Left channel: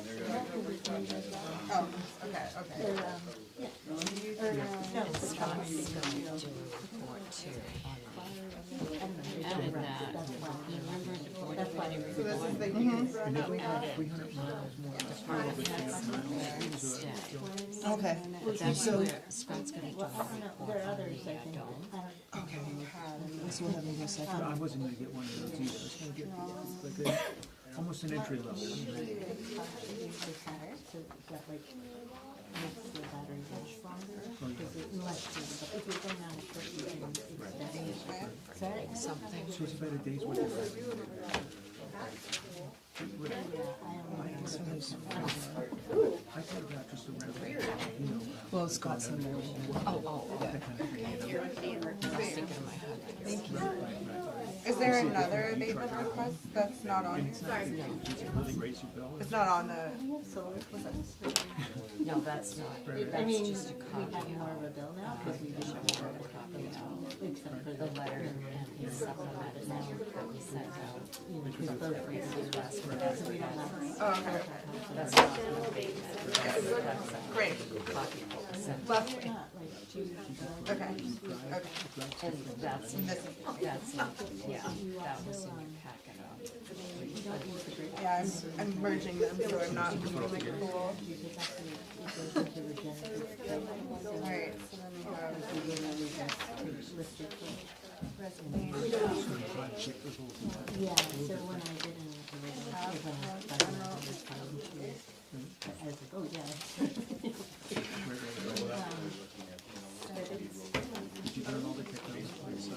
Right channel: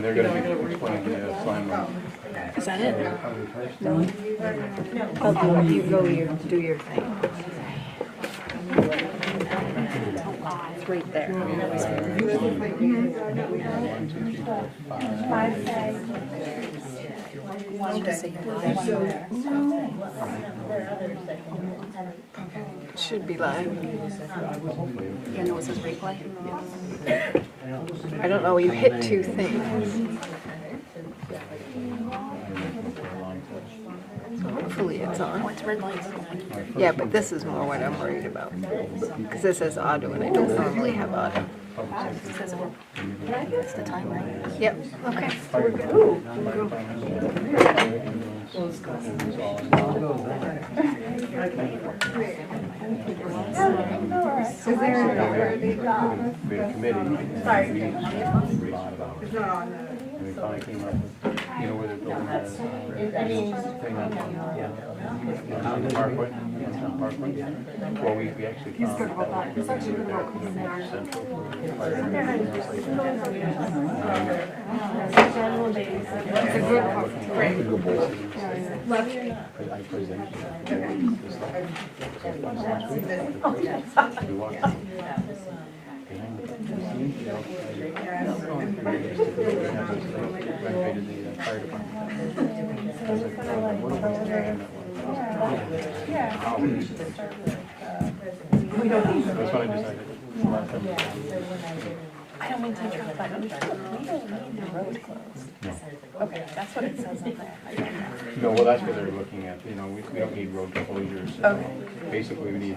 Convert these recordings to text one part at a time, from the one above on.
And they're going to be putting the assignment. Is that it? No. Oh, you go do your thing. Right there. Should be live. I don't know, you hit two things. Hopefully it's on. Yeah, but this is more what I'm worried about. Because this says auto and I don't normally have auto. The timer. Yep, okay. Is there another meeting? Sorry. It's not on the. They finally came up with, you know, where they're building that thing on Parkway. Well, we actually found that we were central. Great. Left. We don't need them. I don't mean to interrupt, but we don't need the road closed. Okay, that's what it says on there. No, well, that's what they're looking at, you know, we don't need road closures. Basically, we need,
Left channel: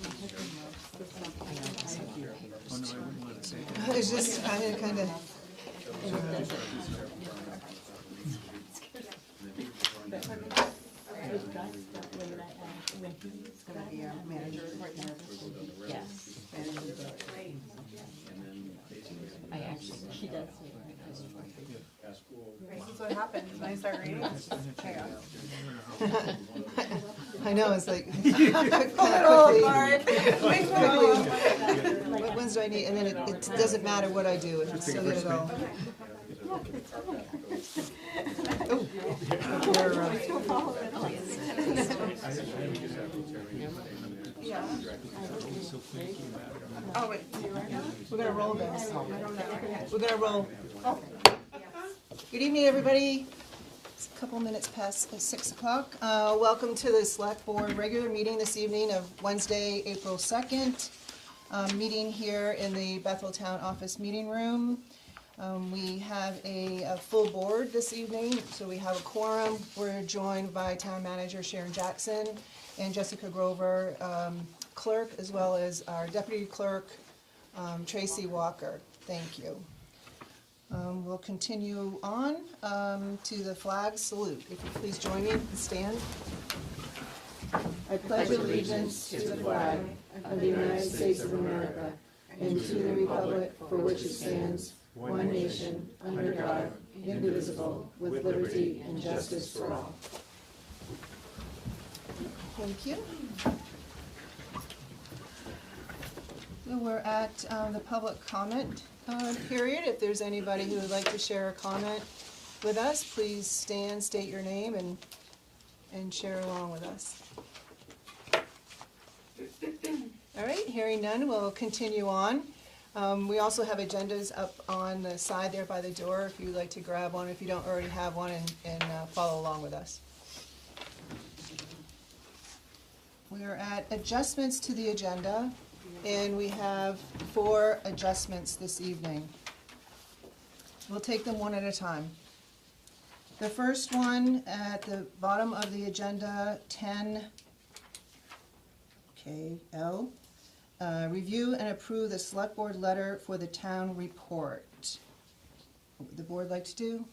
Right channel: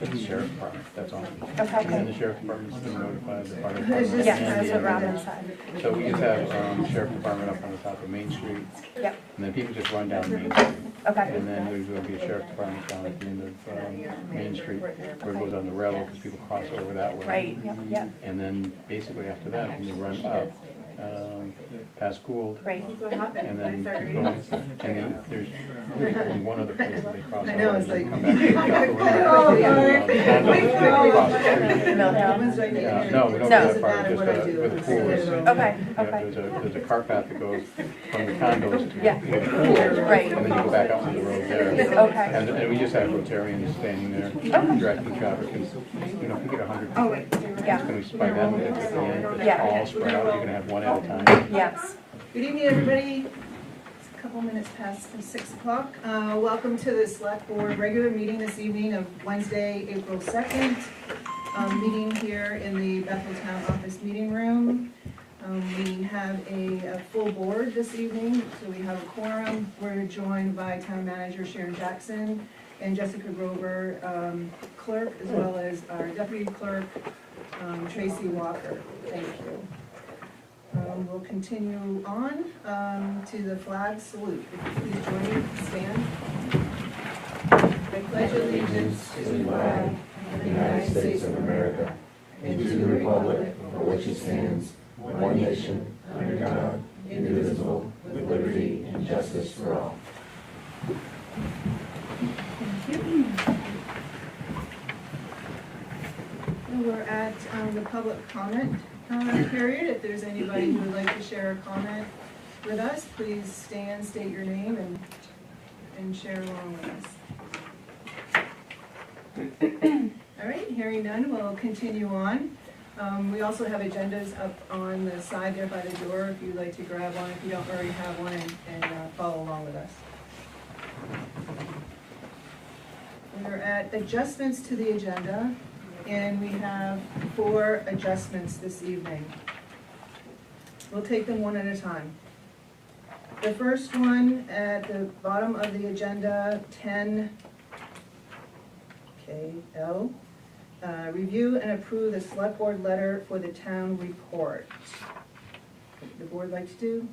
the sheriff's department, that's all. Okay. And the sheriff's department's going to notify the fire It's department. just, Yeah, that's the route inside. So we just have, sheriff's department up on the top of Main Street, Yep, and then people just run down Main Street. okay. And then there's going to be a sheriff's department down at the end of Main Street, where it goes on the railroad, because people cross over that way. Right, yep, yep, And then basically after that, when you run up, past Gould, right. what happened. and then, and then there's one other place that they cross. I know, it's like. Oh, Ones do I need? And No, we it don't doesn't have that matter part, what I just do. with the It's pool. good. Okay, Yeah, okay. there's a car path that goes from the condos. Yeah. to the pool, Right. And then you go back out on the road there. Okay. And we just have Rotarians standing there, directing traffic, because, you know, if you get 100 Oh, wait. Yeah, Can we spike that way at the end? Yeah. All spread out, you're gonna have one at a time. yes. Good evening, everybody. It's a couple minutes past 6 o'clock. Welcome to the Select Board regular meeting this evening of Wednesday, April 2nd. Meeting here in the Bethel Town Office Meeting Room. We have a full board this evening, so we have a quorum. We're joined by Town Manager Sharon Jackson and Jessica Grover, clerk, as well as our deputy clerk, Tracy Walker. Thank you. We'll continue on to the flag salute. If you please join me, stand. I pledge allegiance to the flag of the United States of America and to the republic for which it stands, one nation, under God, indivisible, with liberty and justice for all. Thank you. And we're at the public comment period. If there's anybody who would like to share a comment with us, please stand, state your name, and share along with us. All right, hearing none, we'll continue on. We also have agendas up on the side there by the door if you'd like to grab one, if you don't already have one, and follow along with us. We're at adjustments to the agenda, and we have 4 adjustments this evening. We'll take them one at a time. The first one at the bottom of the agenda, 10KL, review and approve the select board letter for the town report. What would the board like to do?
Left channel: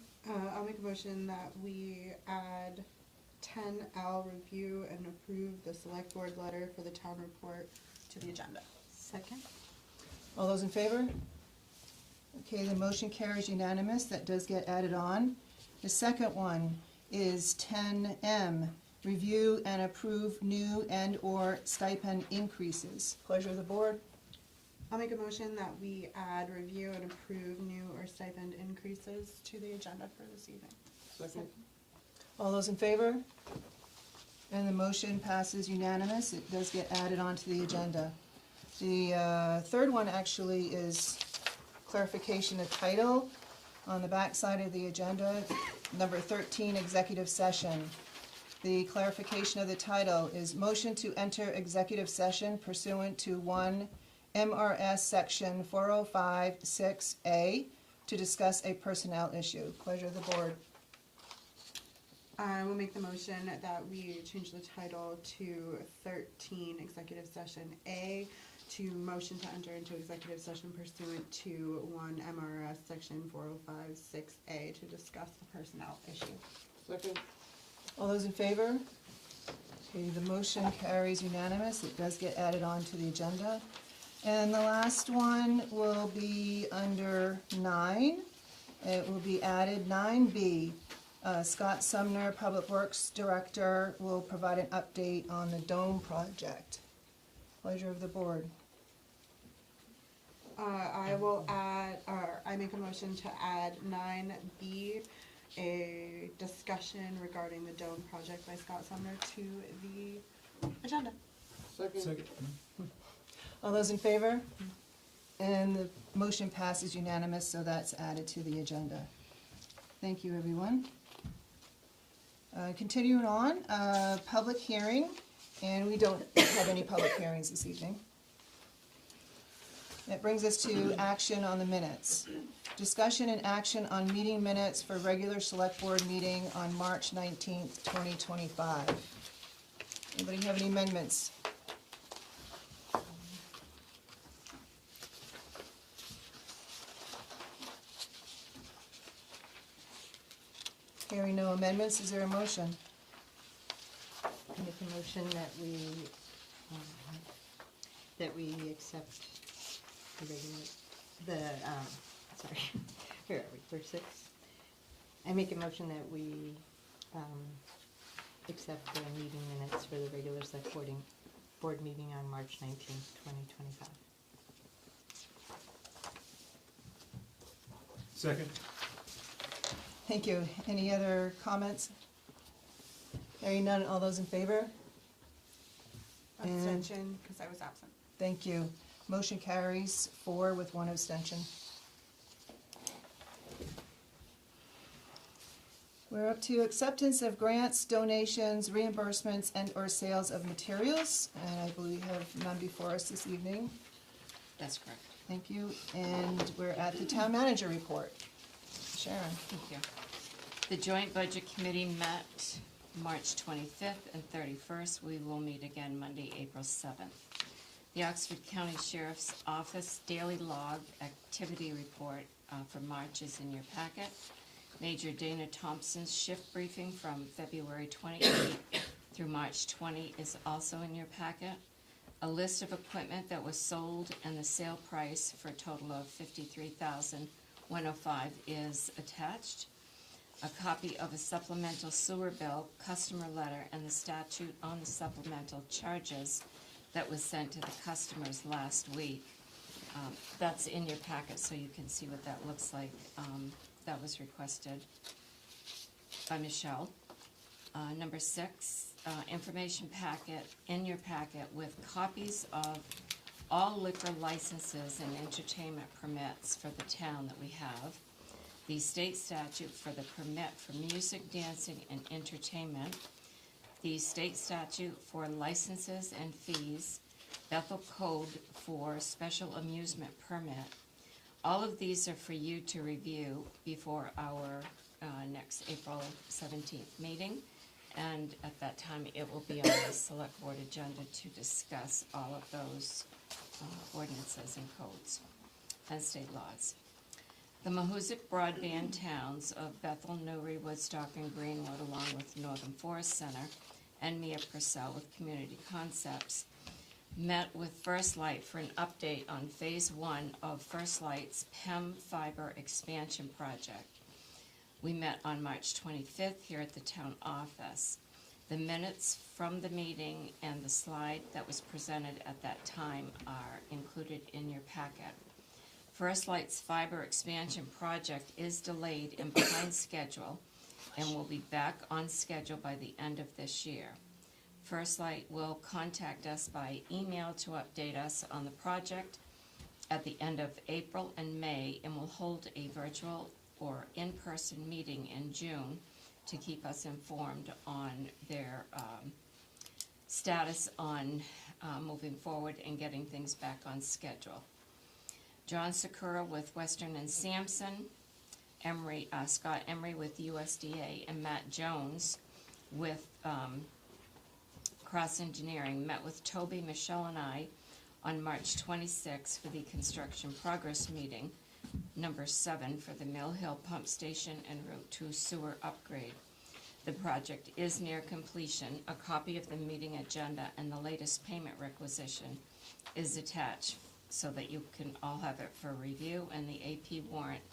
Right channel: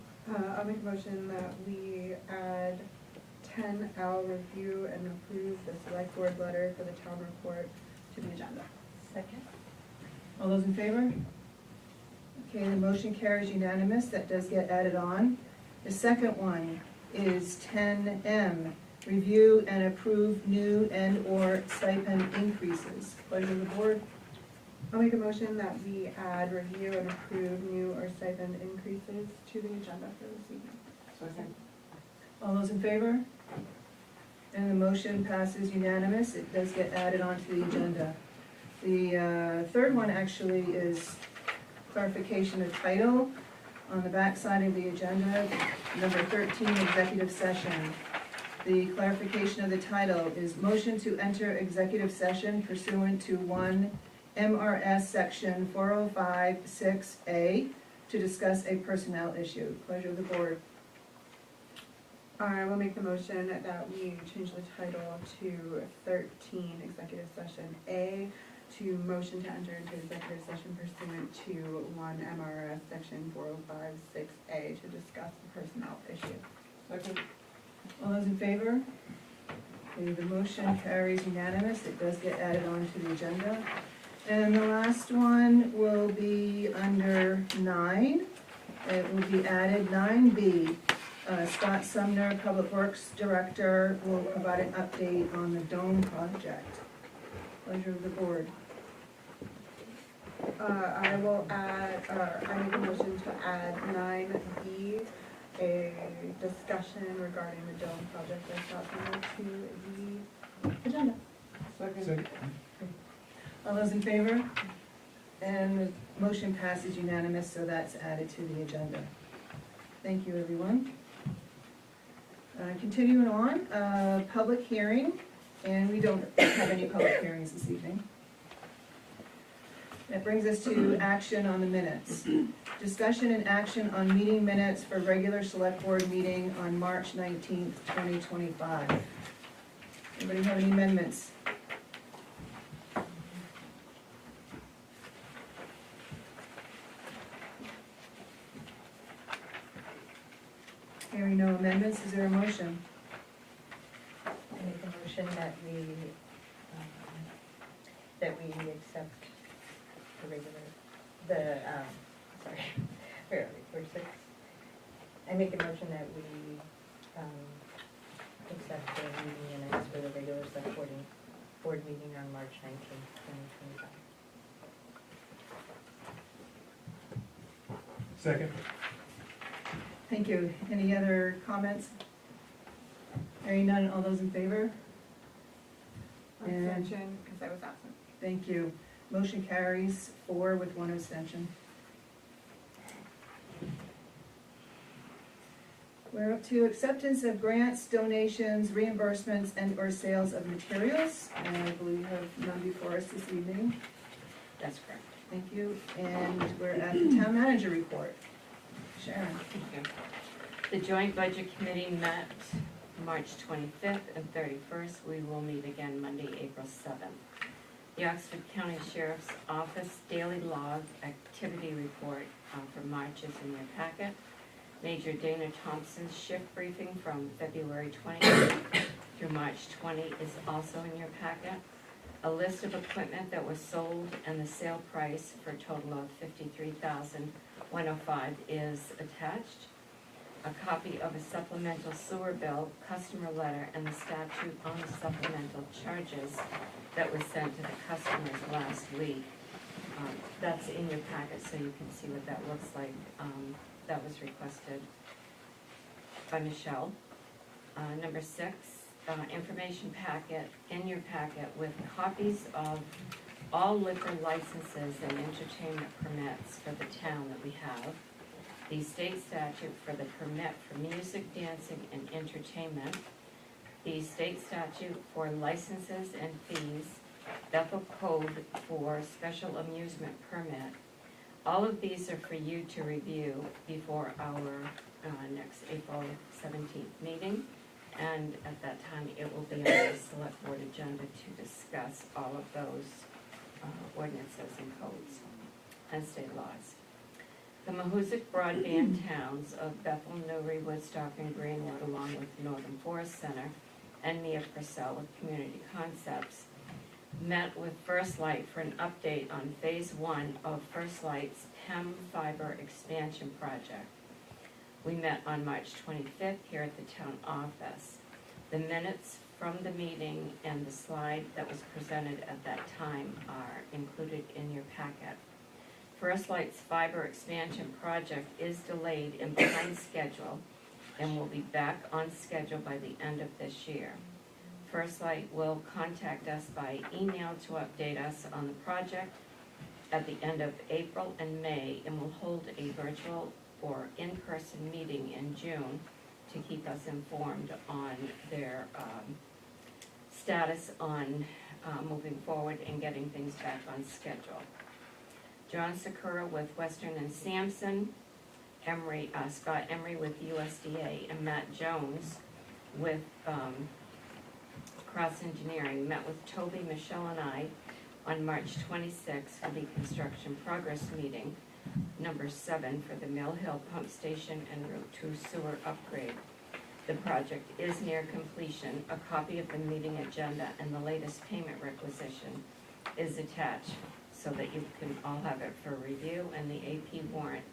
I'll make a motion that we add 10L, review and approve the select board letter for the town report to the agenda. Second? All those in favor? Okay, the motion carries unanimous. That does get added on. The second one is 10M, review and approve new and/or stipend increases. Pleasure of the board. I'll make a motion that we add, review, and approve new or stipend increases to the agenda for this evening. All those in favor? And the motion passes unanimous. It does get added onto the agenda. The third one actually is clarification of title. On the back side of the agenda, number 13, executive session. The clarification of the title is motion to enter executive session pursuant to 1 MRS section 4056A to discuss a personnel issue. Pleasure of the board. I will make the motion that we change the title to 13, executive session A, to motion to enter into executive session pursuant to 1 MRS section 4056A to discuss the personnel issue. All those in favor? Okay, the motion carries unanimous. It does get added onto the agenda. And the last one will be under 9. It will be added 9B. Scott Sumner, Public Works Director, will provide an update on the dome project. Pleasure of the board. I will add, or I make a motion to add 9B, a discussion regarding the dome project by Scott Sumner to the agenda. Second. All those in favor? And the motion passes unanimous, so that's added to the agenda. Thank you, everyone. Continuing on, public hearing, and we don't have any public hearings this evening. That brings us to action on the minutes. Discussion and action on meeting minutes for regular select board meeting on March 19th, 2025. Anybody have any amendments? Hearing no amendments, is there a motion? Make a motion that we accept the regular, sorry, here, where's 6? I make a motion that we, accept the meeting minutes for the regular select board meeting on March 19th, 2025. Second. Thank you. Any other comments? Hearing none, all those in favor? And- Abstention, because I was absent. Thank you. Motion carries 4 with 1 abstention. We're up to acceptance of grants, donations, reimbursements, and/or sales of materials. And I believe we have none before us this evening. That's correct. Thank you. And we're at the town manager report. Sharon. Thank you. The Joint Budget Committee met March 25th and 31st. We will meet again Monday, April 7th. The Oxford County Sheriff's Office Daily Log Activity Report for March is in your packet. Major Dana Thompson's shift briefing from February 20th through March 20 is also in your packet. A list of equipment that was sold and the sale price for a total of $53,105 is attached. A copy of a supplemental sewer bill, customer letter, and the statute on the supplemental charges that was sent to the customers last week. That's in your packet, so you can see what that looks like. That was requested by Michelle. Number 6, information packet in your packet with copies of all liquor licenses and entertainment permits for the town that we have. The state statute for the permit for music, dancing, and entertainment. The state statute for licenses and fees. Bethel Code for special amusement permit. All of these are for you to review before our next April 17th meeting. And at that time, it will be on the select board agenda to discuss all of those ordinances and codes and state laws. The Mahoosic broadband towns of Bethel, Newry, Woodstock, and Greenwood, along with Northern Forest Center and Nia Purcell of Community Concepts, met with First Light for an update on Phase 1 of First Light's PEM fiber expansion project. We met on March 25th here at the town office. The minutes from the meeting and the slide that was presented at that time are included in your packet. First Light's fiber expansion project is delayed and behind schedule and will be back on schedule by the end of this year. First Light will contact us by email to update us on the project at the end of April and May, and will hold a virtual or in-person meeting in June to keep us informed on their status on moving forward and getting things back on schedule. John Sakura with Western and Sampson, Scott Emery with USDA, and Matt Jones with Cross Engineering met with Toby, Michelle, and I on March 26th for the construction progress meeting, number 7, for the Mill Hill Pump Station and Route 2 sewer upgrade. The project is near completion. A copy of the meeting agenda and the latest payment requisition is attached so that you can all have it for review, and the AP warrant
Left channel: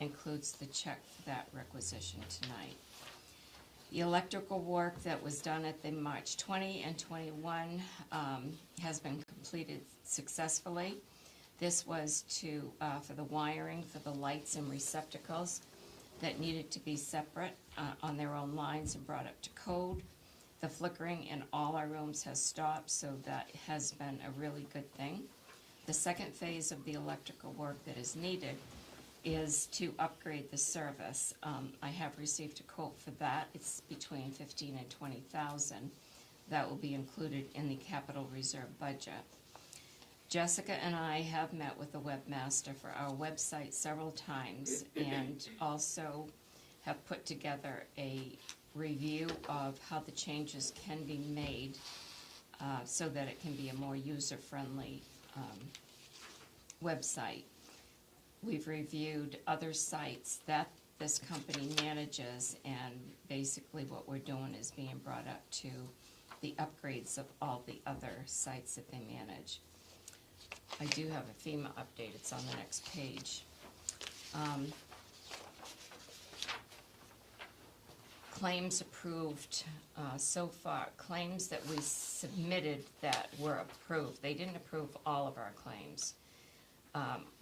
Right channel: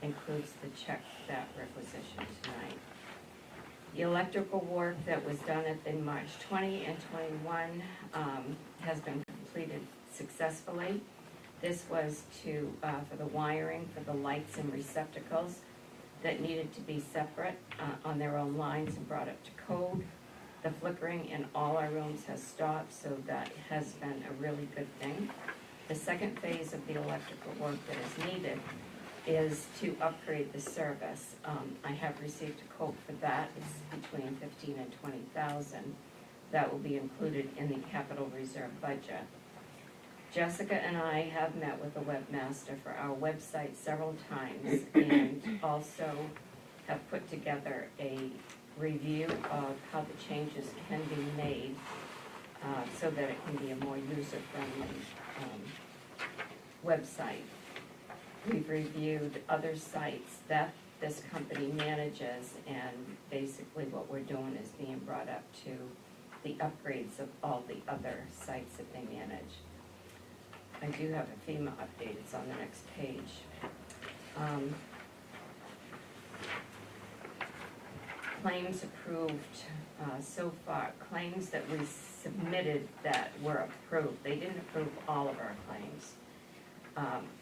includes the check for that requisition tonight. The electrical work that was done at the March 20 and 21 has been completed successfully. This was for the wiring for the lights and receptacles that needed to be separate on their own lines and brought up to code. The flickering in all our rooms has stopped, so that has been a really good thing. The second phase of the electrical work that is needed is to upgrade the service. I have received a quote for that. It's between $15,000 and $20,000. That will be included in the capital reserve budget. Jessica and I have met with the webmaster for our website several times, and also have put together a review of how the changes can be made so that it can be a more user-friendly website. We've reviewed other sites that this company manages, and basically what we're doing is being brought up to the upgrades of all the other sites that they manage. I do have a FEMA update, it's on the next page. Claims approved so far, claims that we submitted that were approved, they didn't approve all of our claims.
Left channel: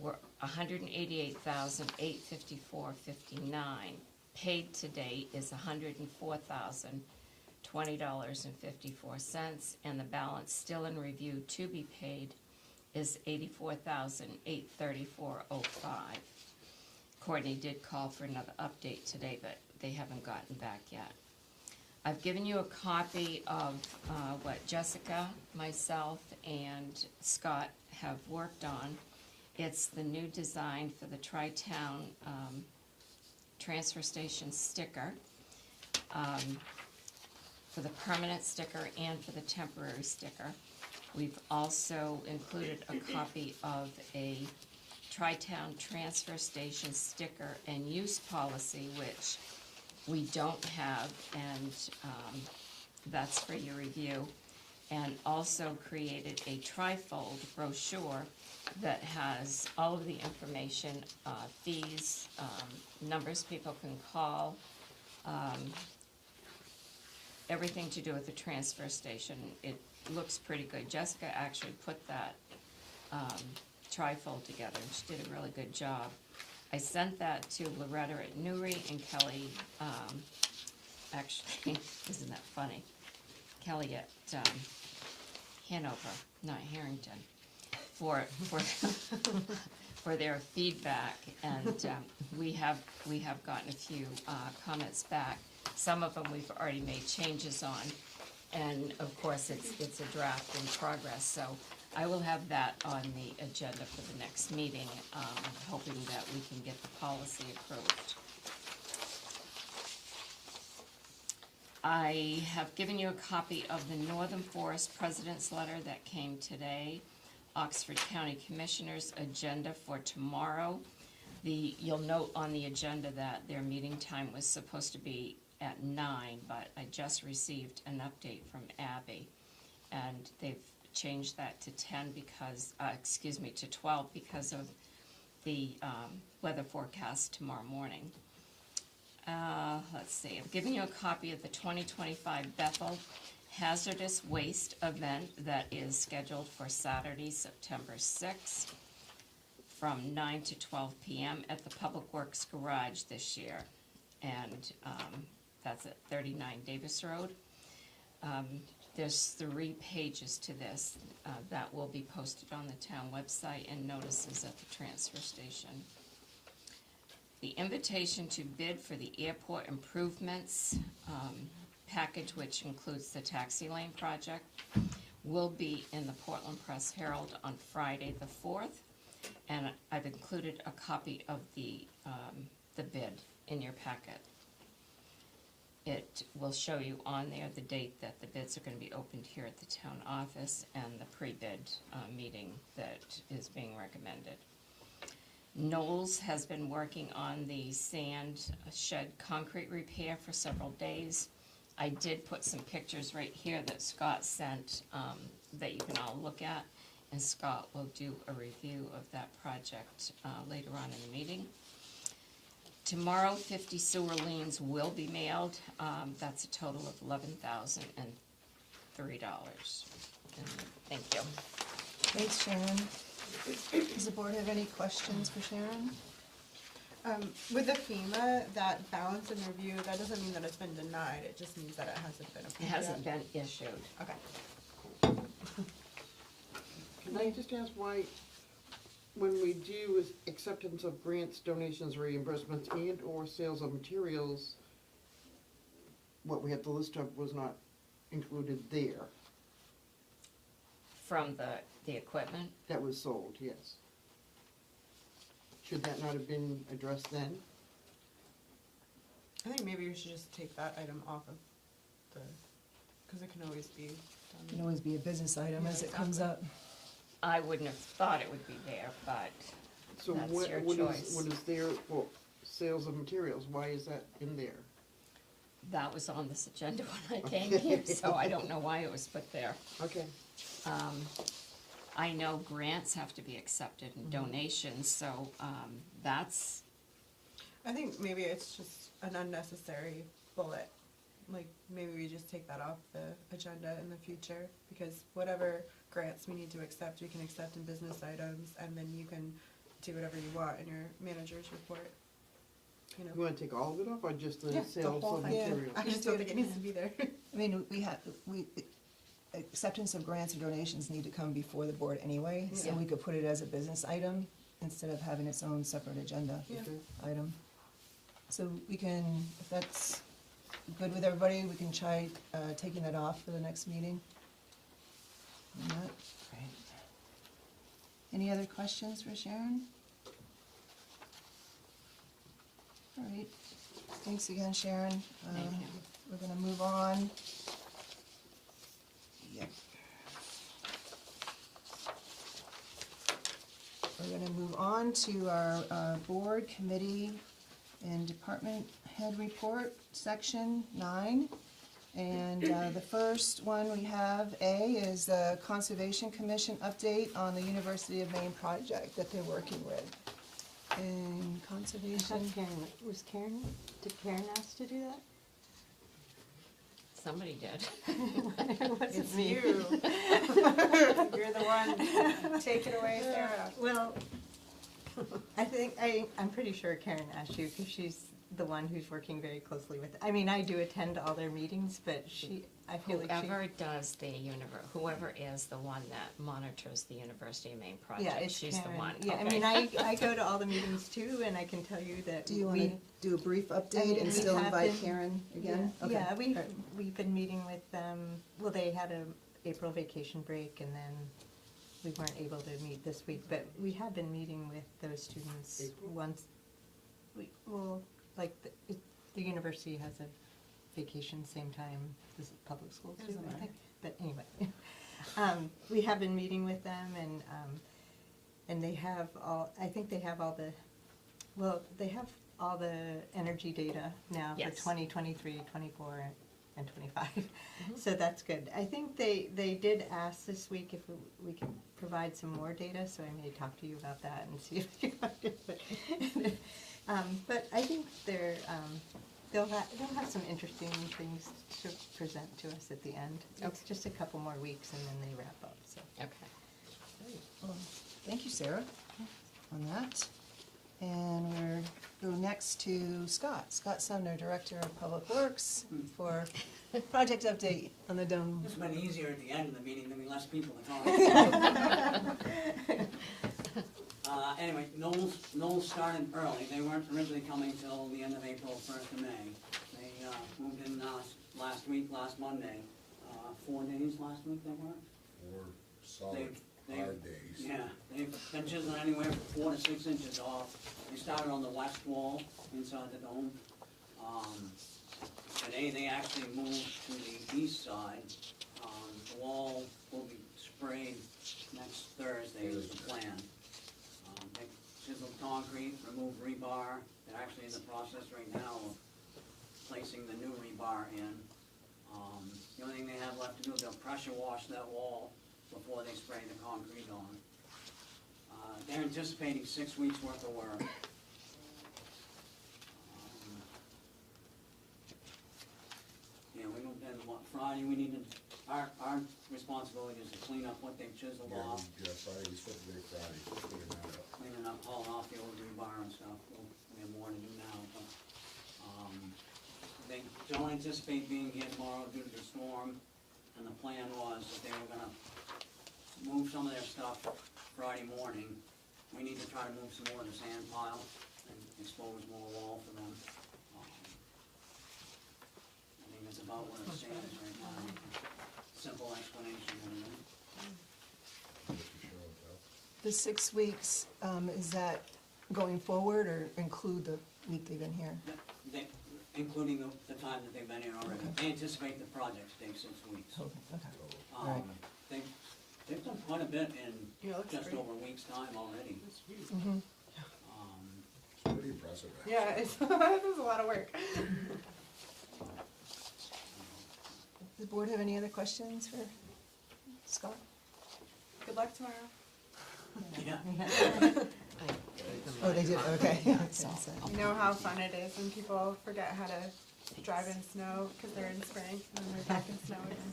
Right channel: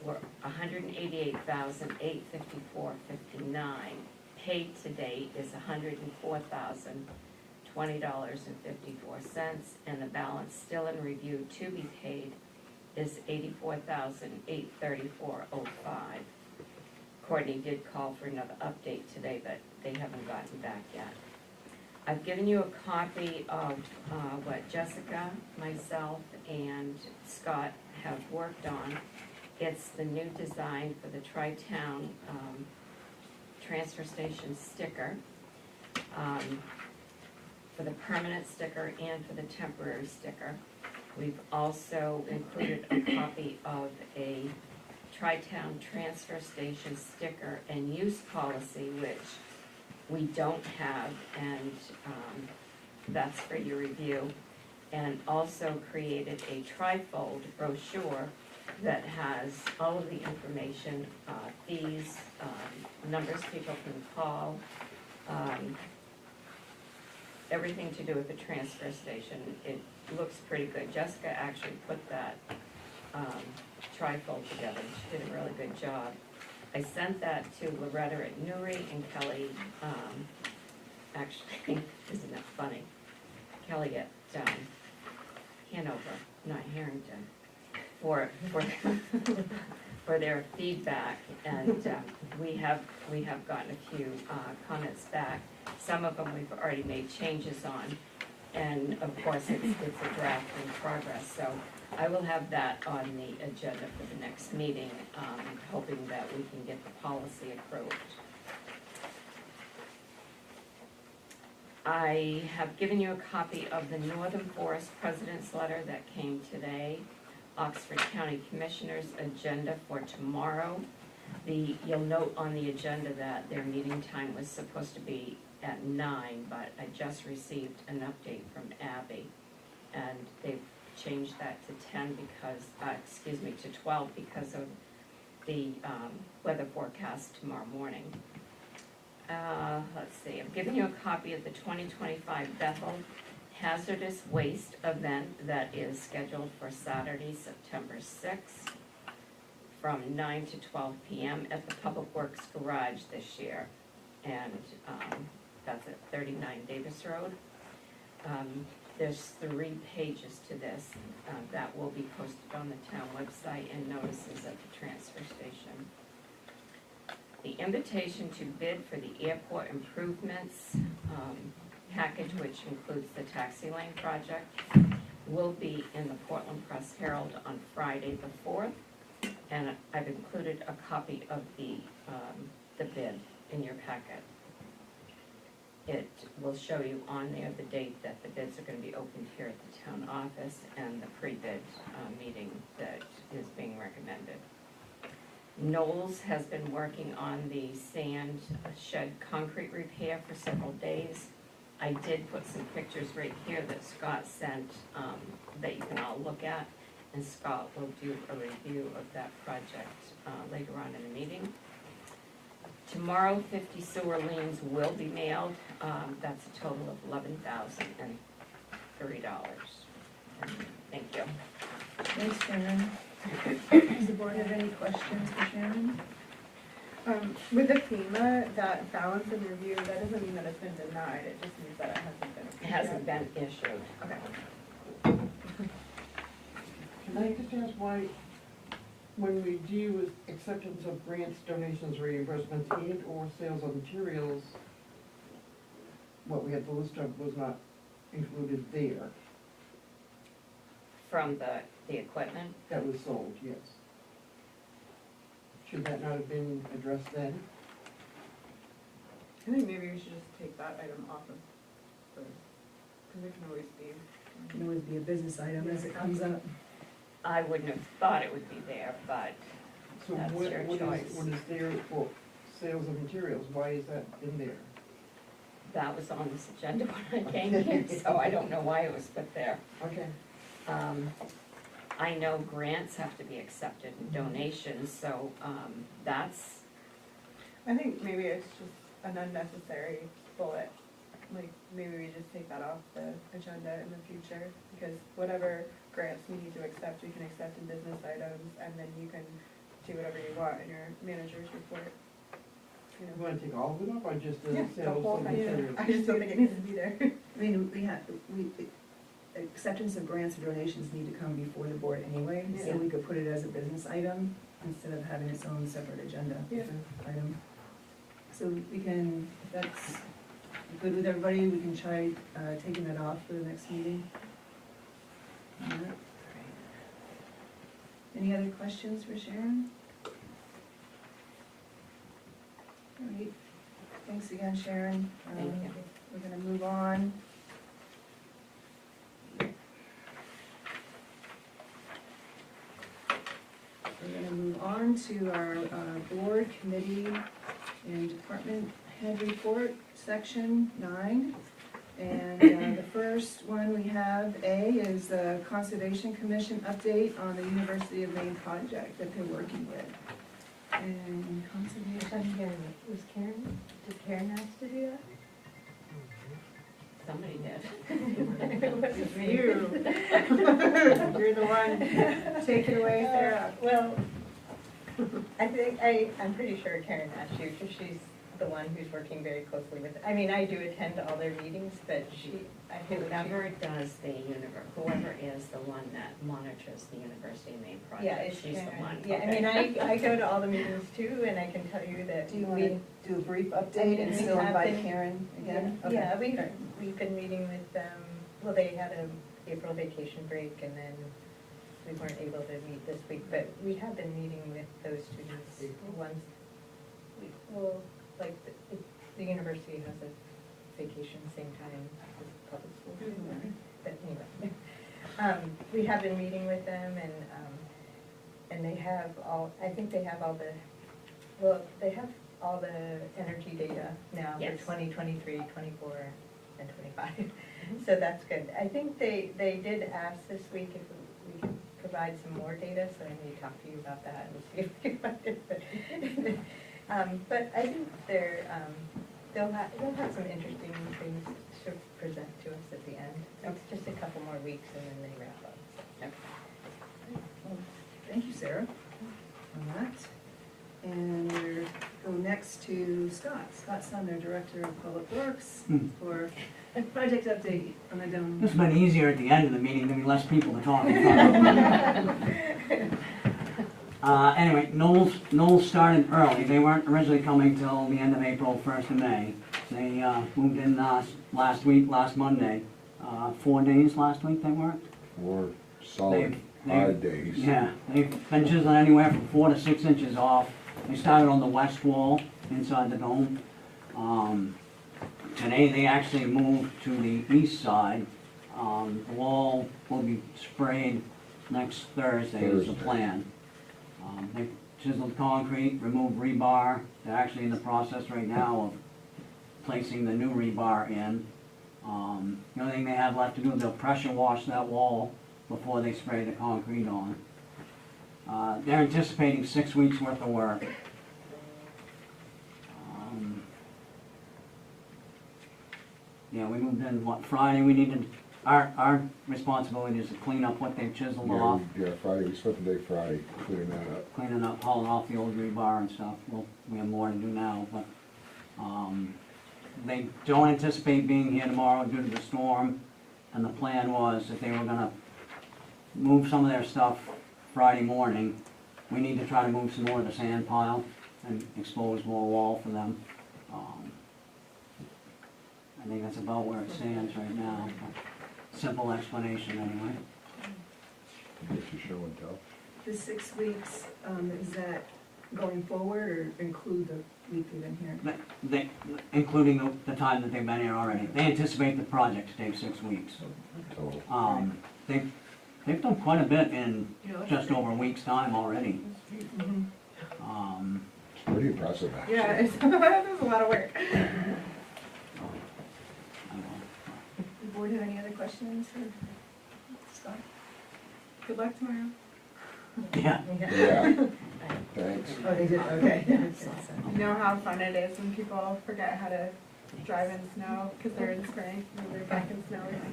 Were $188,854.59. Paid to date is $104,020.54, and the balance still in review to be paid is $84,834.05. Courtney did call for another update today, but they haven't gotten back yet. I've given you a copy of what Jessica, myself, and Scott have worked on. It's the new design for the Tri-Town transfer station sticker, for the permanent sticker and for the temporary sticker. We've also included a copy of a Tri-Town transfer station sticker and use policy, which we don't have, and that's for your review. And also created a tri-fold brochure that has all of the information, fees, numbers people can call, everything to do with the transfer station. It looks pretty good. Jessica actually put that tri-fold together. She did a really good job. I sent that to Loretta at Newry and Kelly, actually, isn't that funny? Kelly at Hanover, not Harrington, for their feedback, and we have gotten a few comments back. Some of them we've already made changes on, and of course it's a draft in progress. So I will have that on the agenda for the next meeting, hoping that we can get the policy approved. I have given you a copy of the Northern Forest President's Letter that came today, Oxford County Commissioners' agenda for tomorrow. You'll note on the agenda that their meeting time was supposed to be at 9, but I just received an update from Abby, and they've changed that to 10 because, to 12 because of the weather forecast tomorrow morning. Let's see, I've given you a copy of the 2025 Bethel Hazardous Waste event that is scheduled for Saturday, September 6th, from 9 to 12 p.m. at the Public Works Garage this year. And that's at 39 Davis Road. There's 3 pages to this that will be posted on the town website and notices at the transfer station. The invitation to bid for the airport improvements package, which includes the taxi lane project, will be in the Portland Press Herald on Friday the 4th. And I've included a copy of the bid in your packet. It will show you on there the date that the bids are going to be opened here at the town office and the pre-bid meeting that is being recommended. Knowles has been working on the sand shed concrete repair for several days. I did put some pictures right here that Scott sent that you can all look at, and Scott will do a review of that project later on in the meeting. Tomorrow, 50 sewer liens will be mailed. That's a total of $11,003. Thank you. Thanks, Sharon. Does the board have any questions for Sharon? With the FEMA, that balance and review, that doesn't mean that it's been denied, it just means that it hasn't been. It hasn't been issued. Okay. Can I just ask why, when we do with acceptance of grants, donations, reimbursements, and or sales of materials, what we had the list of was not included there? From the equipment? That was sold, yes. Should that not have been addressed then? I think maybe we should just take that item off of the, because it can always be. It can always be a business item as it comes up. I wouldn't have thought it would be there, but So That's what, your what choice. is, what is there for sales of materials? Why is that in there? that was on this agenda when I came here, so I don't know why it was put there. Okay. I know grants have to be accepted and donations, so that's, I think maybe it's just an unnecessary bullet. Like, maybe we just take that off the agenda in the future, because whatever grants we need to accept, we can accept in business items, and then you can do whatever you want in your manager's report. You You know? wanna take all of it off or just the Yeah, the sales whole of thing. materials? I just don't think it needs to be there. I mean, acceptance of grants or donations need to come before the board anyway, so Yeah. we could put it as a business item instead of having its own separate agenda Yeah. item. So we can, if that's good with everybody, we can try taking that off for the next meeting. Alright. Any other questions for Sharon? All right, thanks again, Sharon. Thank you. We're gonna move on. We're gonna move on to our board, committee, and department head report, section 9. And the first one we have, A, is the Conservation Commission update on the University of Maine project that they're working with. And conservation, Was Karen, did Karen ask to do that? somebody did. It's You. You're the one. Take it away, Sarah. Well, I'm pretty sure Karen asked you, because she's the one who's working very closely with, I mean, I do attend all their meetings, but I feel like Whoever does whoever is the one that monitors the University of Maine Yeah, project, it's she's the Karen. one. Yeah, I Okay. mean, I go to all the meetings too, and I can tell you that do you we. wanna do a brief update we and still have invite been- Karen again? Okay. Yeah, we've been meeting with them, well, they had a April vacation break, and then we weren't able to meet this week, but we have been meeting with those students once. Like, the university has a vacation same time as the public schools or something, but anyway. We have been meeting with them, and they have I think they have they have all the energy data now for Yes. 2023, 24, and 25. So that's good. I think they did ask this week if we could provide some more data, so I may talk to you about that and see if we can find it. But I think they'll have some interesting things to present to us at the end. It's just a couple more weeks and then they wrap up, so. Well, thank you, Sarah, on that. And we're going next to Scott. Scott Sumner, Director of Public Works, for a project update on the dome. It's been easier at the end of the meeting, there'll be less people to talk about. Anyway, Knowles started early. They weren't originally coming till the end of April, 1st of May. They moved in last Monday. 4 days last week they worked. 4 solid They- 5 days. Yeah, they've been chiseling anywhere from 4 to 6 inches off. They started on the west wall inside the dome. Today they actually moved to the east side. The wall will be sprayed next Thursday is the plan. They chiseled concrete, removed rebar. They're actually in the process right now of placing the new rebar in. The only thing they have left to do is they'll pressure wash that wall before they spray the concrete on. They're anticipating 6 weeks worth of work. Yeah, we moved in, Friday? We needed, our responsibility is to clean up what they've chiseled off, Yeah, Friday, we spent the day Friday cleaning that up. cleaning up, hauling off the old rebar and stuff. Well, we have more to do now, but, they don't anticipate being here tomorrow due to the storm. And the plan was that they were gonna move some of their stuff Friday morning. We need to try to move some more of the sand pile and expose more wall for them. I think that's about where it stands right now. Simple explanation anyway. Guess you show and tell. The 6 weeks, is that going forward or include the week they've been here? They, including the time that they've been here already. They anticipate the project to take 6 weeks. So, They've done quite a bit in just over a week's time already. Mhm. it's pretty impressive, actually. Yeah, it's, that's a lot of work. Does the board have any other questions for Scott? Good luck tomorrow. Yeah. Yeah. Thanks. Oh, they did, okay. Makes sense. You know how fun it is when people forget how to drive in snow because they're in spring and we're back in snow again.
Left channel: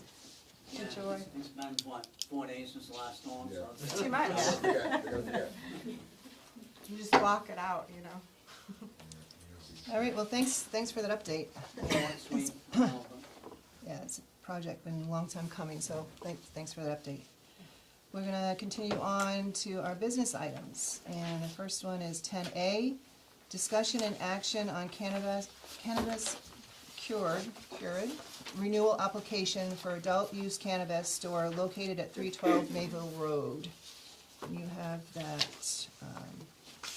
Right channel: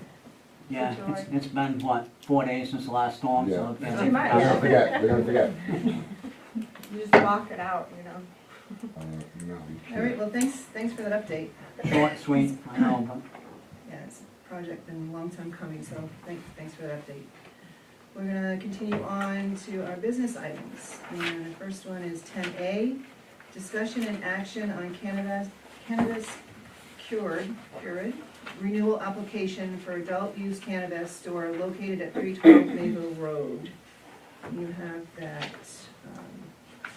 Yeah, Enjoy. it's been, what, 4 days since the last storm, Yeah. so. It's too much. They're gonna forget, they're gonna forget. You just block it out, you know. No. All right, well, thanks for that update. Short, sweet, I know, but Yeah, it's a project been a long time coming, so thanks for that update. We're gonna continue on to our business items. And the first one is 10A, discussion and action on cannabis cured renewal application for adult use cannabis store located at 312 Bayville Road. You have that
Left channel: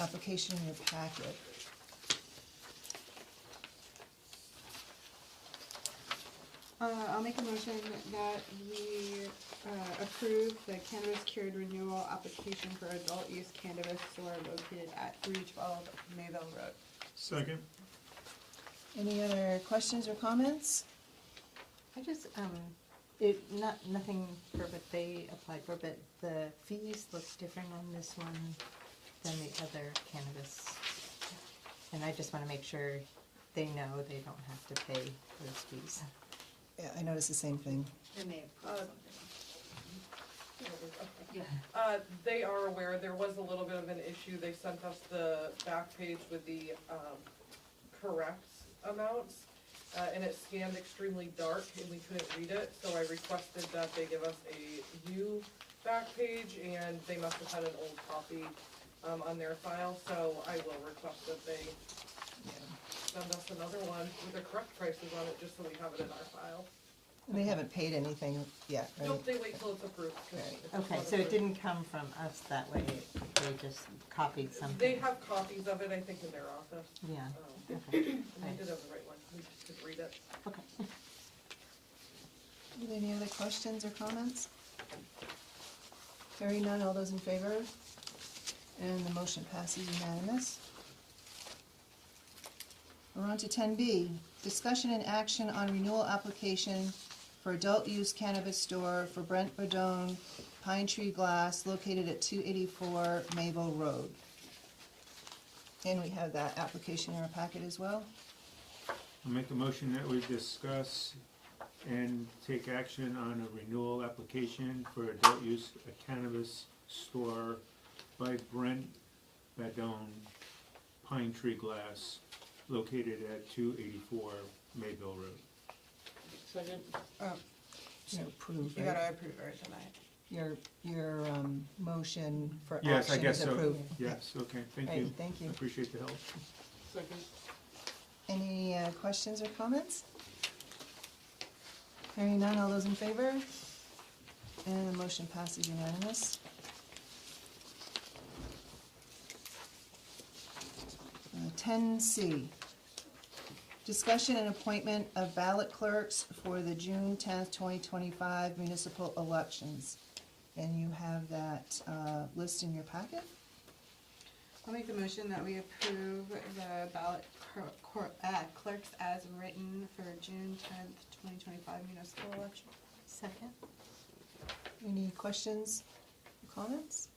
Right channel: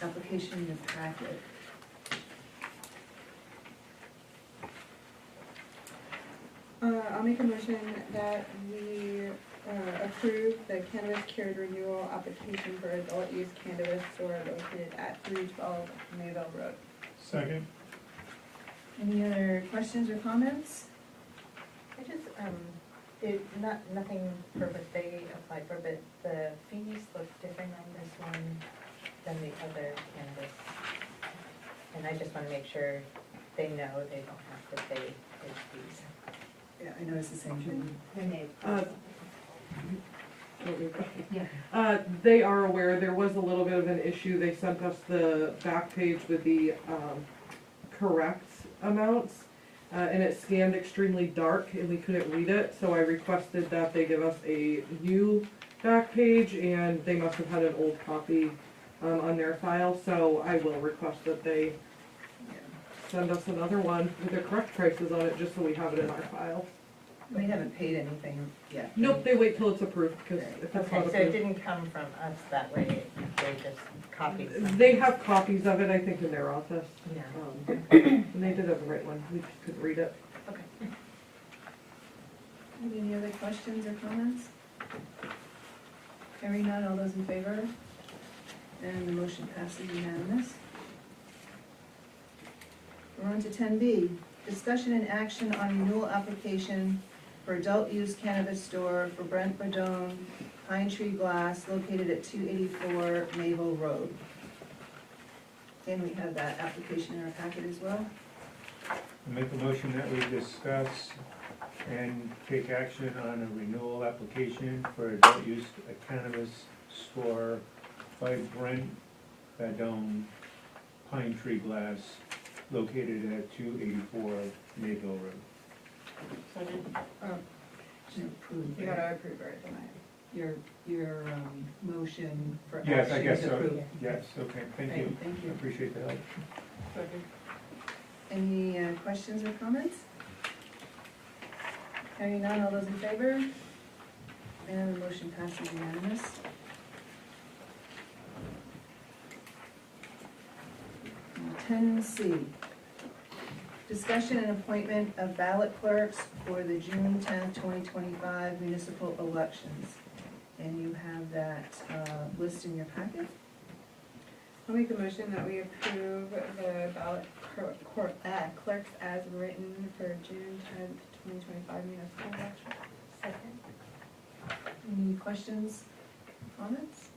application in your packet. I'll make a motion that we approve the cannabis cured renewal application for adult use cannabis store located at 312 Mayville Road. Second. Any other questions or comments? I just, nothing for what they applied for, but the fees look different on this one than the other cannabis. And I just wanna make sure they know they don't have to pay those fees. Yeah, I noticed the same thing. They are aware there was a little bit of an issue. They sent us the back page with the correct amounts, and it scanned extremely dark and we couldn't read it, so I requested that they give us a new back page, and they must have had an old copy on their file, so I will request that they send us another one with the correct prices on it, just so we have it in our file. They haven't paid anything yet. Nope, they wait till it's approved, because if it's Okay, not so it approved. didn't come from us that way, they just copied something. They have copies of it, I think, in their office. Yeah. And they did have the right one, we just couldn't read it. Okay. Any other questions or comments? Hearing none, all those in favor? And the motion passes unanimous. We're on to 10B, discussion and action on renewal application for adult use cannabis store for Brent Badone Pine Tree Glass located at 284 Mayville Road. And we have that application in our packet as well. I make a motion that we discuss and take action on a renewal application for adult use cannabis store by Brent Badone Pine Tree Glass located at 284 Mayville Road. To approve, You right? gotta approve it tonight. Your motion for Yes, I action guess is so. approved. Yes, okay, thank Right, you. thank I you. appreciate the help. Any questions or comments? Hearing none, all those in favor? And the motion passes unanimous. 10C, discussion and appointment of ballot clerks for the June 10th, 2025 municipal elections. And you have that list in your packet. I'll make the motion that we approve the ballot clerks as written for June 10th, 2025 municipal election. Second? Any questions, comments?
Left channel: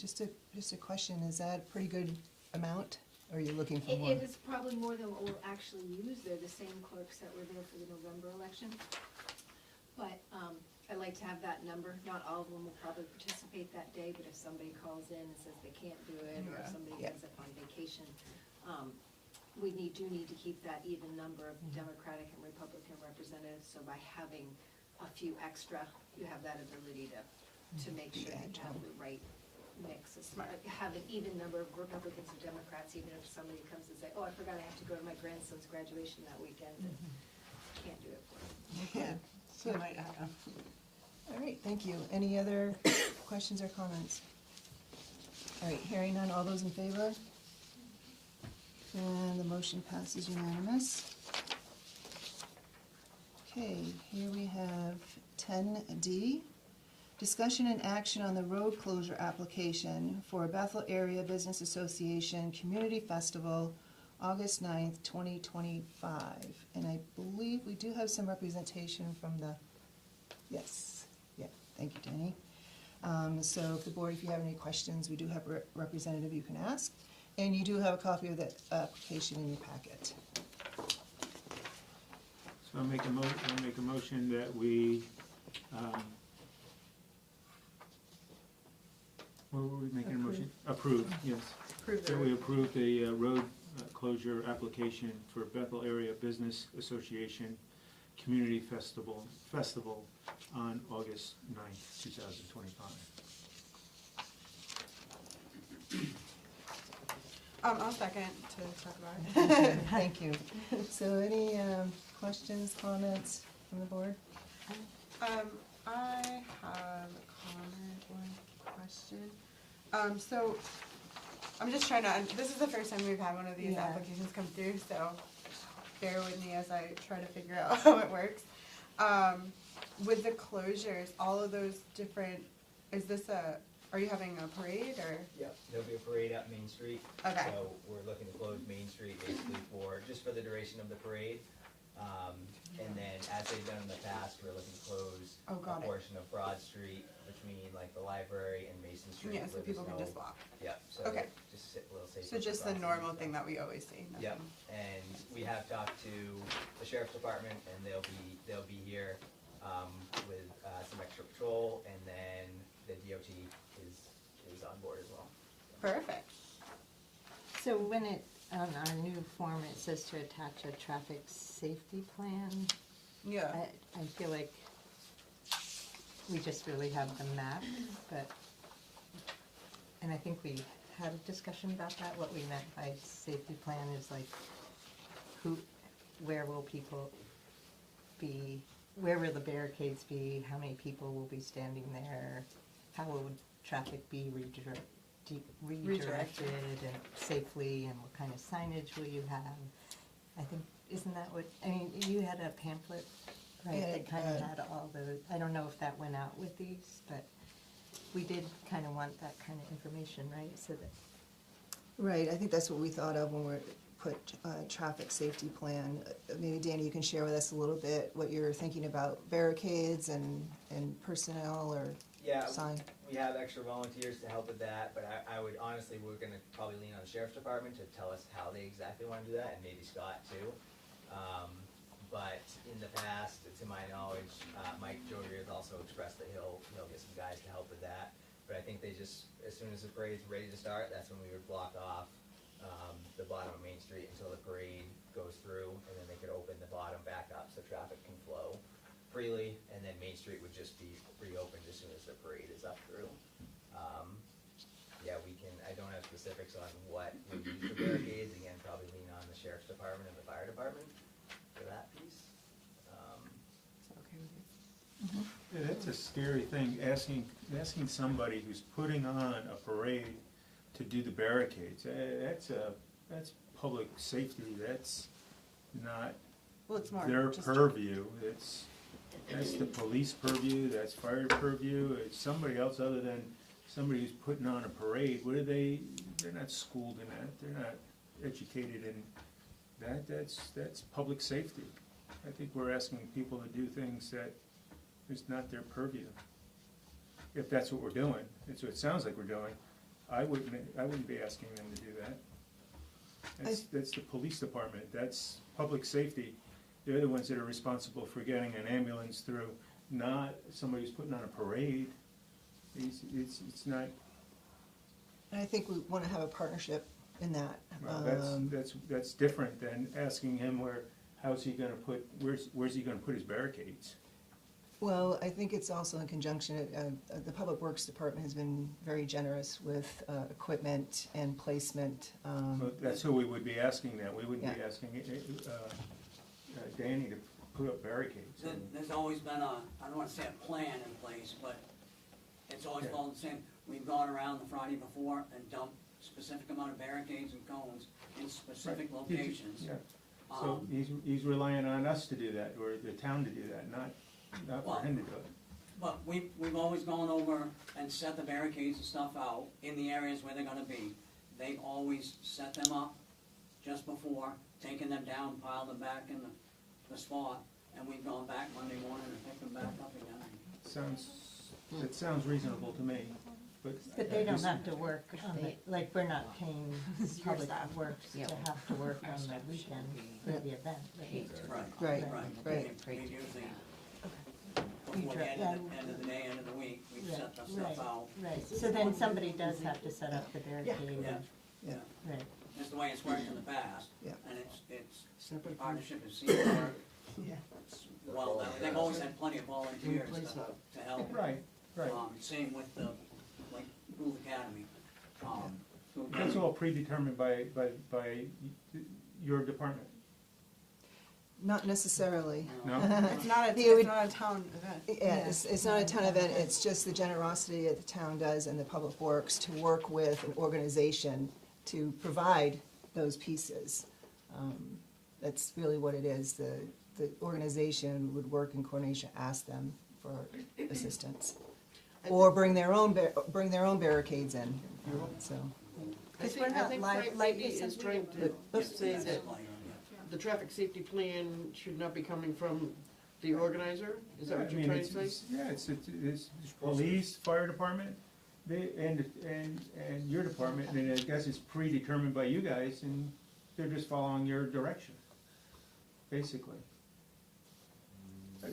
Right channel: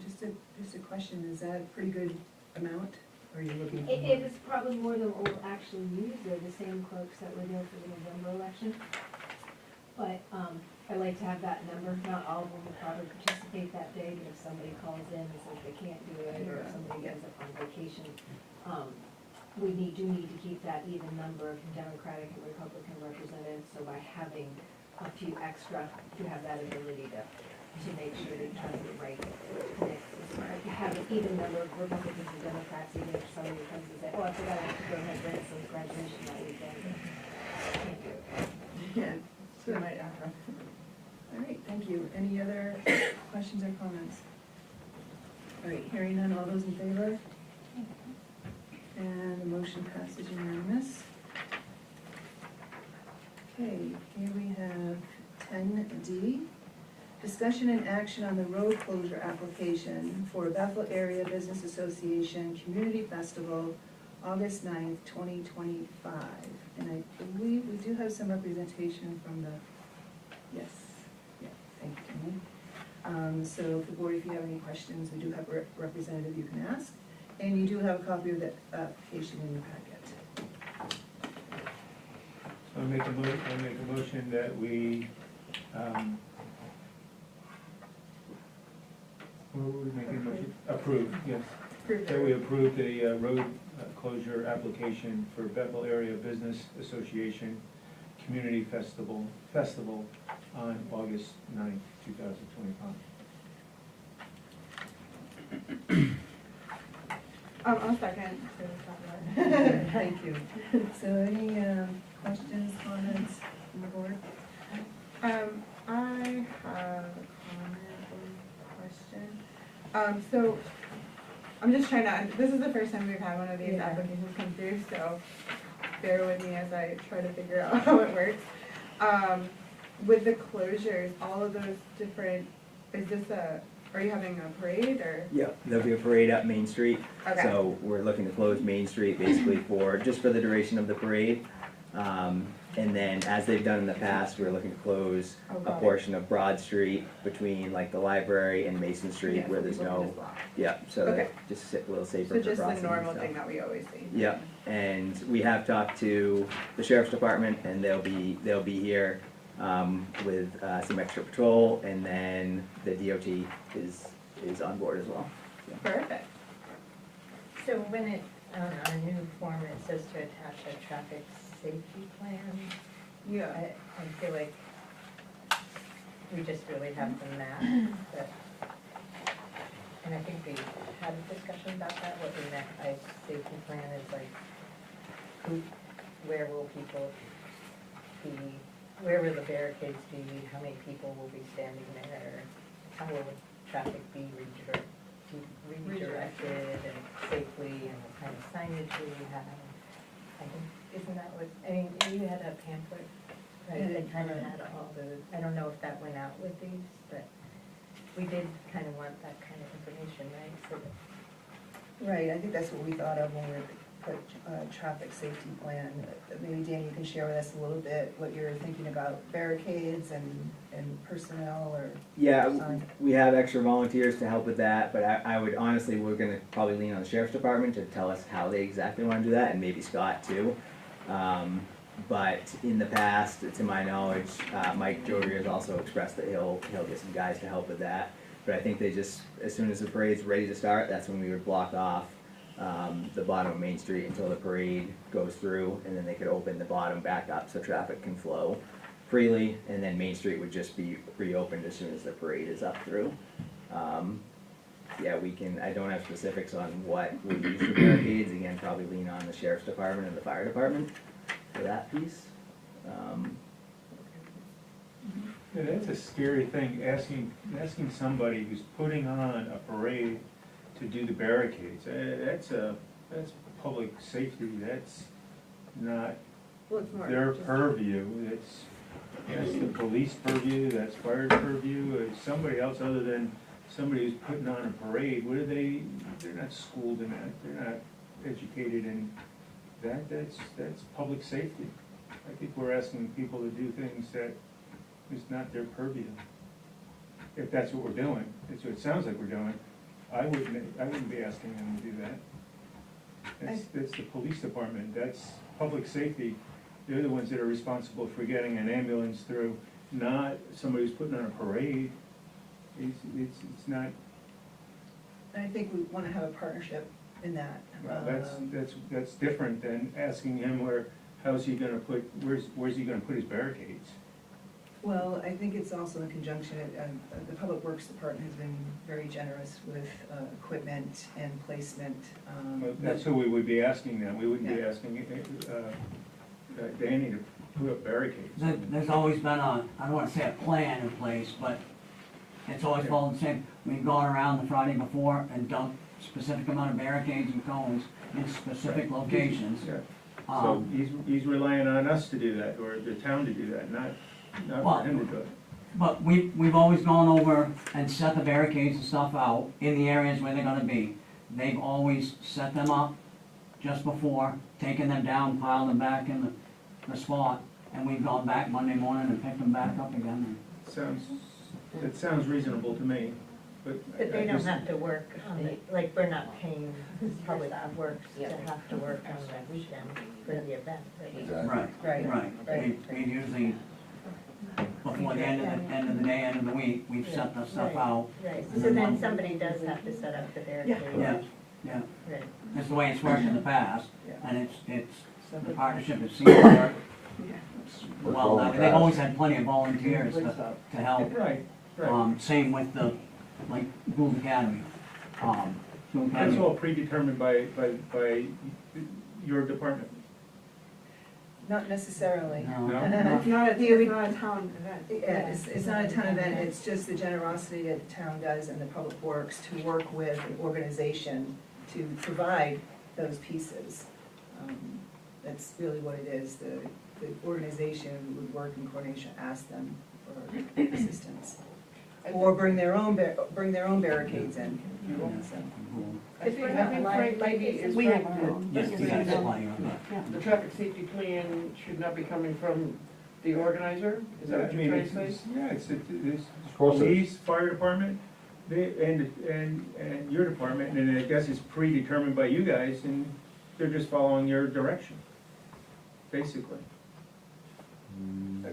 Just a question, is that a pretty good amount, or are you looking for more? It is probably more than what we'll actually use. They're the same clerks that were there for the November election. But I like to have that number. Not all of them will probably participate that day, but if somebody calls in and says they can't do it, or if somebody ends up on vacation, we do need to keep that even number of Democratic and Republican representatives. So by having a few extra, you have that ability to make sure that you have the right mix as far as have an even number of Republicans and Democrats, even if somebody comes and say, oh, I forgot I have to go to my grandson's graduation that weekend. Can't do it. Yeah, so it might happen. All right, thank you. Any other questions or comments? All right, hearing none, all those in favor? And the motion passes unanimous. Okay, here we have 10D. Discussion and action on the road closure application for Bethel Area Business Association Community Festival, August 9th, 2025. And I believe we do have some representation from the, yes, yeah, thank you, Denny. So the board, if you have any questions, we do have a representative you can ask. And you do have a copy of the application in your packet. So I'll make a motion that we, what were we making a motion? Approve, yes. That we approve the road closure application for Bethel Area Business Association Community Festival on August 9th, 2025. I'll second to talk about it. Thank you. So any questions, comments from the board? I have a comment or question. So I'm just trying to, this is the first time we've had one of these applications come through, so bear with me as I try to figure out how it works. With the closures, all of those different, are you having a parade or? Yeah, there'll be a parade at Main Street. Okay. So we're looking to close Main Street basically just for the duration of the parade. And then as they've done in the past, we're looking to close a portion of Broad Street between like the library and Mason Street Yeah, where so there's people can no, just walk. yeah, so Okay. that just a little safer So for just crossing the and normal stuff. thing that we always see? Yeah, and we have talked to the sheriff's department and they'll be here with some extra patrol, and then the DOT is on board as well. So. Perfect. So when it, on a new form, it says to attach a traffic safety plan. Yeah. I feel like we just really have the map, but, and I think we had a discussion about that, what we meant by safety plan is like, where will people be, where will the barricades be, how many people will be standing there, how will traffic be redirected and safely, and what kind of signage will you have? I think, isn't that what, I mean, you had a pamphlet, right, that kind of had all the, I don't know if that went out with these, but we did kind of want that kind of information, right, so that. Right, I think that's what we thought of when we were put traffic safety plan. Maybe Danny, you can share with us a little bit what you're thinking about barricades and personnel or Yeah, sign. we have extra volunteers to help with that, but I would honestly, we're gonna probably lean on the sheriff's department to tell us how they exactly wanna do that, and maybe Scott too. But in the past, to my knowledge, Mike Jodry has also expressed that he'll get some guys to help with that. But I think they just, as soon as the parade's ready to start, that's when we would block off the bottom of Main Street until the parade goes through, and then they could open the bottom back up so traffic can flow freely, and then Main Street would just be reopened as soon as the parade is up through. Yeah, we can, I don't have specifics on what we use for barricades, again, probably lean on the sheriff's department and the fire department for that piece. Yeah, that's a scary thing, asking somebody who's putting on a parade to do the barricades. That's public safety, that's not Well, it's more their just- purview. That's the police purview, that's fire purview, it's somebody else other than somebody who's putting on a parade. What are they, they're not schooled in that, they're not educated in that, that's public safety. I think we're asking people to do things that is not their purview. If that's what we're doing, it's what it sounds like we're doing, I wouldn't be asking them to do that. That's the police department, that's public safety. They're the ones that are responsible for getting an ambulance through, not somebody who's putting on a parade. It's not, And I think we wanna have a partnership in that. well, that's different than asking him where's he gonna put his barricades? Well, I think it's also in conjunction, the Public Works Department has been very generous with equipment and placement. Well, that's who we would be asking now, we wouldn't be Yeah. asking Danny to put up barricades. There's always been a, I don't wanna say a plan in place, but it's always Yeah. followed the same. We've gone around the Friday before and dumped specific amount of barricades and cones in specific Right. locations. Yeah. So Um, he's relying on us to do that, or the town to do that, not Well, for him to do it. But we've always gone over and set the barricades and stuff out in the areas where they're gonna be. They've always set them up just before, taken them down, piled them back in the spot, and we've gone back Monday morning and picked them back up again. It sounds reasonable to me, but. But they I don't just- have to work on the, like, we're not paying public works to have to work on the weekend for the event. Exactly. Right, Right. We usually, before the end of the day, end of the week, we've set the stuff Right. out. Right, so then somebody does have to set up the barricade. Yeah, yeah. Right. That's the way it's worked in the past, Yeah. and the partnership has seemed to work. Well, they've always had plenty of volunteers to help. Right, right. Same with like Gould Academy. Gould That's Academy. all predetermined by your department. Not necessarily. No. No? It's not a town event. Yeah, it's not a town event, it's just the generosity that the town does and the Public Works to work with an organization to provide those pieces. That's really what it is, the organization would work in coordination, ask them for assistance. Or bring their own barricades in, so. I think Frank maybe is We trying have our to own. Yes, say yes, that plenty of that. the traffic safety plan should not be coming from the organizer? Is that what I you're mean, trying to say? Yeah, it's course it is. police, fire department, and your department, and I guess it's predetermined by you guys, and they're just following your direction, basically.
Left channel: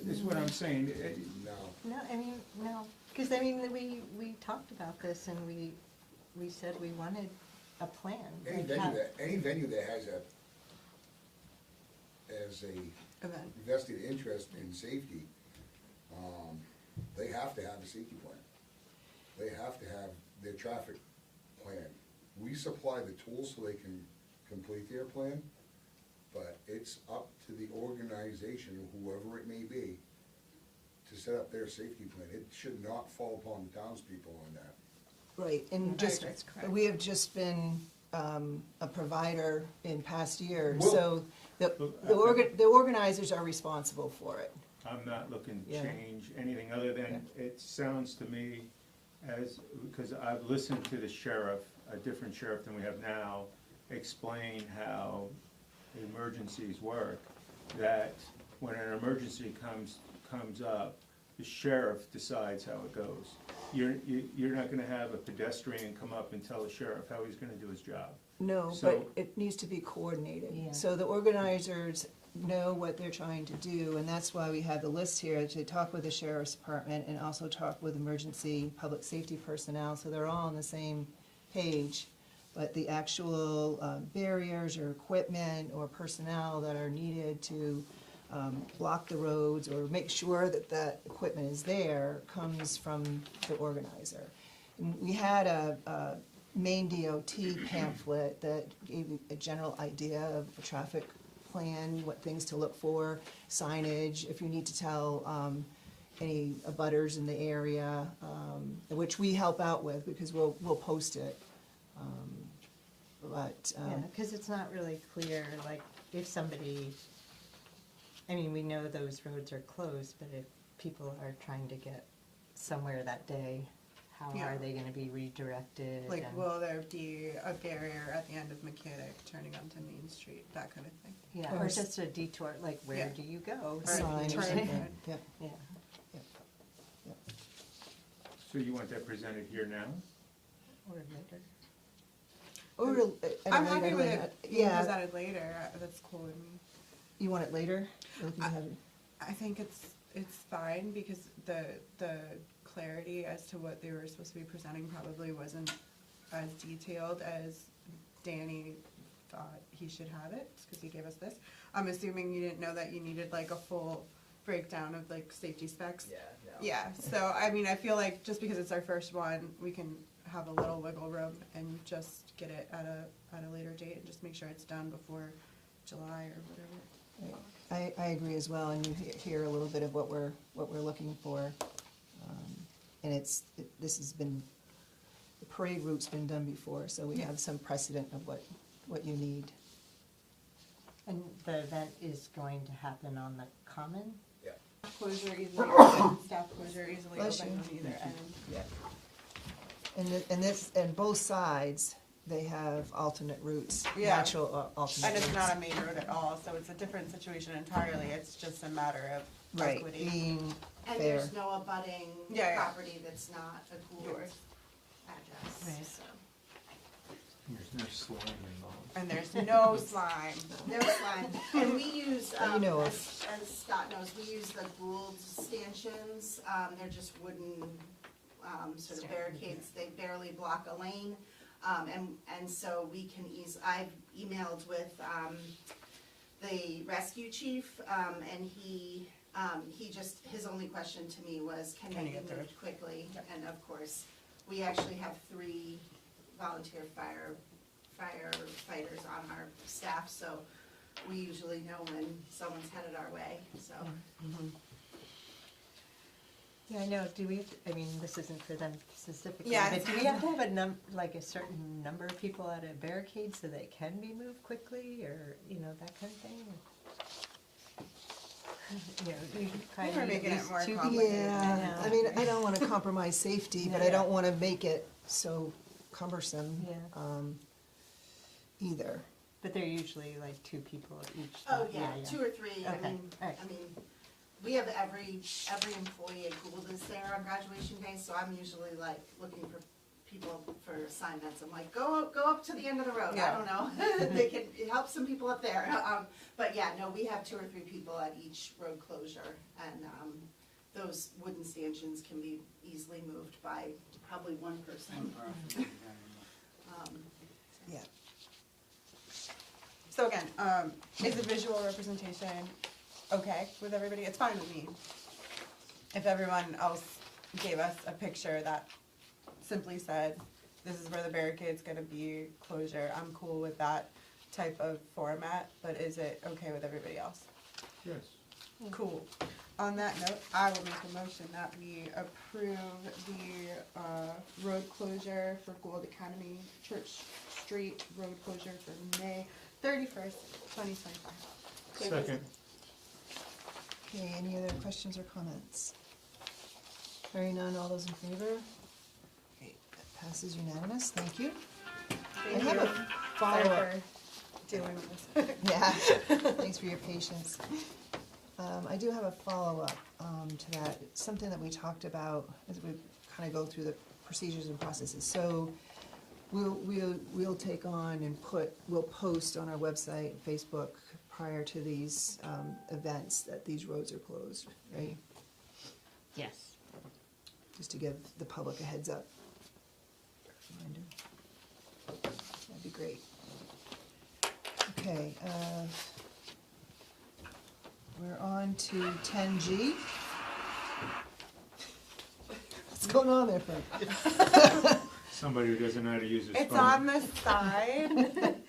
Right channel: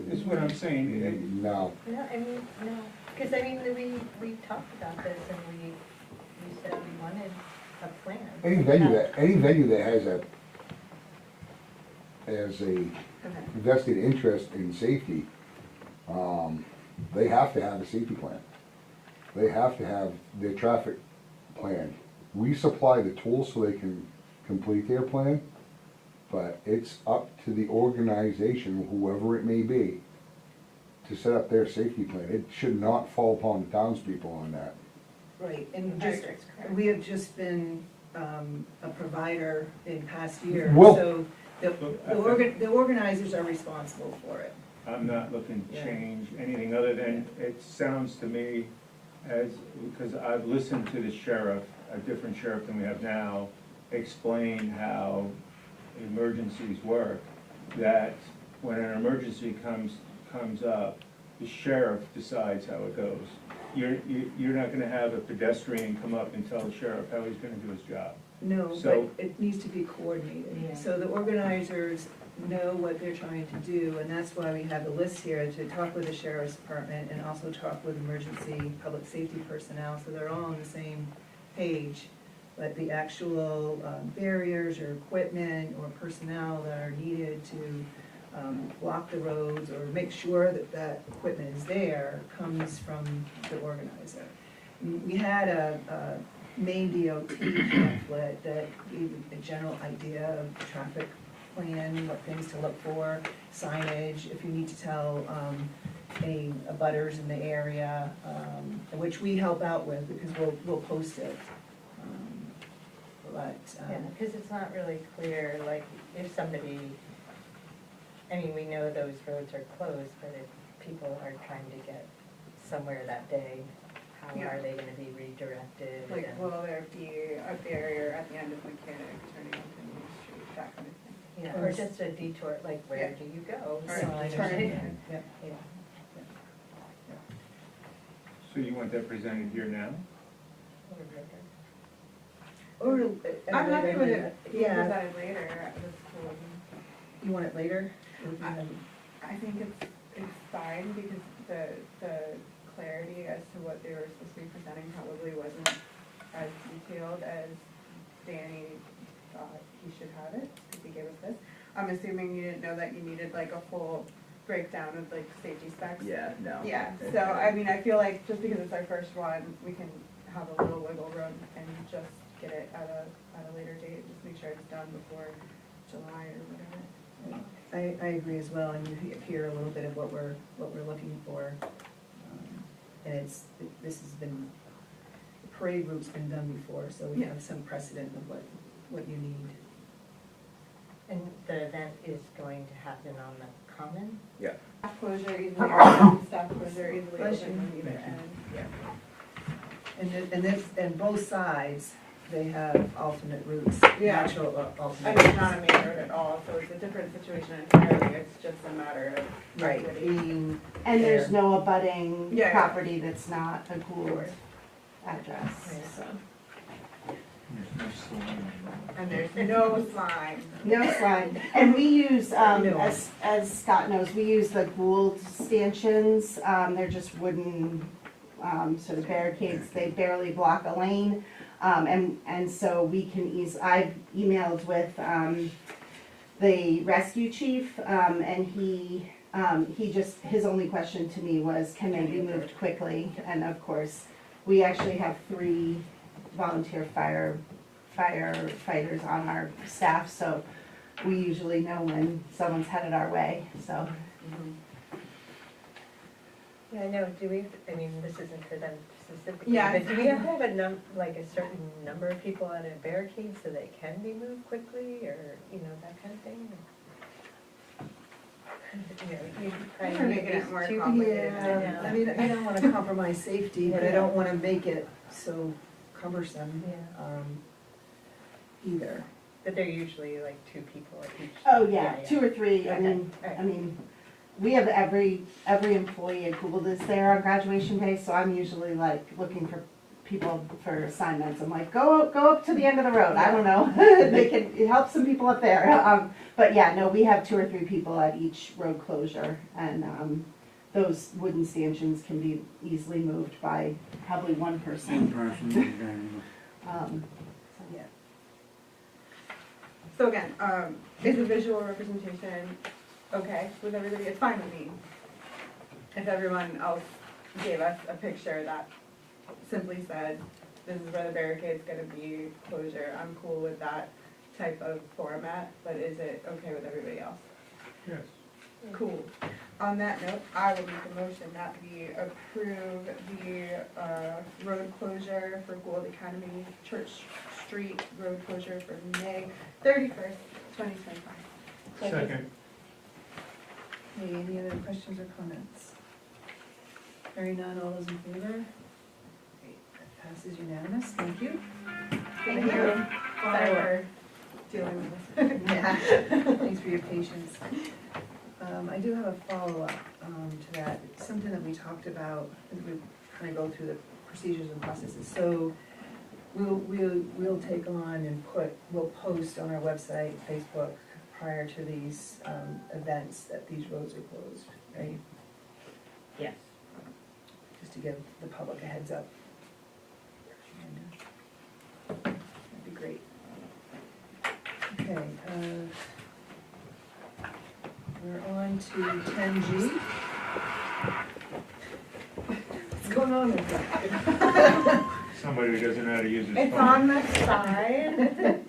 This is what I'm saying. No, Yeah, I mean, no, because I mean, we talked about this and we said we wanted a plan. any venue that has a Okay. vested interest in safety, they have to have a safety plan. They have to have their traffic plan. We supply the tools so they can complete their plan, but it's up to the organization, whoever it may be, to set up their safety plan. It should not fall upon the townspeople on that. Right, and just, we have just been a provider in past years, Well- so the organizers are responsible for it. I'm not looking to Yeah. change anything other than, it sounds to me as, because I've listened to the sheriff, a different sheriff than we have now, explain how emergencies work, that when an emergency comes up, the sheriff decides how it goes. You're not gonna have a pedestrian come up and tell the sheriff how he's gonna do his job. No, but So- it needs to be coordinated. Yeah. So the organizers know what they're trying to do, and that's why we have a list here to talk with the sheriff's department and also talk with emergency public safety personnel, so they're all on the same page. But the actual barriers or equipment or personnel that are needed to block the roads or make sure that that equipment is there comes from the organizer. We had a Maine DOT pamphlet that gave you a general idea of the traffic plan, what things to look for, signage, if you need to tell any abutters in the area, which we help out with because we'll post it. But, Yeah, because it's not really clear, like, if somebody, I mean, we know those roads are closed, but if people are trying to get somewhere that day, how Yeah. are they gonna be redirected? Like, and- will there be a barrier at the end of Mechanic turning onto Main Street, that kind of thing? Yeah, or just a detour, like, where Yeah. do you go? Right. So Signage, turn it- yeah. Yeah. So you want that presented here now? Or later. Or, I'm happy with it being Yeah, presented later, that's cool. you want it later? I think it's fine because the clarity as to what they were supposed to be presenting probably wasn't as detailed as Danny thought he should have it, because he gave us this. I'm assuming you didn't know that you needed like a full breakdown of like safety specs. Yeah, no. Yeah, so I mean, I feel like just because it's our first one, we can have a little wiggle room and just get it at a later date, and just make sure it's done before July or whatever. I agree as well, and you hear a little bit of what we're looking for. And this has been, the parade route's been done before, so we have some precedent of what you need. And the event is going to happen on the common? Yeah. Staff closure easily open, staff closure easily Bless open you. on either end. And both sides, they have alternate routes, Yeah. natural alternate. And it's not a main road at all, so it's a different situation entirely, it's just a matter of. Right, equity. being And there's there. no abutting Yeah, yeah. property that's not a Gould address, so. There's no slowing involved. And there's no sign. No slide. And we use, No. as Scott knows, we use the Gould stanchions. They're just wooden, sort of barricades. They barely block a lane. And so we can I've emailed with, the rescue chief, and he just, his only question to me was, can they be moved quickly? And of course, we actually have 3 volunteer firefighters on our staff, so we usually know when someone's headed our way, so. Yeah, I know, do we, I mean, this isn't for them specifically, Yeah. but do we have to have like a certain number of people on a barricade so they can be moved quickly, or, you know, that kind of thing? You know, you probably We're need making at it least more 2 complicated. Yeah, I mean, I don't wanna compromise safety, but I don't wanna make it so cumbersome, Yeah. either. But they're usually like 2 people at each. Oh, yeah, 2 or 3, Okay, alright. I mean, we have every employee at Gould is there on graduation day, so I'm usually like looking for people for assignments. I'm like, go up to the end of the road, I don't know, they can help some people up there. But yeah, no, we have 2 or 3 people at each road closure, and, those wooden stanchions can be easily moved by probably one Same person. person. Yeah. So again, is the visual representation okay with everybody? It's fine with me. If everyone else gave us a picture that simply said, this is where the barricade's gonna be, closure, I'm cool with that type of format, but is it okay with everybody else? Yes. Cool. On that note, I would make a motion that we approve the road closure for Gould Academy Church Street road closure for May 31st, 2025. Second. Okay, any other questions or comments? Hearing none, all those in favor? Okay, that passes unanimous, thank you. Thank I have you a follow-up. dealing with this. Yeah, thanks for your patience. I do have a follow-up to that. It's something that we talked about as we kind of go through the procedures and processes. So we'll take on and we'll post on our website, Facebook, prior to these events that these roads are closed, right? Yes. Just to give the public a heads up. That'd be great. Okay, we're on to 10G. What's going on there? Somebody who doesn't know how to use his phone. It's on the side.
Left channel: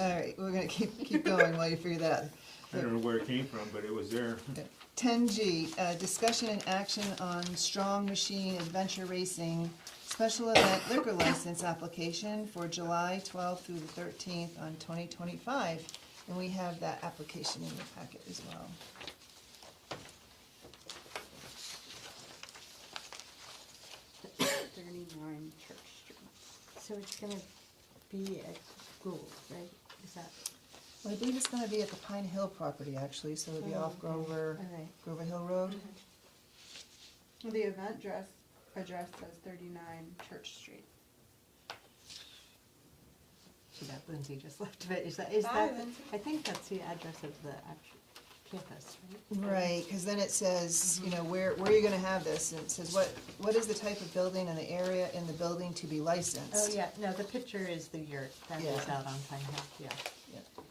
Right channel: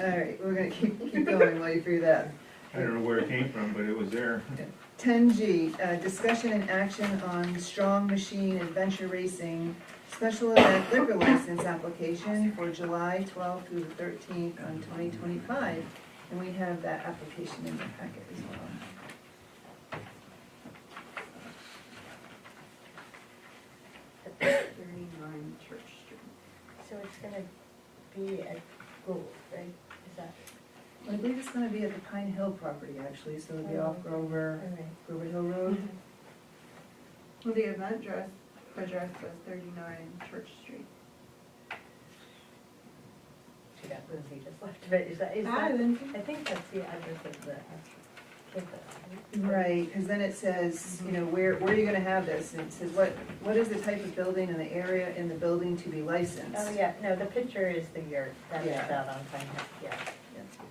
All right, we're gonna keep going while you figure that out. I don't know where it came from, but it was there. 10G, discussion and action on Strong Machine Adventure Racing Special Event Liquor License Application for July 12th through the 13th on 2025. And we have that application in the packet as well. Church Street. So it's gonna be at Gould, right? Is that? Well, I believe it's gonna be at the Pine Hill property, actually, so it'll be off Grover Hill Road. Well, the event address was 39 Church Street. She got Lindsay just left, but is that, Hi, Lindsay. I think that's the address of the campus. Right, because then it says, you know, where are you gonna have this? And it says, what is the type of building and the area in the building to be licensed? Oh, yeah, no, the picture is the yurt, that is Yeah. out on Pine Hill, yeah.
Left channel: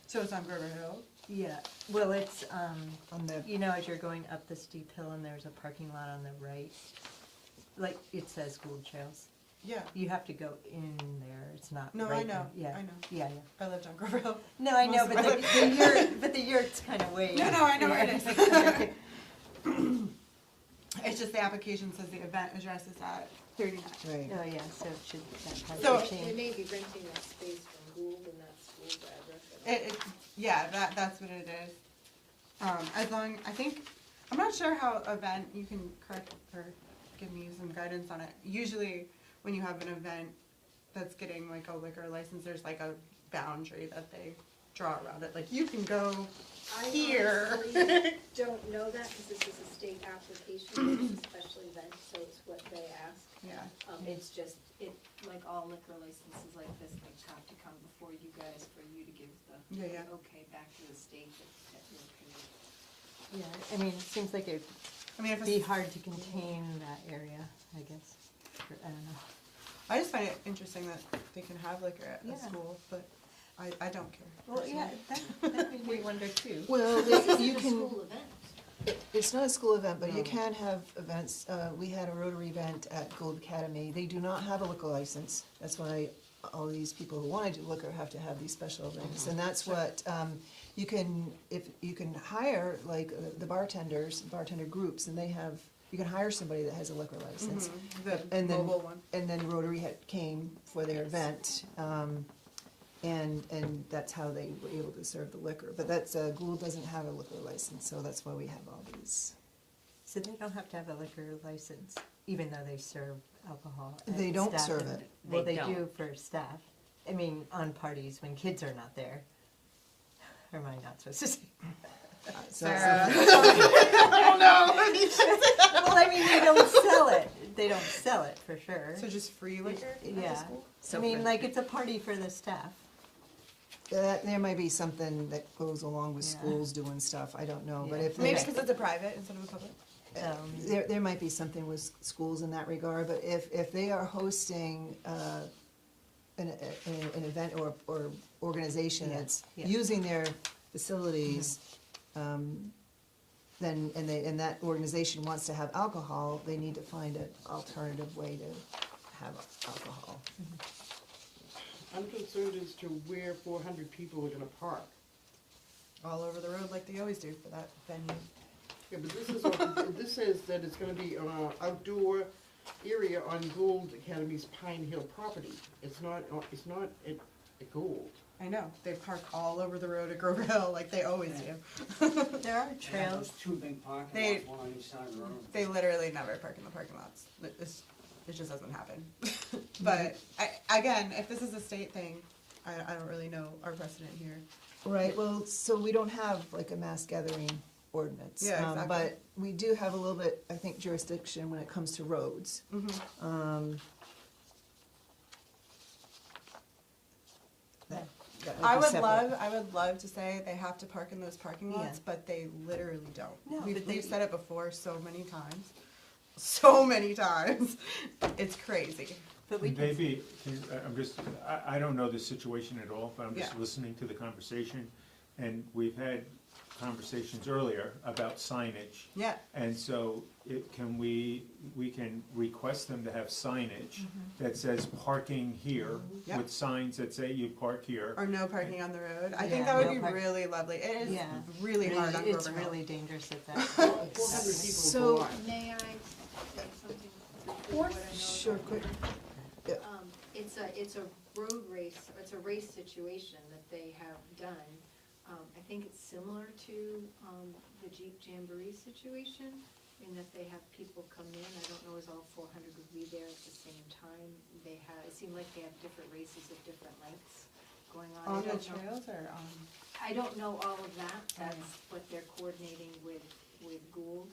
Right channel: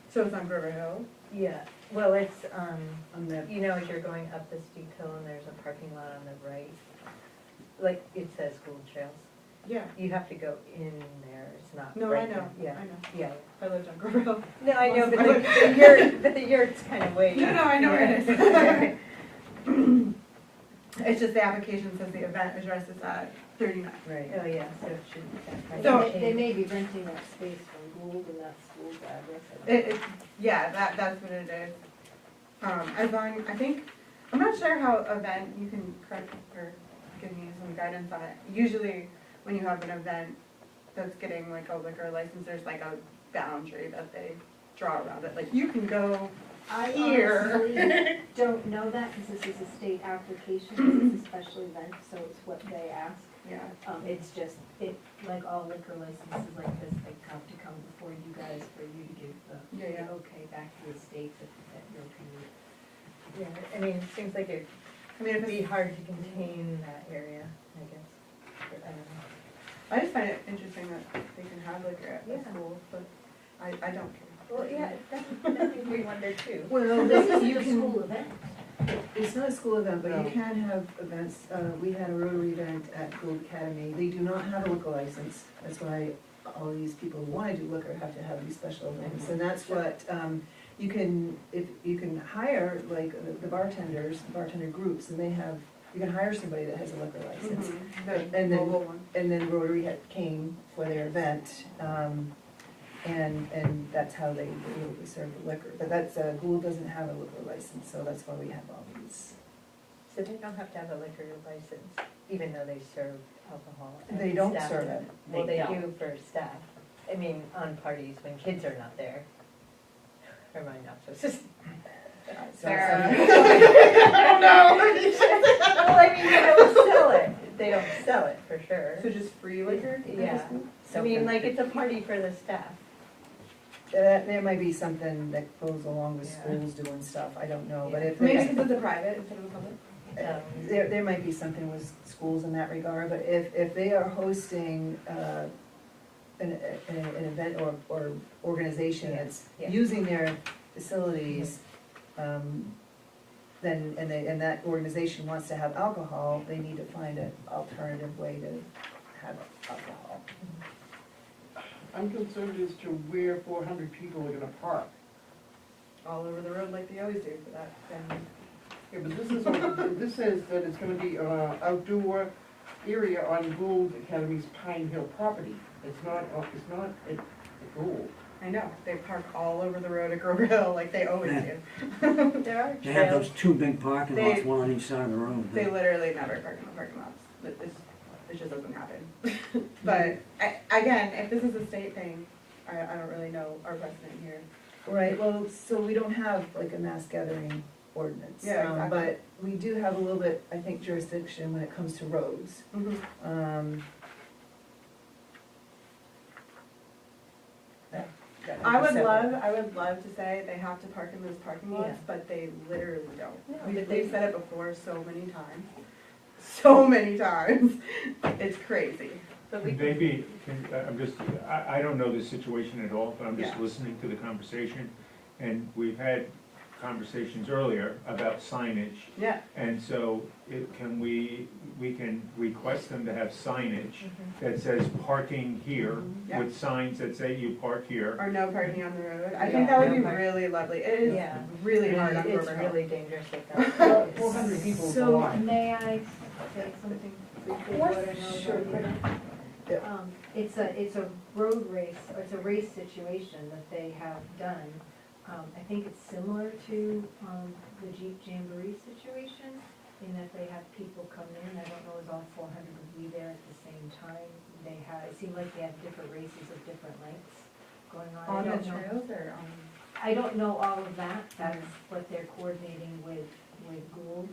So it's on Grover Hill? Yeah, well, it's, On the, you know, as you're going up the steep hill and there's a parking lot on the right, like it says Gould Trails. Yeah. You have to go in there, it's not No, right I there. know, Yeah, I know. yeah. I lived on Grover Hill. No, I know, Most but of the yurt, but the yurt's kind of way. No, I know where it Yeah. is. It's just the application says the event address is at 39. right. Oh, yeah, so it shouldn't. So- They may be renting that space from Gould and that's Gould's address. Yeah, that's what it is. As long, I think, I'm not sure how event, you can correct or give me some guidance on it. Usually, when you have an event that's getting like a liquor license, there's like a boundary that they draw around it. Like, you can go I here. honestly don't know that because this is a state application, it's a special event, so it's what they ask. Yeah. It's just, like all liquor licenses like this, they have to come before you guys for you to give the Yeah. okay back to the state that you'll be. Yeah, I mean, it seems like it'd be hard to contain that area, I guess. But I don't know. I just find it interesting that they can have liquor at the Yeah. school, but I don't care. Well, yeah, that we wonder too. Well, This isn't you a can, school event. it's not a school event, but you No. can have events. We had a Rotary event at Gould Academy. They do not have a liquor license. That's why all these people who wanna do liquor have to have these special events. And that's what, you can hire, like, the bartender groups, and you can hire somebody that has a liquor license. The And then- local one. And then Rotary came for their event, and that's how they were able to serve the liquor. But that's, Gould doesn't have a liquor license, so that's why we have all these. So they don't have to have a liquor license, even though they serve alcohol. and They don't staff. serve it. Well, They they don't. do for staff. I mean, on parties when kids are not there. Or am I not supposed to say? So- Oh, no. Well, I mean, they don't sell it. They don't sell it for sure. So just free liquor? at the Yeah. school? I mean, like, it's a party for the staff. There might be something that goes along with Yeah. schools doing stuff, I don't know, but Yeah. if Maybe they, because it's a private instead of a public? there might be something with schools in that regard, but if they are hosting, an event or organization Yeah. that's Yeah. using their facilities, then, and that organization wants to have alcohol, they need to find an alternative way to have alcohol. I'm concerned as to where 400 people are gonna park. All over the road like they always do for that venue. Yeah, but this says that it's gonna be outdoor area on Gould Academy's Pine Hill property. It's not at Gould. I know, they park all over the road at Grover Hill like they always do. There are They have trails. those two big parking They- lots, one on each side of the road. They literally never park in the parking lots. It's it just doesn't happen. But again, if this is a state thing, I don't really know our precedent here. Right, well, so we don't have like a mass gathering ordinance. Yeah, exactly. But we do have a little bit, I think, jurisdiction when it comes to roads. That I be would separate. love to say they have to park in those parking lots, Yeah. but they literally don't. No, They've said it before so many times. So many times. It's crazy. But we can, Maybe, I'm just, I don't know the situation at all, but I'm just Yeah. listening to the conversation. And we've had conversations earlier about signage. yeah, And so we can request them to have signage that says parking here Yeah. with signs that say you park here. or no parking on the road. I Yeah. think that would be No park. really lovely. It is Yeah. really hard on It's River Hill. really dangerous like that. 400 people So- go on. May I say something briefly? What I know Sure, about go ahead. it? It's a road race, or it's a race situation that they have done. I think it's similar to, the Jeep Jamboree situation, in that they have people come in, I don't know, is all 400 would be there at the same time. They have, it seemed like they have different races of different lengths going on. I On the don't know. trails or on? I don't know all of that, that's what they're coordinating with Gould.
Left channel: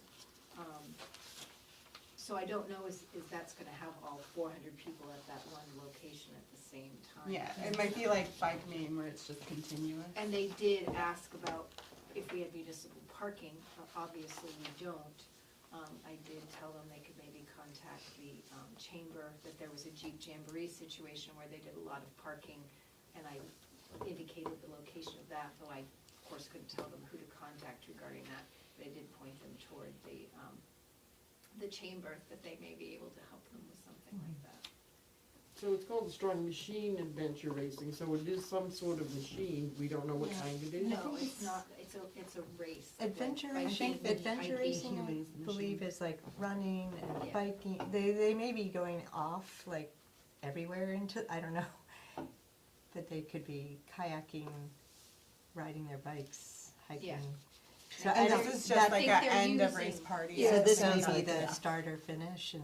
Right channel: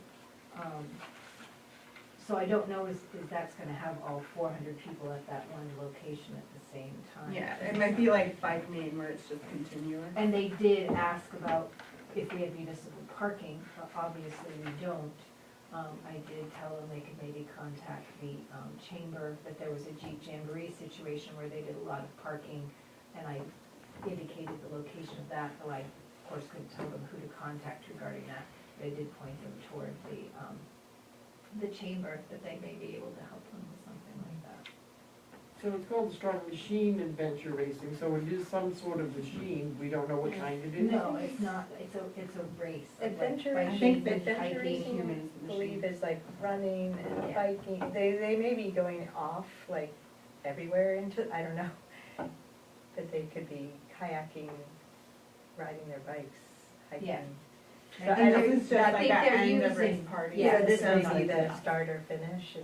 So I don't know if that's gonna have all 400 people at that one location at the same time. Yeah, it might be like Bike Meet where it's just continuous. And they did ask about if we had municipal parking, obviously we don't. I did tell them they could maybe contact the chamber, that there was a Jeep Jamboree situation where they did a lot of parking, and I indicated the location of that, though I, of course, couldn't tell them who to contact regarding that. But I did point them toward the chamber, that they may be able to help them with something like that. So it's called Strong Machine Adventure Racing, so it is some sort of machine, we don't know what kind it is. No, it's not, it's a race. Adventure Like racing, hiking, adventure racing, humans in I the believe is like running and Yeah. biking. They may be going off like everywhere into, I don't know. But they could be kayaking, riding their bikes, hiking. Yeah. So And I this don't- is just I like think an they're end of using- race party. Yeah, Yeah, this sounds may be like the that. start or finish,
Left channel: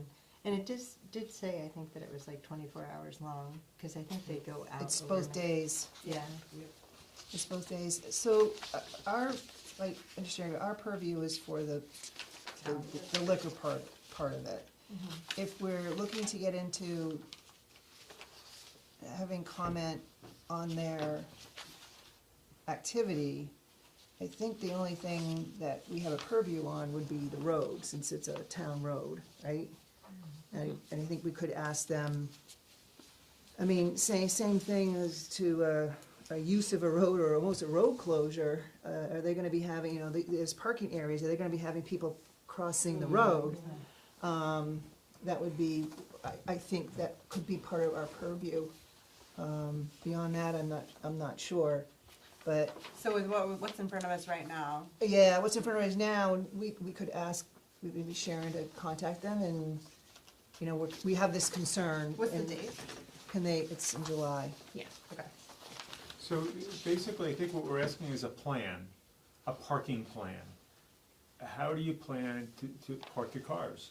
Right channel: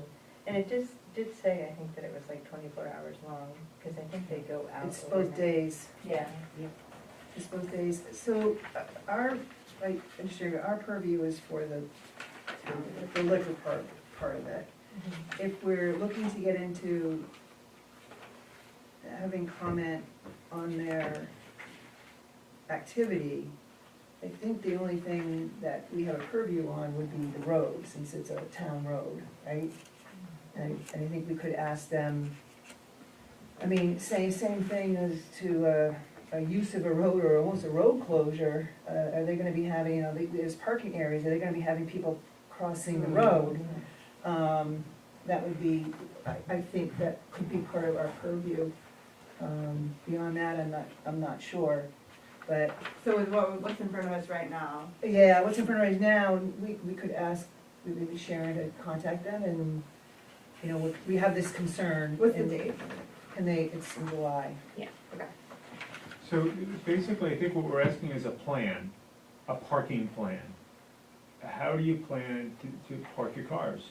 and it just did say, I think, that it was like 24 hours long, because I think they go out. It's both overnight. days, Yeah. it's both days. So our, like, industry, our purview is for the liquor part of it. If we're looking to get into having comment on their activity, I think the only thing that we have a purview on would be the road, since it's a town road, right? And I think we could ask them, I mean, same thing as to a use of a road or almost a road closure. Are they gonna be having, there's parking areas, are they gonna be having people crossing the road? That would be, I think that could be part of our purview. Beyond that, I'm not sure, but, So with what's in front of us right now, yeah, what's in front of us now, we could ask, maybe Sharon to contact them and, we have this concern. what's the and date? Can they, it's in July. So basically, I think what we're asking is a plan, a parking plan. How do you plan to park your cars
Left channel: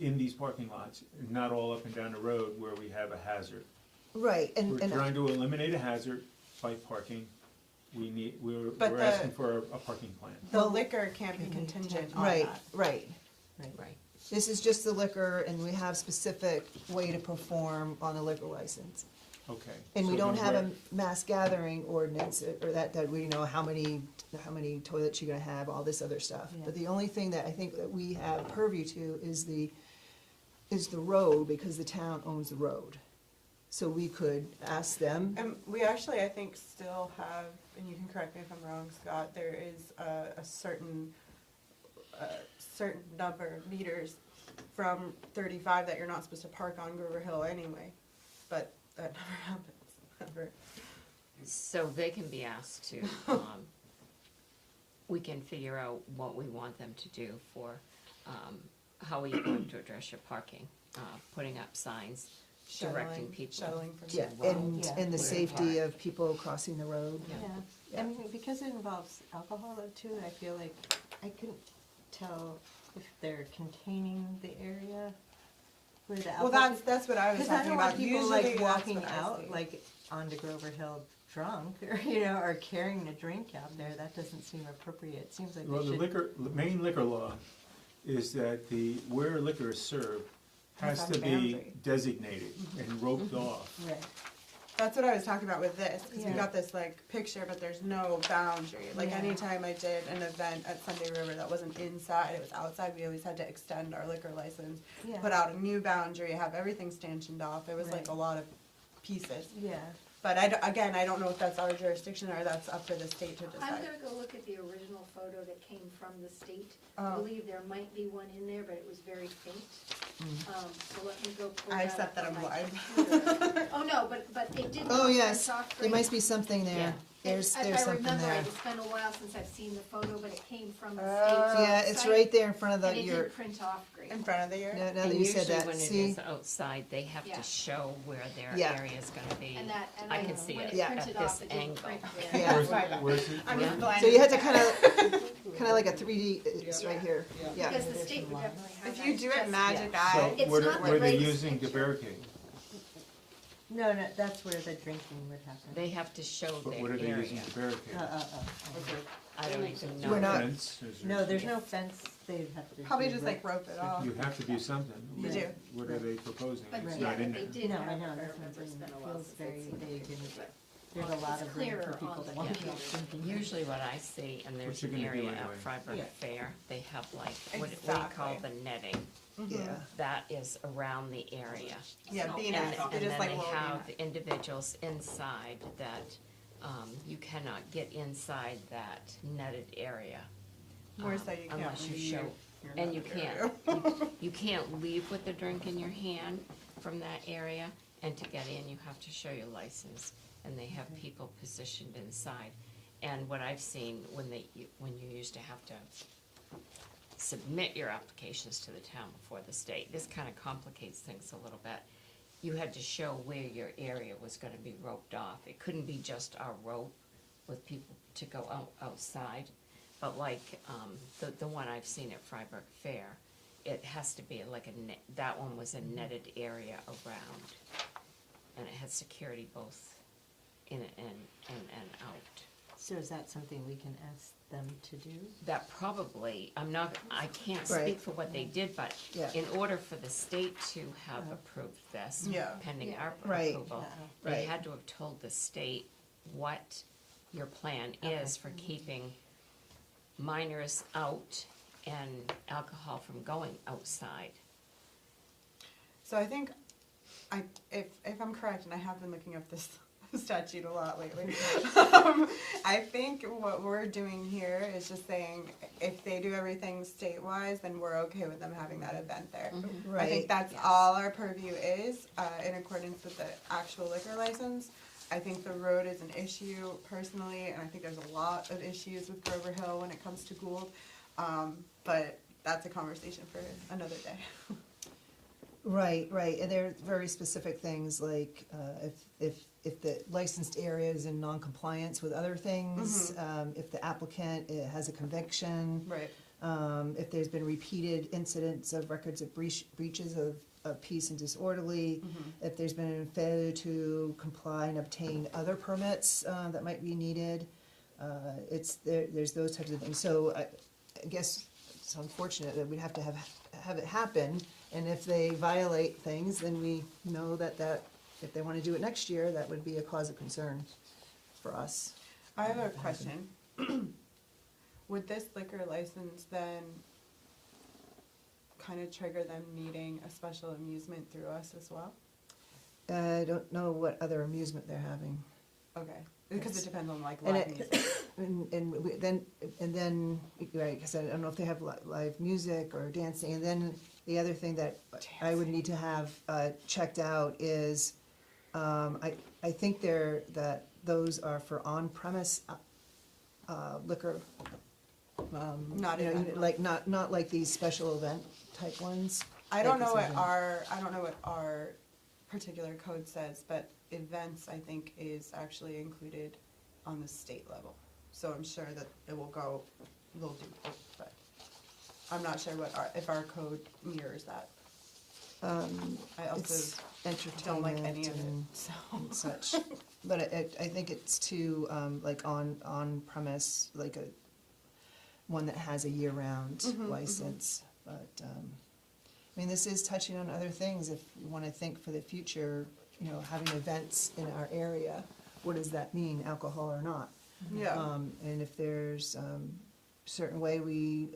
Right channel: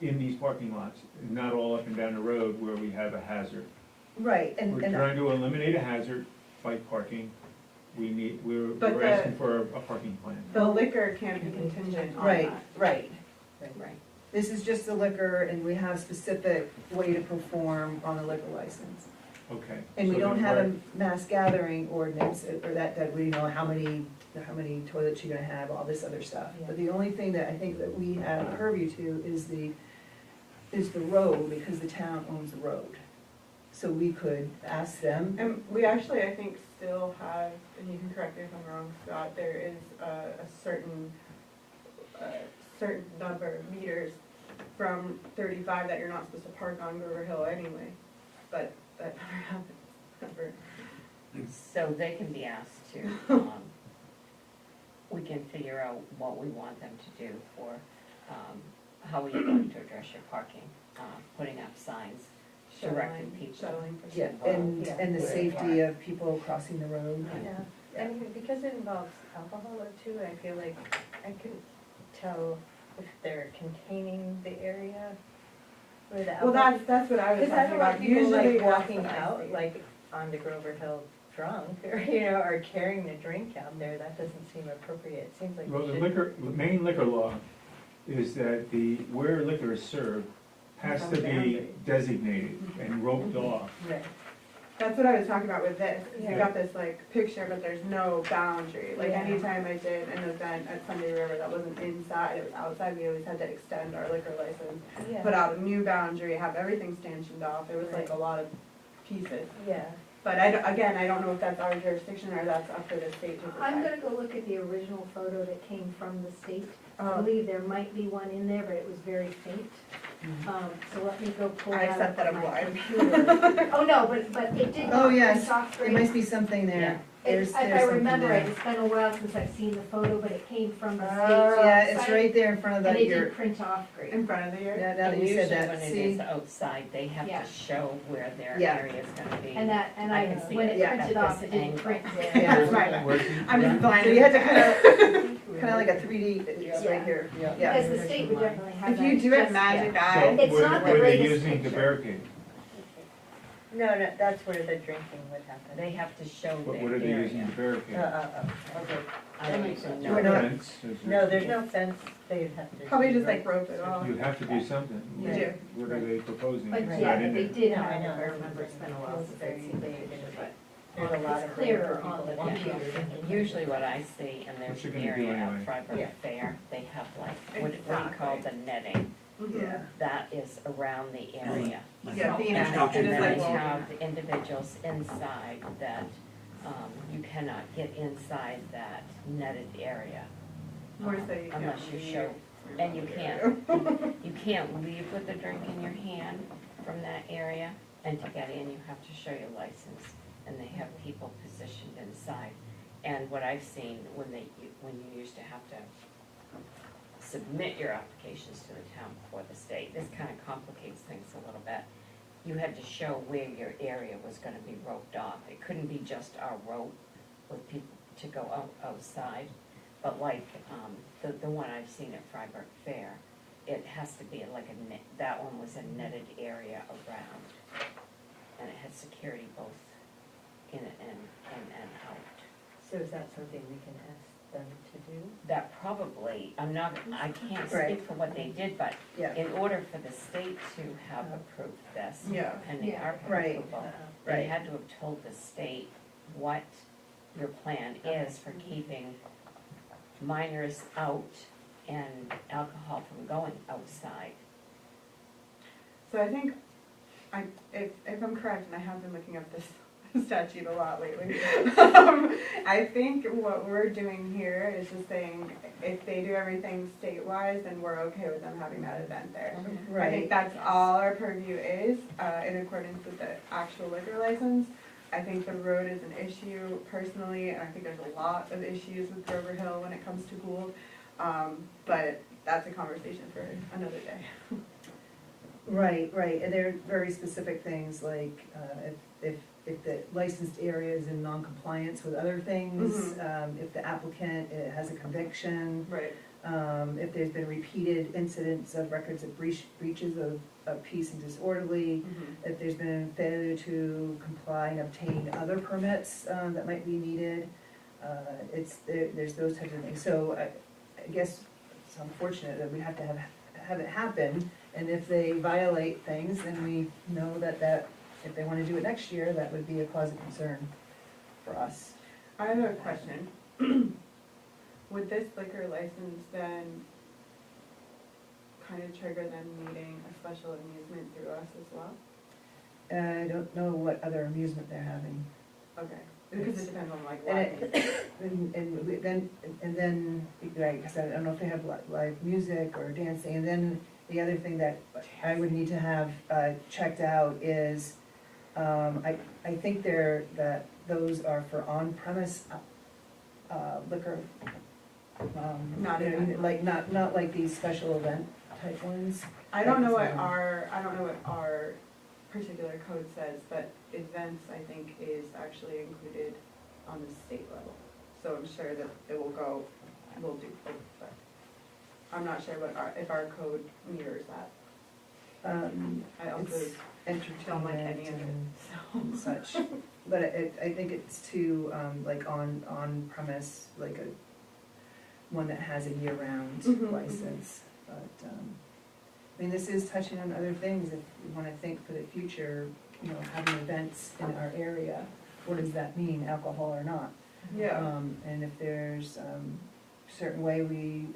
in these parking lots, not all up and down the road where we have a hazard? Right, and, We're trying to eliminate a hazard by parking. We're But asking for a parking plan. The liquor can't be contingent on right, that. right. Right. This is just the liquor, and we have specific way to perform on a liquor license. Okay. And we So don't then have we're- a mass gathering ordinance, or that we know how many toilets you're gonna have, all this other stuff. But the only thing that I think that we have purview to is the road, because the town owns the road. So we could ask them, And we actually, I think, still have, and you can correct me if I'm wrong, Scott, there is a certain number of meters from 35 that you're not supposed to park on River Hill anyway, but that never happens, ever. So they can be asked to, we can figure out what we want them to do for, how we want to address your parking, putting up signs, directing people. Shuttling for yeah, people. and the safety of people crossing the road. Yeah, and because it involves alcohol too, I feel like I couldn't tell if they're containing the area without. Well, that's what I was Because I talking don't want about, people usually like that's walking what I out, see. like onto Grover Hill drunk, or, you know, or carrying a drink out there, that doesn't seem appropriate, it seems like Well, they the should. main liquor law is that where liquor is served has to be designated and roped off. Right. That's what I was talking about with this, because we Yeah. got this like picture, but there's no boundary. Like Yeah. anytime I did an event at Sunday River that wasn't inside, it was outside, we always had to extend our liquor license, put out a new boundary, have everything stanchioned off. There was like a lot of pieces. Yeah. But again, I don't know if that's our jurisdiction or that's up for the state to I'm decide. gonna go look at the original photo that came from the state. I Oh, believe there might be one in there, but it was very faint. So let me go pull I that accept up that on I'm my blind. computer. Oh, no, but it did not Oh, yes. print off There great. must be something there. There's I something remember there. it, it's been a while since I've seen the photo, but it came from the Oh. state. Yeah, it's right there in front of And the it ear. did print off great. in front of the ear? Yeah, now that And you said usually that, when it see? is outside, they have Yeah. to show where their Yeah. area is gonna be. And that, and I can see when it it at printed this off, it didn't angle. print there. Yeah. That's right. Where's- I'm just blind. So you had to kinda like a 3D, it's right here, yeah. Because the state would definitely have If that. you do it just- magic yeah. eye, It's So not the were they greatest using the picture. barricade? No, that's where the drinking would happen. They have to show But their what are they area. using the barricade? Okay. I don't even We're know. not- Fence, is there- No, there's no fence, they'd have to. probably just like rope it off. You have to do something. You do. What are they proposing? But It's yeah, not in they there. did No, have, I know, I remember it's been a while since I've seen it, but There's a lot it's of room clearer for on people the to want picture. people drinking. Usually what I see, and there's What you an gonna do area at anyway? Freiburg Yeah. Fair, they have like, what do you call Exactly. the netting? Yeah. That is around the area. Yeah, the And net, then- just and then like they rope. have the individuals inside that, you cannot get inside that netted area. Or say you can't Unless you leave. show, and you can't leave with a drink in your hand from that area, and to get in, you have to show your license, and they have people positioned inside. And what I've seen, when you used to have to submit your applications to the town before the state, this kind of complicates things a little bit. You had to show where your area was gonna be roped off. It couldn't be just our rope with people to go outside. But like, the one I've seen at Freiburg Fair, it has to be like a net, that one was a netted area around. And it had security both in and out. So is that something we can ask them to do? That probably, I can't speak Right. for what they did, but Yeah. in order for the state to have approved this, Yeah. pending our Right. approval, Right. they had to have told the state what your plan is for keeping minors out and alcohol from going outside. So I think, if I'm correct, and I have been looking up this statute a lot lately, I think what we're doing here is just saying, if they do everything state-wise, then we're okay with them having that event there. I think Right, that's all our purview is, in accordance with the actual liquor license. I think the road is an issue personally, and I think there's a lot of issues with Grover Hill when it comes to Gould. But that's a conversation for another day. right, and there are very specific things like, if the licensed area is in non-compliance with other things, if the applicant has a conviction, Right. if there's been repeated incidents of records of breaches of peace and disorderly, if there's been a failure to comply and obtain other permits that might be needed, there's those types of things. So I guess it's unfortunate that we have to have it happen, and if they violate things, then we know that if they wanna do it next year, that would be a cause of concern for us. I have a question. Would this liquor license then kind of trigger them needing a special amusement through us as well? I don't know what other amusement they're having. Okay, because it depends on like And live it- music. And then, right, because I don't know if they have live music or dancing, and then the other thing that I would need to have checked out is, I think that those are for on-premise liquor. Not you know, event. like, not like these special event type ones. I don't know what our particular code says, but events, I think, is actually included on the state level. So I'm sure that it will go, they'll do both, but I'm not sure if our code mirrors that. I also it's don't like any entertainment of it, and so. and such. But I think it's too, like on premise, like one that has a year-round Mhm, license. But, I mean, this is touching on other things, if you wanna think for the future, you know, having events in our area, what does that mean, alcohol or not? Yeah. And if there's, certain way we,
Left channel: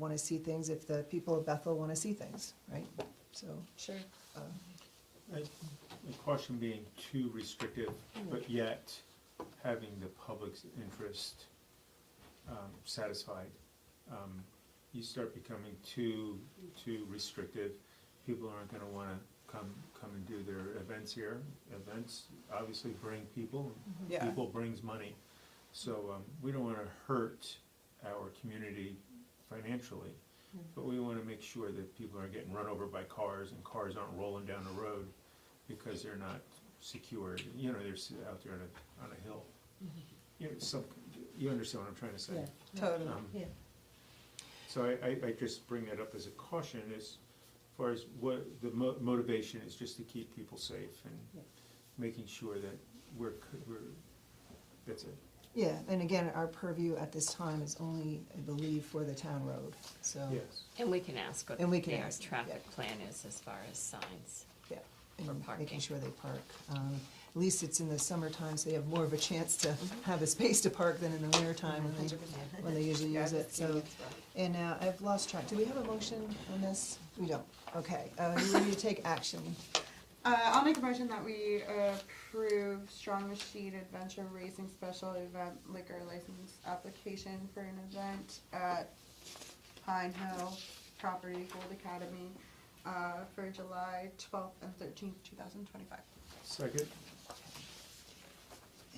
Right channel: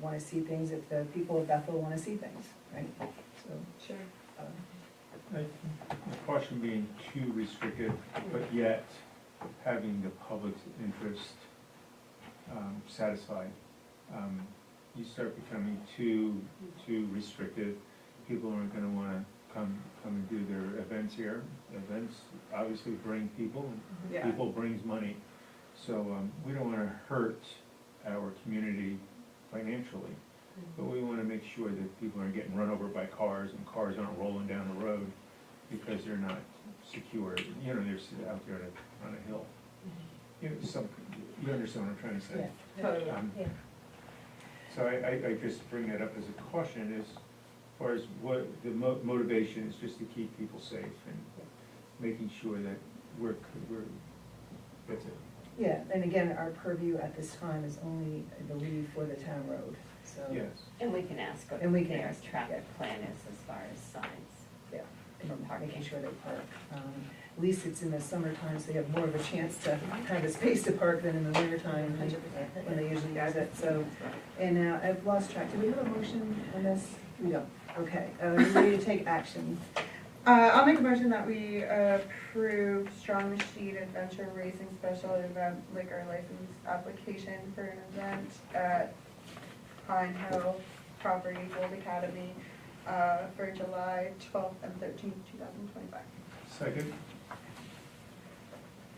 wanna see things, if the people of Bethel wanna see things, right? So, Sure. The caution being too restrictive, but yet having the public's interest satisfied. You start becoming too restrictive, people aren't gonna wanna come and do their events here. Events obviously bring people, Yeah. people brings money. So, we don't wanna hurt our community financially, but we wanna make sure that people aren't getting run over by cars and cars aren't rolling down the road because they're not secure, you know, they're out there on a hill. You know, you understand what I'm trying to say? Totally. Yeah. So I just bring that up as a caution as far as what the motivation is, just to keep people safe and making sure that we're, that's it. yeah, and again, our purview at this time is only, I believe, for the town road, so. Yes. And we can ask what And we can their ask, traffic plan is as far as signs. And For parking. making sure they park. At least it's in the summertime, so they have more of a chance to have a space to park than in the wintertime when they usually use it, so. And I've lost track, do we have a motion on this? We don't, okay, you ready to take action? I'll make a motion that we approve Strong Machine Adventure Racing Special Event Liquor License application for an event at Pine Hill Property Gold Academy for July 12th and 13th, 2025. Second?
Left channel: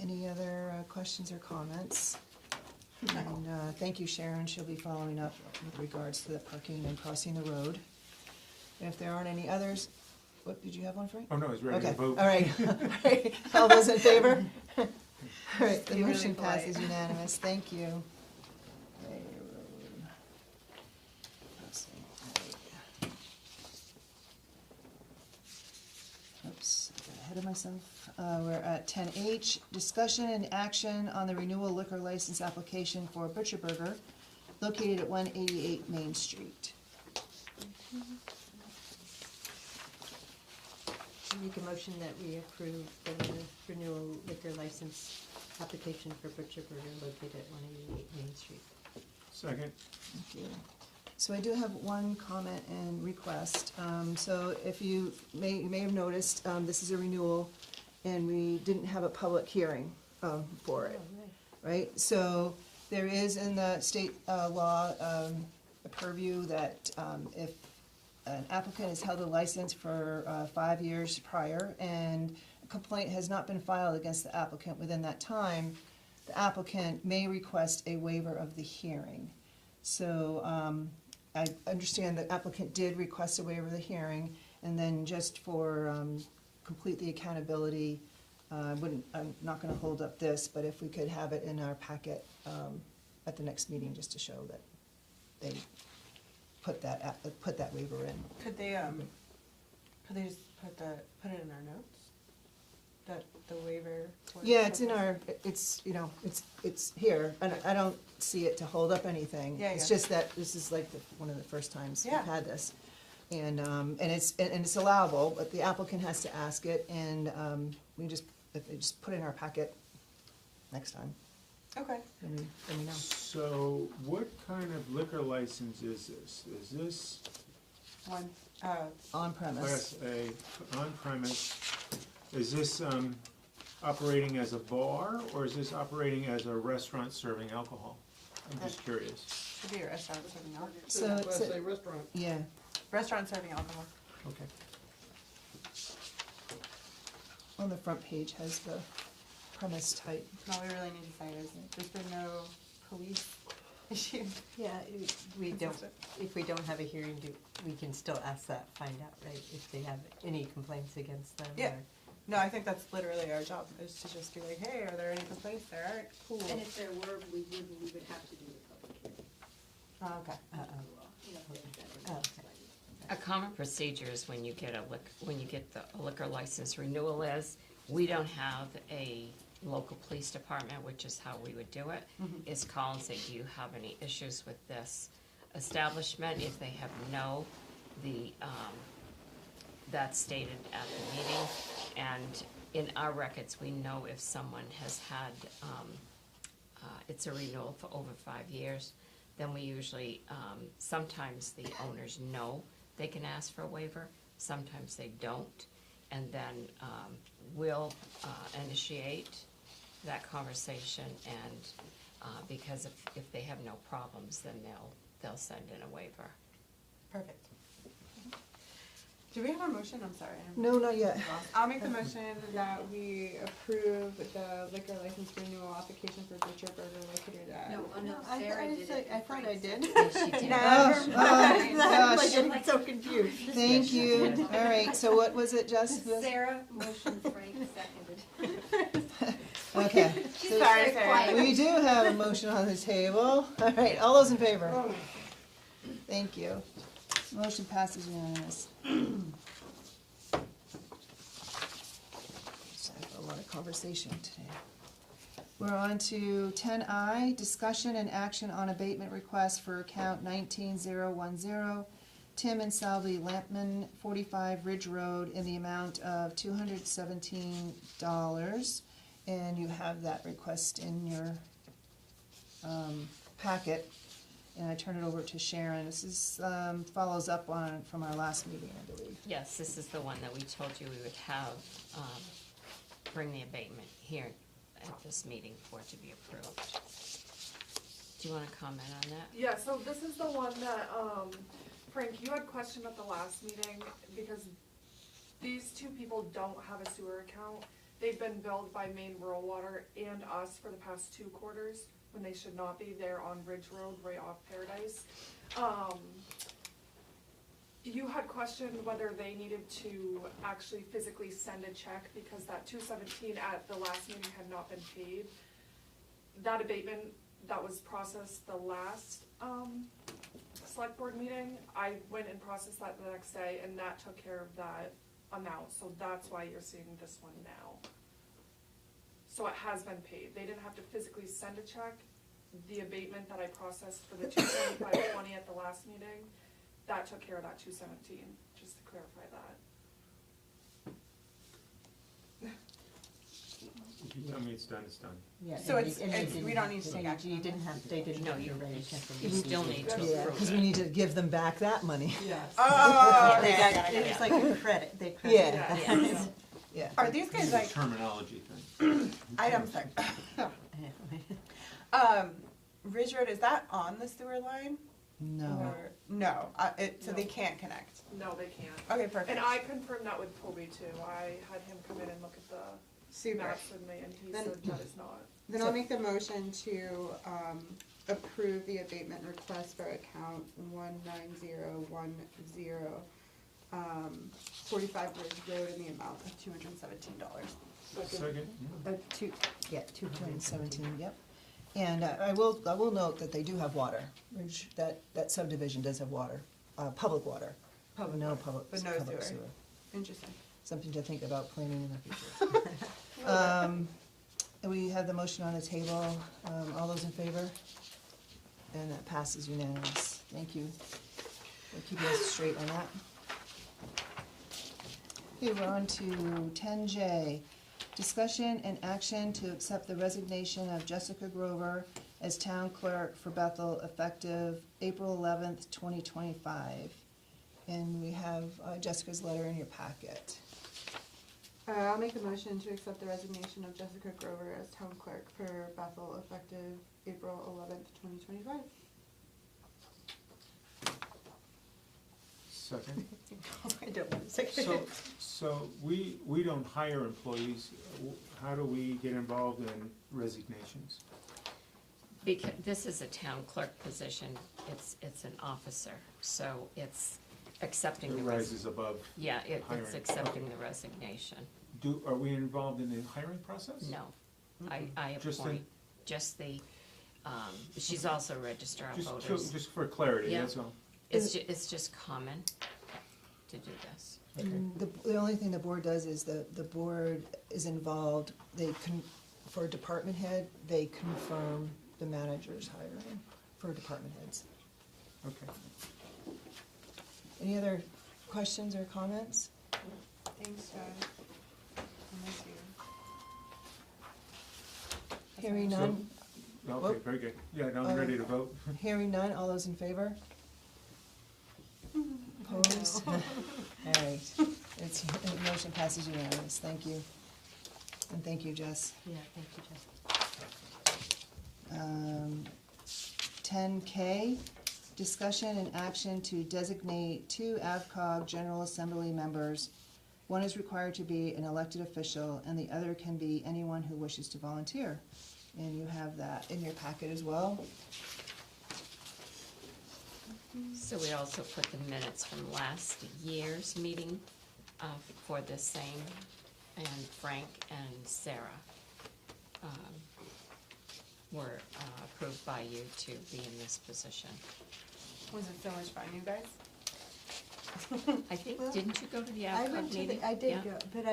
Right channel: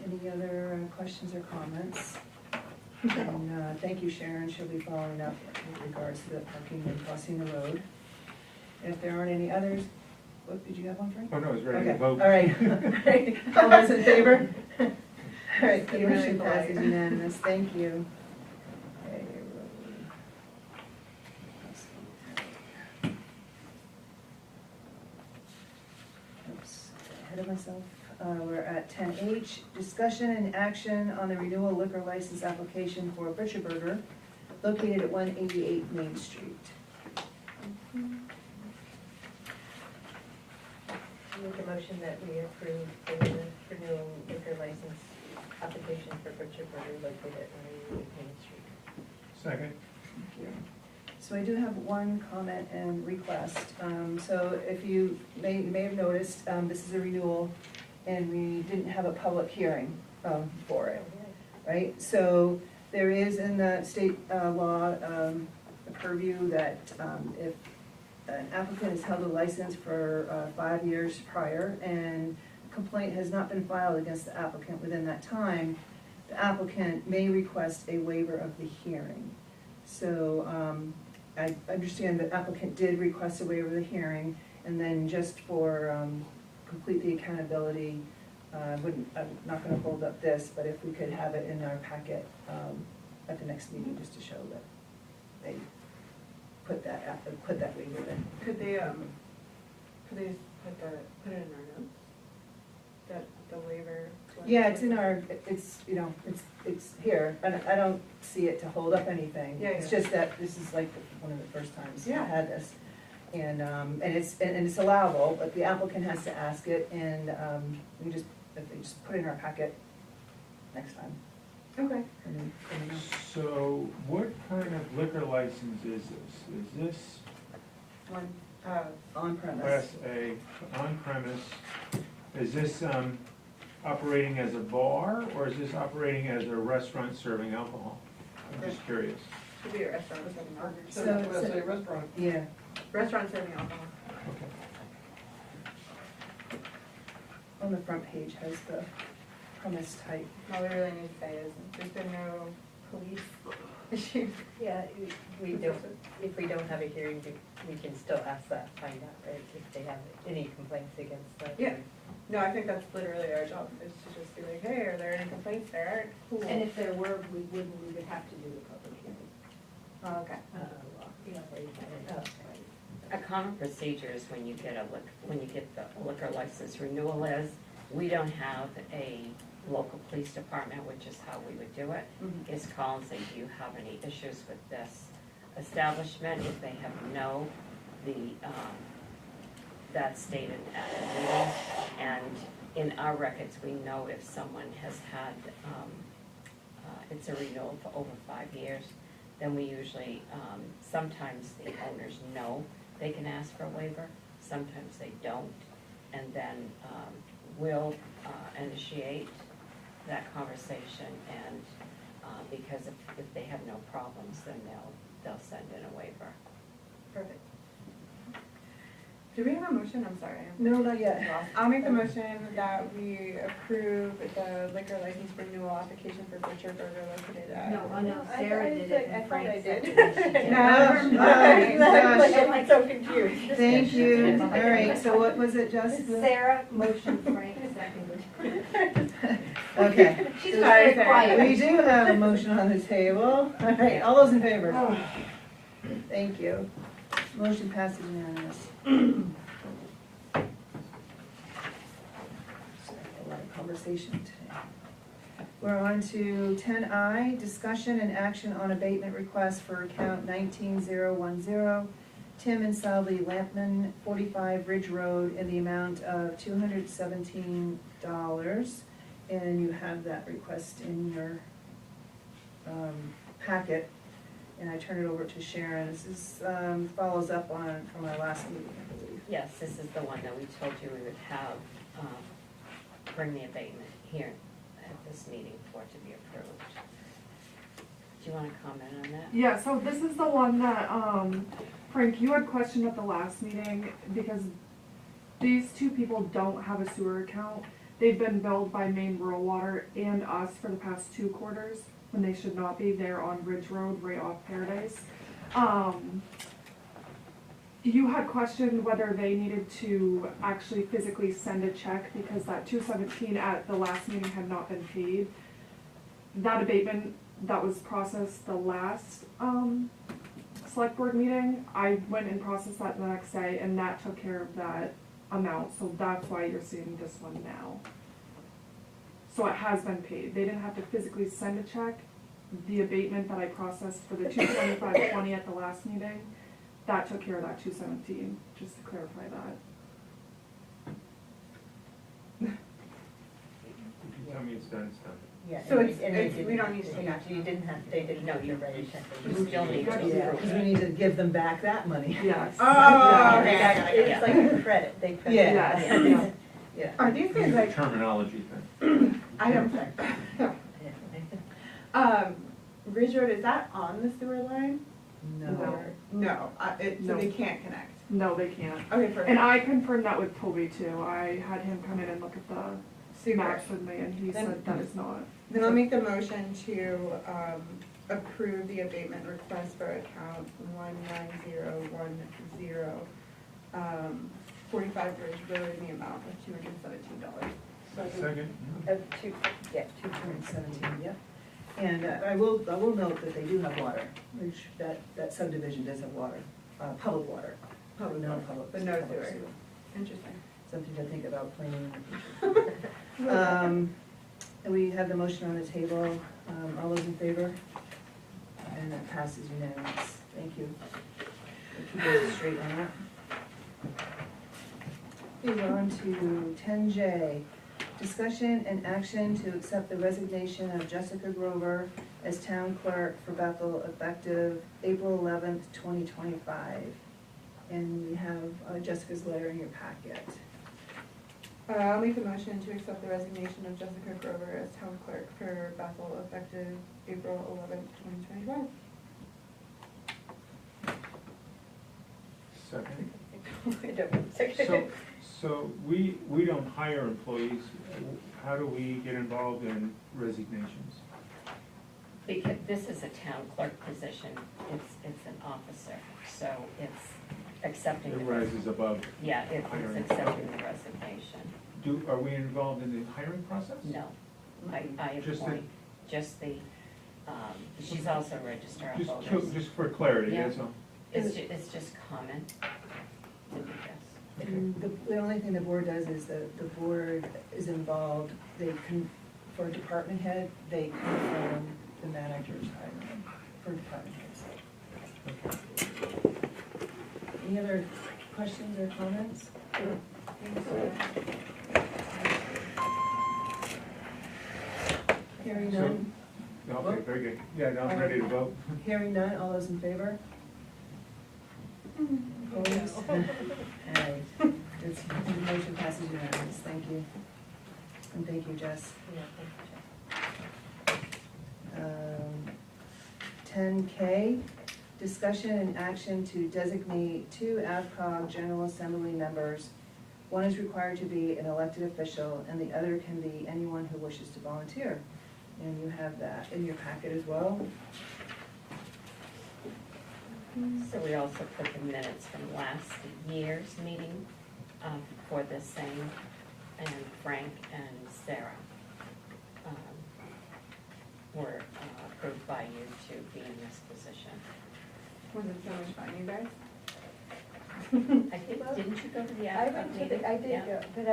Any other questions or comments? And thank you, Sharon, she'll be following up with regards to the parking and crossing the road. And if there aren't any others, what, did you have one, Frank? Oh, no, I was ready Okay, to vote. all right, all right, all those in favor? All right, the You're motion really passes polite. unanimous, thank you. Okay, oops, ahead of myself. We're at 10H, discussion and action on the renewal liquor license application for Butcher Burger located at 188 Main Street. I make a motion that we approve the renewal liquor license application for Butcher Burger located at 188 Main Street. Second? So I do have one comment and request. So if you may have noticed, this is a renewal and we didn't have a public hearing for it, right? So there is in the state law a purview that if an applicant has held a license for 5 years prior and a complaint has not been filed against the applicant within that time, the applicant may request a waiver of the hearing. So I understand the applicant did request a waiver of the hearing, and then just for complete the accountability, I'm not gonna hold up this, but if we could have it in our packet at the next meeting, just to show that they put that waiver in. Could they just put it in our notes? That the waiver? was- Yeah, it's in our, it's, you know, it's here, and I don't see it to hold up anything. Yeah, It's yeah. just that this is like one of the first times we've Yeah. had this. And it's allowable, but the applicant has to ask it, and we just, if they just put it in our packet next time. Okay. then we know. So what kind of liquor license is this? Is this One, On premise. Class A, on premise? Is this operating as a bar, or is this operating as a restaurant serving alcohol? I'm just curious. should be a restaurant serving alcohol. So it's Let's say restaurant. Yeah, Restaurant serving alcohol. Okay. on the front page has the premise type. All we really need to say is, there's been no police issue. Yeah, we don't, if we don't have a hearing, we can still ask that, find out, right, if they have any complaints against them. Yeah. No, I think that's literally our job, is to just be like, hey, are there any complaints there? Cool. And if there were, we would have to do the public hearing. Oh, okay. Yeah, where you better- Oh. A common procedure is when you get the liquor license renewal is, we don't have a local police department, which is how we would do it, is call and say, do you have any issues with this establishment? If they have no, that's stated at the meeting. And in our records, we know if someone has had, it's a renewal for over 5 years, then we usually, sometimes the owners know they can ask for a waiver, sometimes they don't. And then we'll initiate that conversation, and because if they have no problems, then they'll send in a waiver. Perfect. Do we have a motion? I'm sorry. No, not yet. I'll make the motion that we approve the liquor license renewal application for Butcher Burger located at. No, Sarah did it. I thought I did. No, oh, gosh. I'm so confused. Thank you. All right, so what was it, Jess? Sarah, motion, Frank, seconded. Okay. She's very quiet. We do have a motion on the table. All right, all those in favor? Thank you. Motion passes unanimous. So, a lot of conversation today. We're on to 10I, discussion and action on abatement request for account 19010, Tim and Salvi Lampman, 45 Ridge Road, in the amount of $217. And you have that request in your packet. And I turn it over to Sharon. This is, follows up on, from our last meeting, I believe. Yes, this is the one that we told you we would have, bring the abatement here at this meeting for it to be approved. Do you want to comment on that? Yeah, so this is the one that, Frank, you had questioned at the last meeting, because these two people don't have a sewer account. They've been billed by Maine Rural Water and us for the past 2 quarters, when they should not be. They're on Ridge Road, right off Paradise. You had questioned whether they needed to actually physically send a check, because that $217 at the last meeting had not been paid. That abatement that was processed the last select board meeting, I went and processed that the next day, and that took care of that amount, so that's why you're seeing this one now. So it has been paid. They didn't have to physically send a check. The abatement that I processed for the $225.20 at the last meeting, that took care of that $217, just to clarify that. Tell me it's done, it's done. Yeah, So and it's, you- and it's, you we don't need to take didn't- action. You didn't have, they didn't have to write a check. You still need to. Yeah, because we need to give them back that money. Yes. Oh, They okay. got it. It's like a credit, they credit. Yeah. Yes. Yeah. Are these guys It's a like, terminology thing. I don't think. Ridge Road, is that on the sewer line? No. Or- No, so No. they can't connect. No, they can't. Okay, perfect. And I confirmed that with Toby too. I had him come in and look at the Super. maps with me, and he said that is not. Then I'll make the motion to approve the abatement request for account 19010, 45 Ridge Road, in the amount of $217. Second? 217, yeah. And I will note that they do have water, which that subdivision does have water, public water. Public No water, public. but no public sewer. Interesting. Something to think about planning. And we have the motion on the table. All those in favor? And that passes unanimous. Thank you. We'll keep us straight on that. Okay, we're on to 10J. Discussion and action to accept the resignation of Jessica Grover as town clerk for Bethel effective April 11th, 2025. And we have Jessica's letter in your packet. I'll make the motion to accept the resignation of Jessica Grover as town clerk for Bethel effective April 11th, 2025. Second? So we don't hire employees. How do we get involved in resignations? Because this is a town clerk position, it's an officer, so it's accepting It the rises above. Yeah, it's hiring. accepting the resignation. Are we involved in the hiring process? No, I Just the- appoint just the, she's also a registrar of Just voters. just for clarity, Yeah. that's all. It's just comment did you guess? The only thing the board does is the board is involved, for department head, they confirm the manager's hiring for department heads. Any other questions or comments? Hearing none? Okay, very good. Yeah, now I'm ready to vote. Hearing none, all those in favor? Opposed? All right, it's, the motion passes unanimous, thank you. And thank you, Jess. Yeah, thank you, Jess. 10K, discussion and action to designate 2 AvCog General Assembly members. One is required to be an elected official, and the other can be anyone who wishes to volunteer. And you have that in your packet as well. So we also put the minutes from last year's meeting for the same, and Frank and Sarah were approved by you to be in this position. Was it so much fun, you guys? I think, didn't you go to the I AvCog went to meeting? I did Yeah. go, but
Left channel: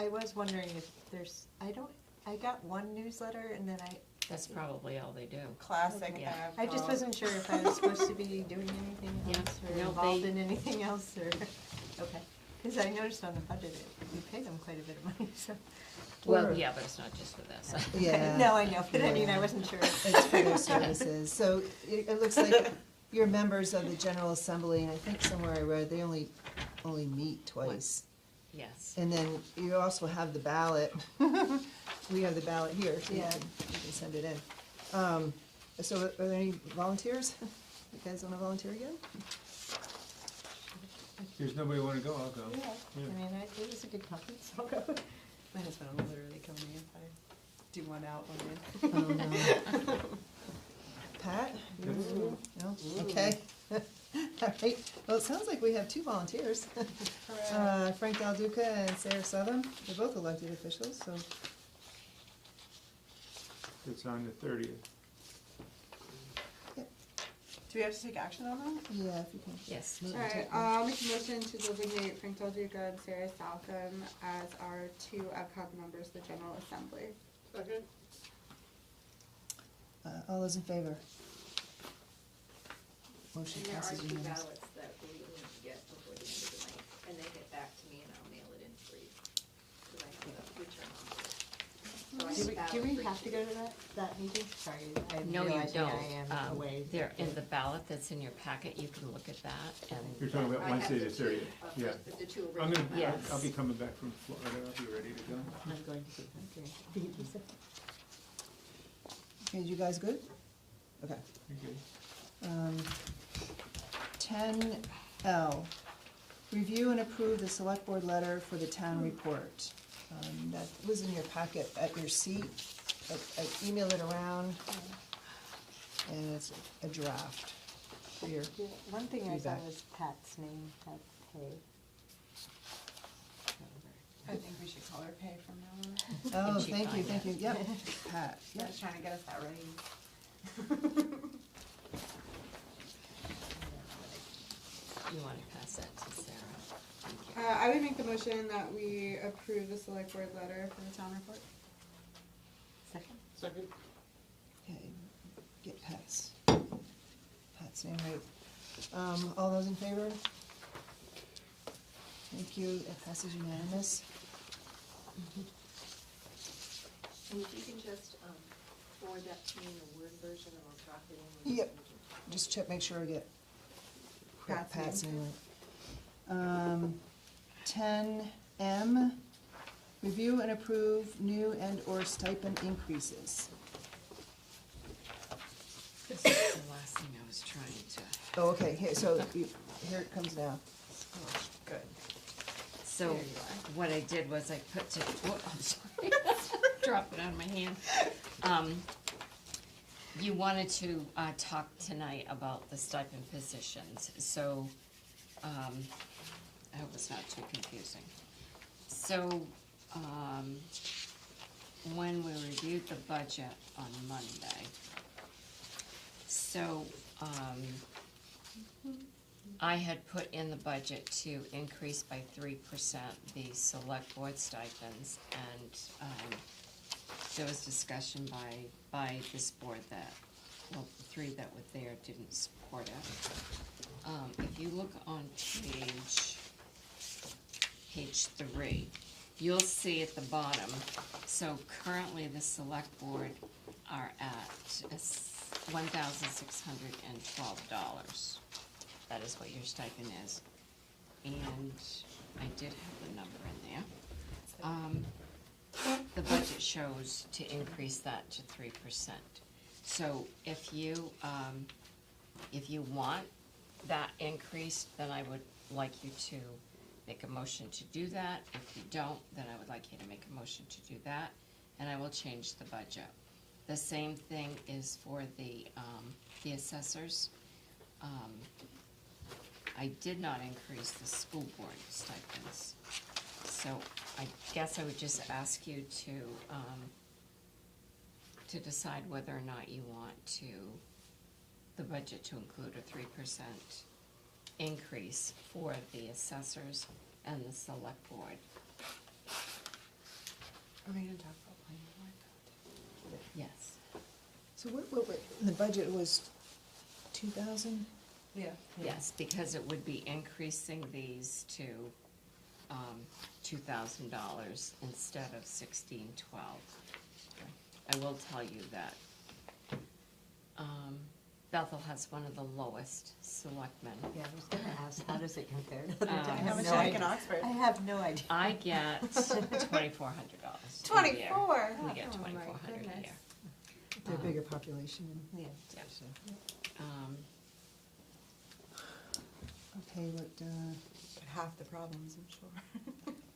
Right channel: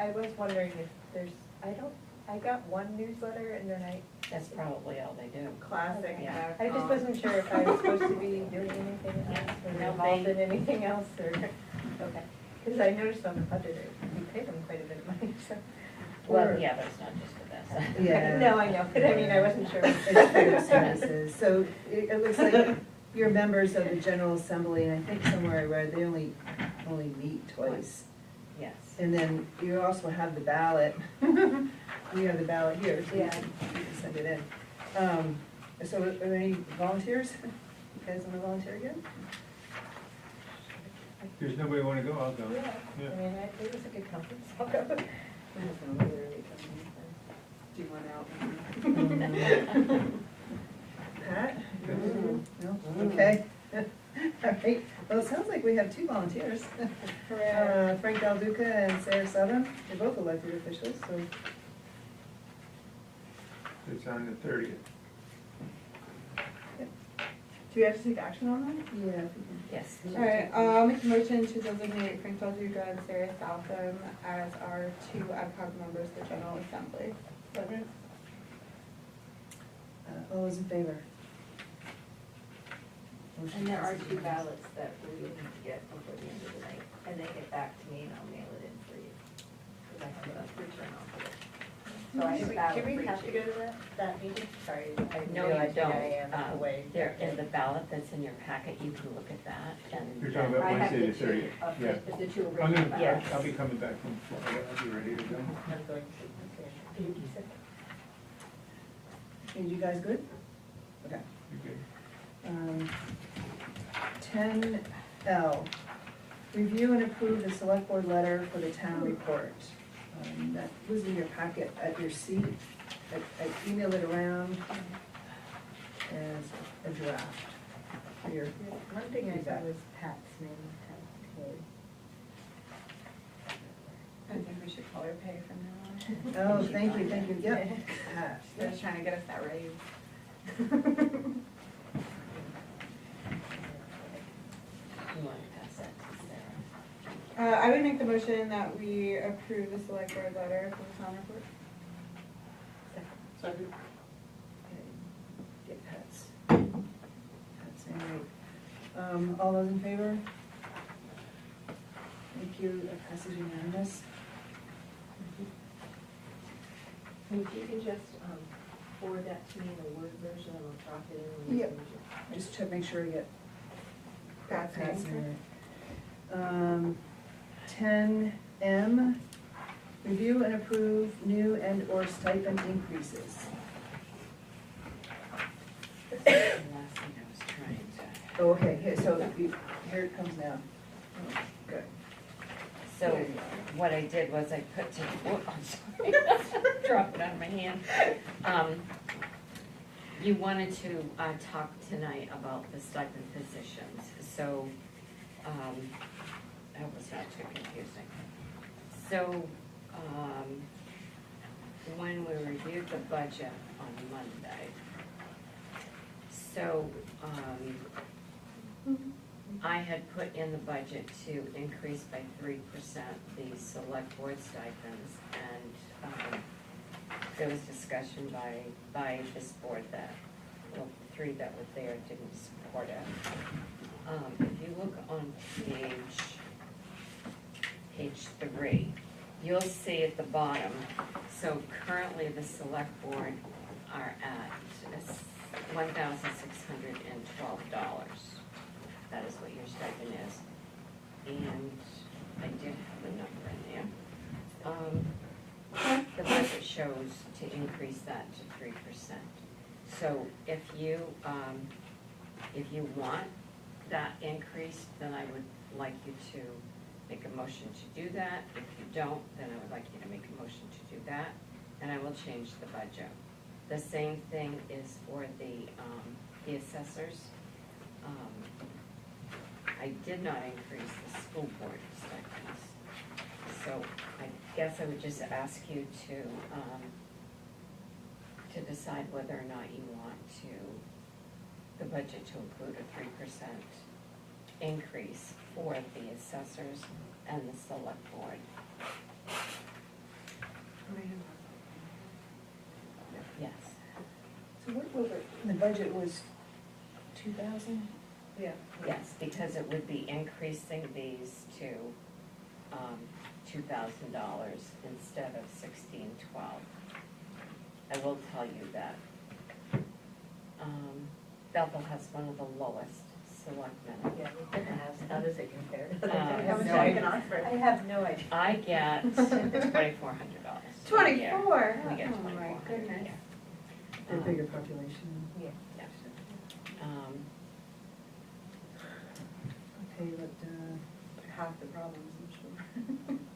I was wondering if there's, I got one newsletter and then That's probably all they do. Classic. Yeah. I just wasn't sure if I was supposed to be doing anything else or No, involved they- in anything else or, okay. Because I noticed on the budget, we pay them quite a bit of money, so. Well, yeah, but it's not just for this. Yeah. No, I know, but I mean, I wasn't sure. It's for their services. So it looks like you're members of the General Assembly, and I think somewhere I read they only meet twice. Yes. And then you also have the ballot. We have the ballot here, so you can send it in. So are there any volunteers? You guys want to volunteer again? There's nobody want to go, I'll go. Yeah, Yeah. I mean, it was a good conference. My husband was really coming in. Do you want out? Pat? No? Okay. All right, well, it sounds like we have 2 volunteers. Frank Del Duca and Sarah Southern, they're both elected officials, so. It's on the 30th. Do we have to take action on that? Yeah, if we can. Yes. Alright, I'll make a motion to designate Frank Del Duca and Sarah Southam as our 2 AvCog members of the General Assembly. All those in favor? Motion And there are passes 2 unanimous. ballots that we need to get before the end of the night, and they get back to me and I'll mail it in for you. 'Cause I have a return on it. So I have a ballot Do we for have each. to go to that meeting? Sorry, I No, realize you I don't. am away. They're in the ballot that's in your packet, you can look at that, and You're talking about I have Wednesday the the 30th. Yeah. The 2 I'm original gonna, ballots. I'll be coming back from Florida, I'll be ready to go. I'm going to, okay. Did you say? Okay, you guys good? Okay. Okay. 10L, review and approve the select board letter for the town report. That was in your packet at your seat. I emailed it around, and it's a draft for your, Yeah, one thing I saw was Pat's name, Pat Hay. I think we should call her Pay from now on. oh, thank you, yeah. Pat. I was trying to get us that raise. you want to pass that to Sarah. I would make the motion that we approve the select board letter for the town report. Second? Okay, get Pat's name right. All those in favor? Thank you, that passes unanimous. And if you can just forward that to me in the Word version, and I'll drop it in. when you Yep. send it. Just check, make sure I get Pat's name. name right. 10M, review and approve new and/or stipend increases. This is the last thing I was trying to. Oh, okay, here it comes now. Good. So what I did was I put to, oh, I'm sorry, dropped it out of my hand. You wanted to talk tonight about the stipend positions, so I hope it's not too confusing. So when we reviewed the budget on Monday, so I had put in the budget to increase by 3% the select board stipends, and there was discussion by this board that, well, the three that were there didn't support it. If you look on page 3, you'll see at the bottom, so currently the select board are at $1,612. That is what your stipend is. And I did have the number in there. The budget shows to increase that to 3%. So if you want that increase, then I would like you to make a motion to do that. If you don't, then I would like you to make a motion to do that, and I will change the budget. The same thing is for the assessors. I did not increase the school board stipends. So I guess I would just ask you to decide whether or not you want the budget to include a 3% increase for the assessors and the select board. Yes. So the budget was 2,000? Yeah. Yes, because it would be increasing these to $2,000 instead of $1,612. I will tell you that Bethel has one of the lowest selectmen. Yeah, I was gonna ask, how does it compare to the I have no idea. I get $2,400. 24? We get Oh my $2,400 a goodness. year. The bigger population. Yeah. I'll tell you what, Half the problems, I'm sure.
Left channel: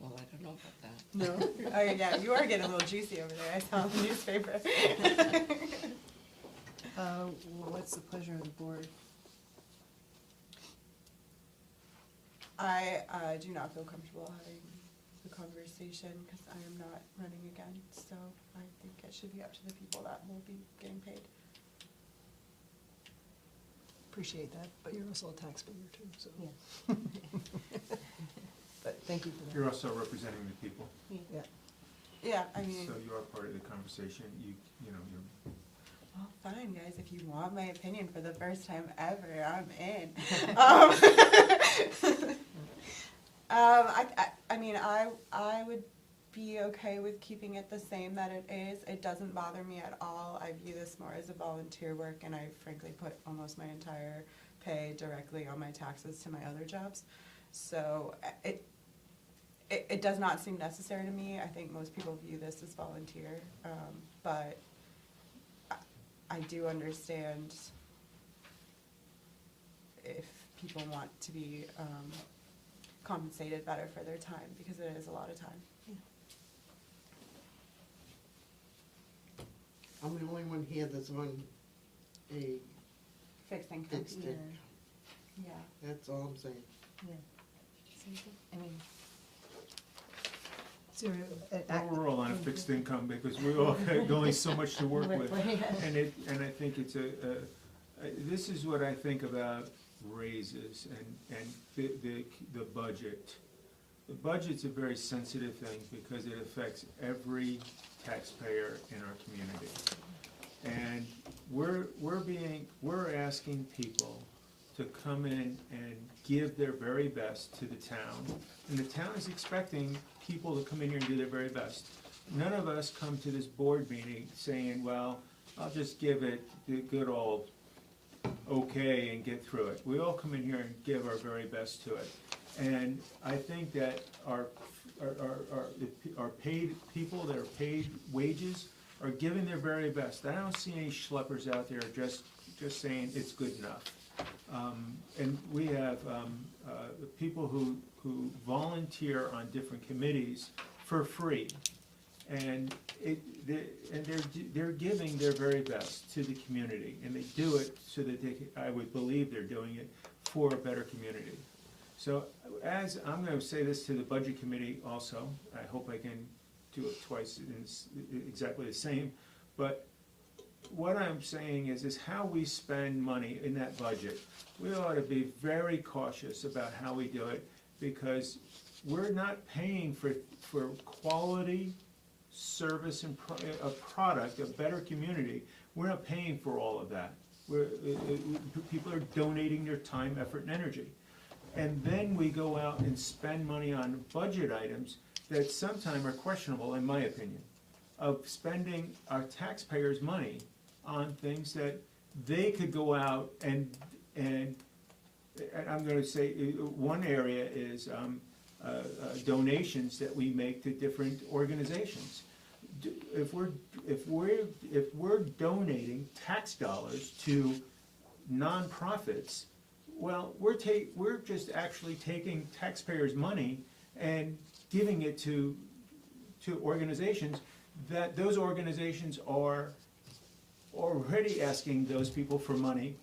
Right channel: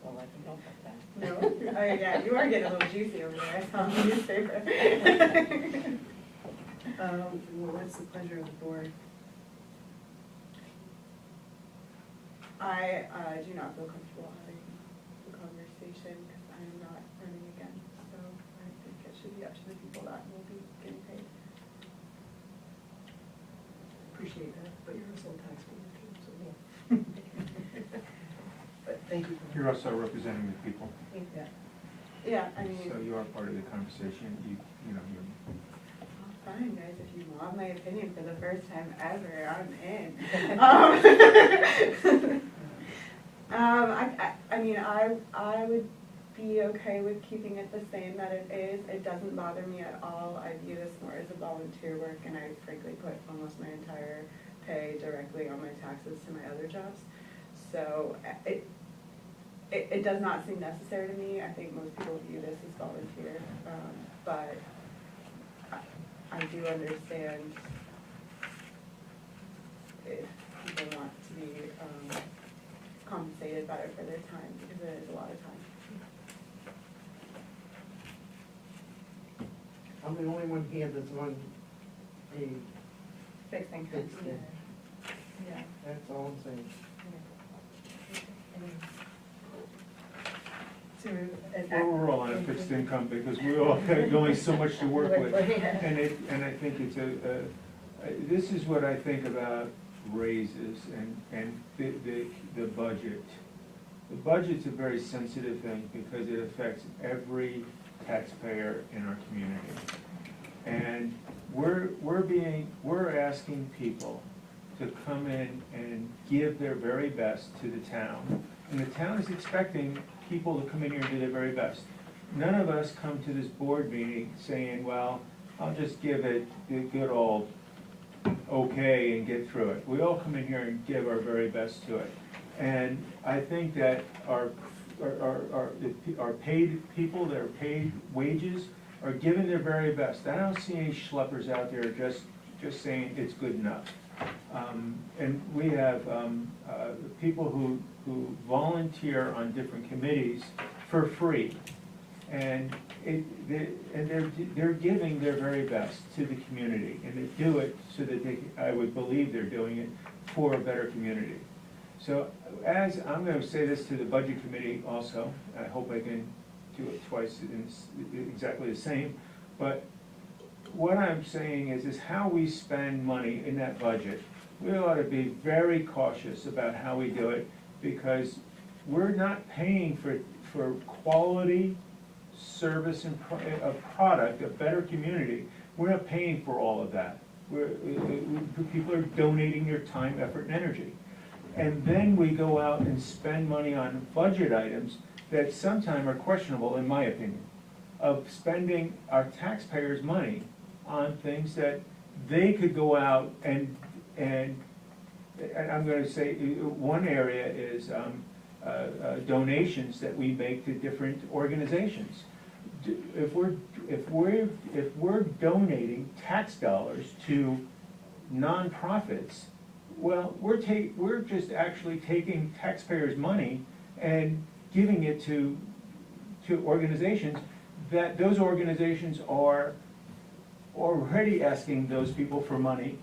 Well, I don't know about that. No? Oh, yeah, you are getting a little juicy over there, I saw in the newspaper. what's the pleasure of the board? I do not feel comfortable having the conversation because I am not running again, so I think it should be up to the people that will be getting paid. Appreciate that, but you're also a taxpayer too, so. But thank you for You're also representing the people, that. Yeah, I mean, so you are part of the conversation, you know, you're. fine, guys, if you want my opinion for the first time ever, I'm in. I mean, I would be okay with keeping it the same that it is. It doesn't bother me at all. I view this more as a volunteer work, and I frankly put almost my entire pay directly on my taxes to my other jobs. So it does not seem necessary to me. I think most people view this as volunteer, but I do understand if people want to be compensated better for their time, because it is a lot of time. I'm the only one here that's on a, Fixed income. Fixed it. Yeah. that's all I'm saying. So Well, we're all on a fixed income because we all have only so much to work with. And I think it's this is what I think about raises and the budget. The budget's a very sensitive thing because it affects every taxpayer in our community. And we're asking people to come in and give their very best to the town. And the town is expecting people to come in here and do their very best. None of us come to this board meeting saying, well, I'll just give it the good old okay and get through it. We all come in here and give our very best to it. And I think that our paid people that are paid wages are giving their very best. I don't see any schleppers out there just saying it's good enough. And we have people who volunteer on different committees for free. And they're giving their very best to the community, and they do it so that I would believe they're doing it for a better community. So as, I'm gonna say this to the budget committee also, I hope I can do it twice in exactly the same, but what I'm saying is how we spend money in that budget. we ought to be very cautious about how we do it, because we're not paying for quality service and a product, a better community. We're not paying for all of that. People are donating their time, effort, and energy. And then we go out and spend money on budget items that sometimes are questionable, in my opinion, of spending our taxpayers' money on things that they could go out and I'm gonna say, one area is donations that we make to different organizations. If we're donating tax dollars to nonprofits, well, we're just actually taking taxpayers' money and giving it to organizations that those organizations are already asking those people for money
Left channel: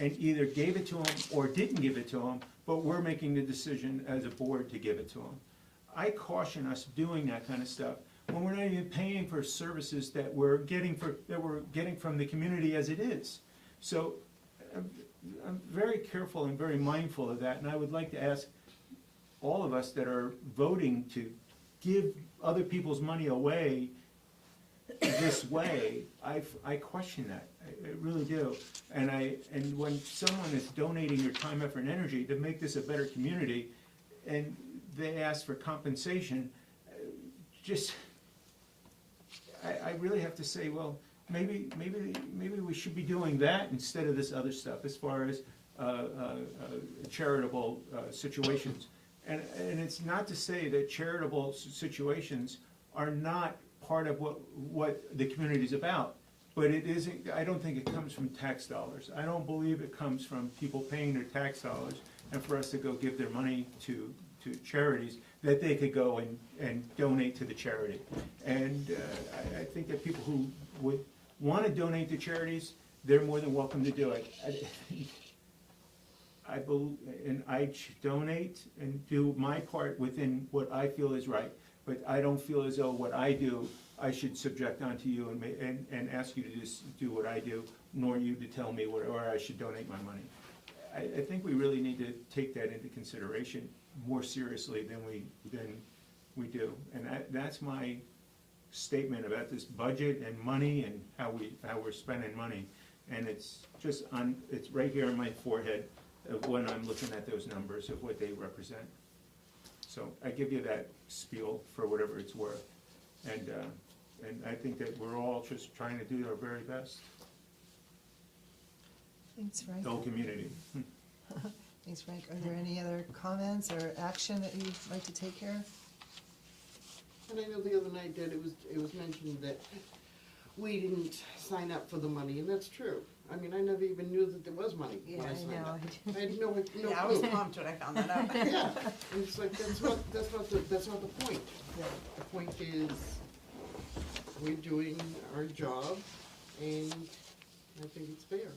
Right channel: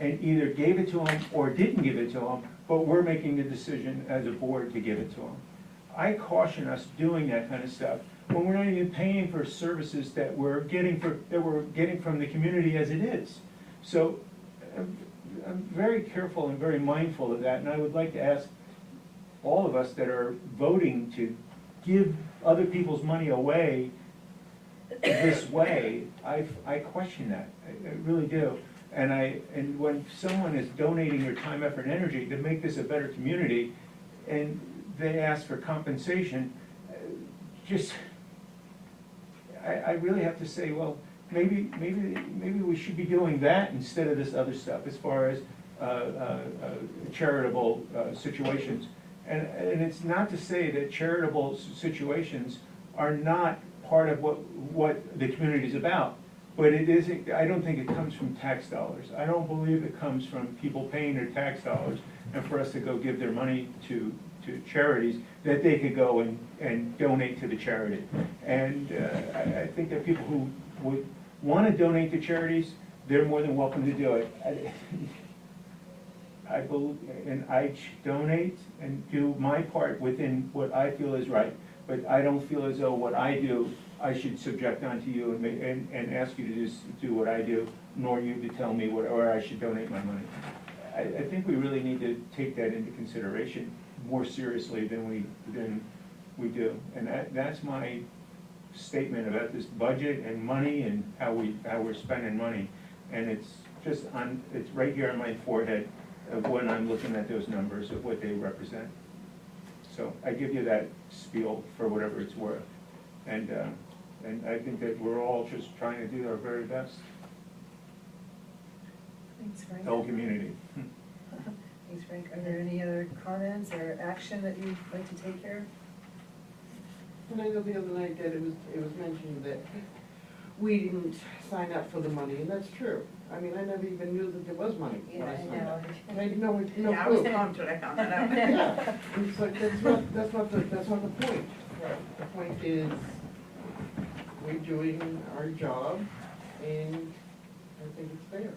and either gave it to them or didn't give it to them, but we're making the decision as a board to give it to them. I caution us doing that kind of stuff when we're not even paying for services that we're getting from the community as it is. So I'm very careful and very mindful of that, and I would like to ask all of us that are voting to give other people's money away this way, I question that. I really do. And when someone is donating their time, effort, and energy to make this a better community, and they ask for compensation, I really have to say, well, maybe we should be doing that instead of this other stuff as far as charitable situations. And it's not to say that charitable situations are not part of what the community is about, but it isn't. I don't think it comes from tax dollars. I don't believe it comes from people paying their tax dollars and for us to go give their money to charities that they could go and donate to the charity. And I think that people who would want to donate to charities, they're more than welcome to do it. I believe, and I donate and do my part within what I feel is right, but I don't feel as though what I do, I should subject onto you and ask you to just do what I do, nor you to tell me where I should donate my money. I think we really need to take that into consideration more seriously than we do. And that's my statement about this budget and money and how we're spending money. And it's just it's right here on my forehead of when I'm looking at those numbers of what they represent. So I give you that spiel for whatever it's worth. And I think that we're all just trying to do our very best. Thanks, Frank. The whole community. Thanks, Frank. Are there any other comments or action that you'd like to take care of? And I know the other night that it was mentioned that we didn't sign up for the money, and that's true. I mean, I never even knew that there was money when I signed up. I had no clue. Yeah, I was pumped when I found that out. Yeah, it's like, that's not the point. The point is, we're doing our job, and I think it's fair.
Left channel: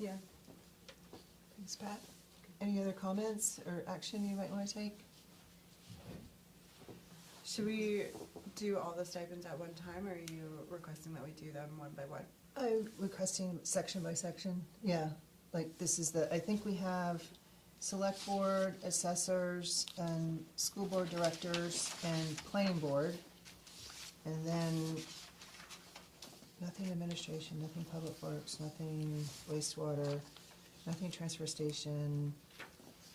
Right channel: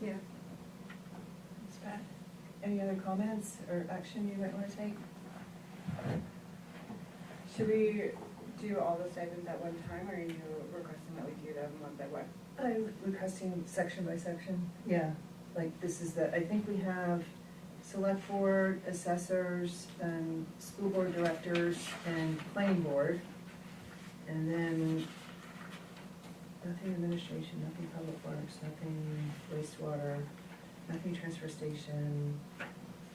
Yeah. Thanks, Pat. Any other comments or action you might want to take? Should we do all the stipends at one time, or are you requesting that we do them one by one? I'm requesting section by section. Yeah, like this is I think we have select board, assessors, and school board directors, and planning board. And then nothing administration, nothing public works, nothing wastewater, nothing transfer station.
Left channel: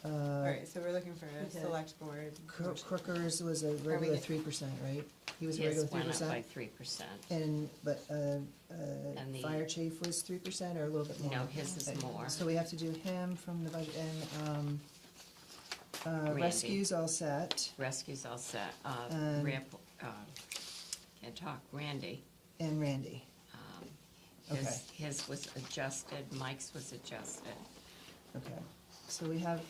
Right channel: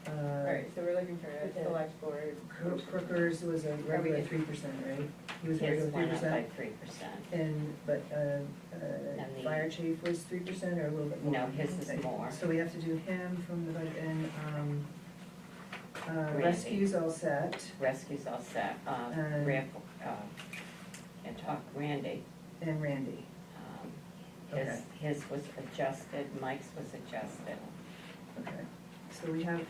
Right, so we're looking for a select board. Crookers was a regular 3%, right? He was a His regular went up 3%. by 3%. But And the- fire chief was 3% or a little bit more? No, his is Okay. more. So we have to do him from the budget, and Randy. rescue's all set, Rescue's all set. And- And talk Randy. and Randy. Okay. His was adjusted, Mike's was adjusted. Okay. So we have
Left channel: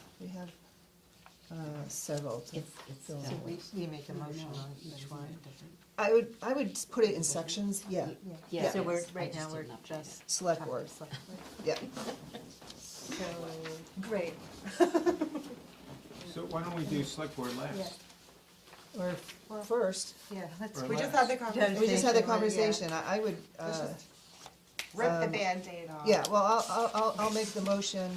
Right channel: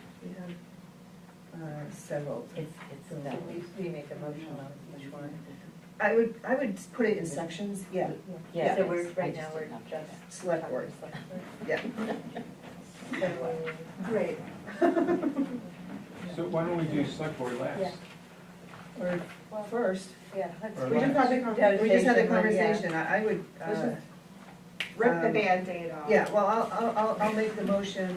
several. It's So that. We make a motion on each one. I would put it in sections, yeah, Yeah, So it we're, is. I right just now, we're didn't update just. it. select board, yeah. Great. So why don't we do select board last? Yeah. Or first, Yeah, that's. Or we just last. had the conversation, I would, Rip the Band-Aid off. Yeah, well, I'll make the motion,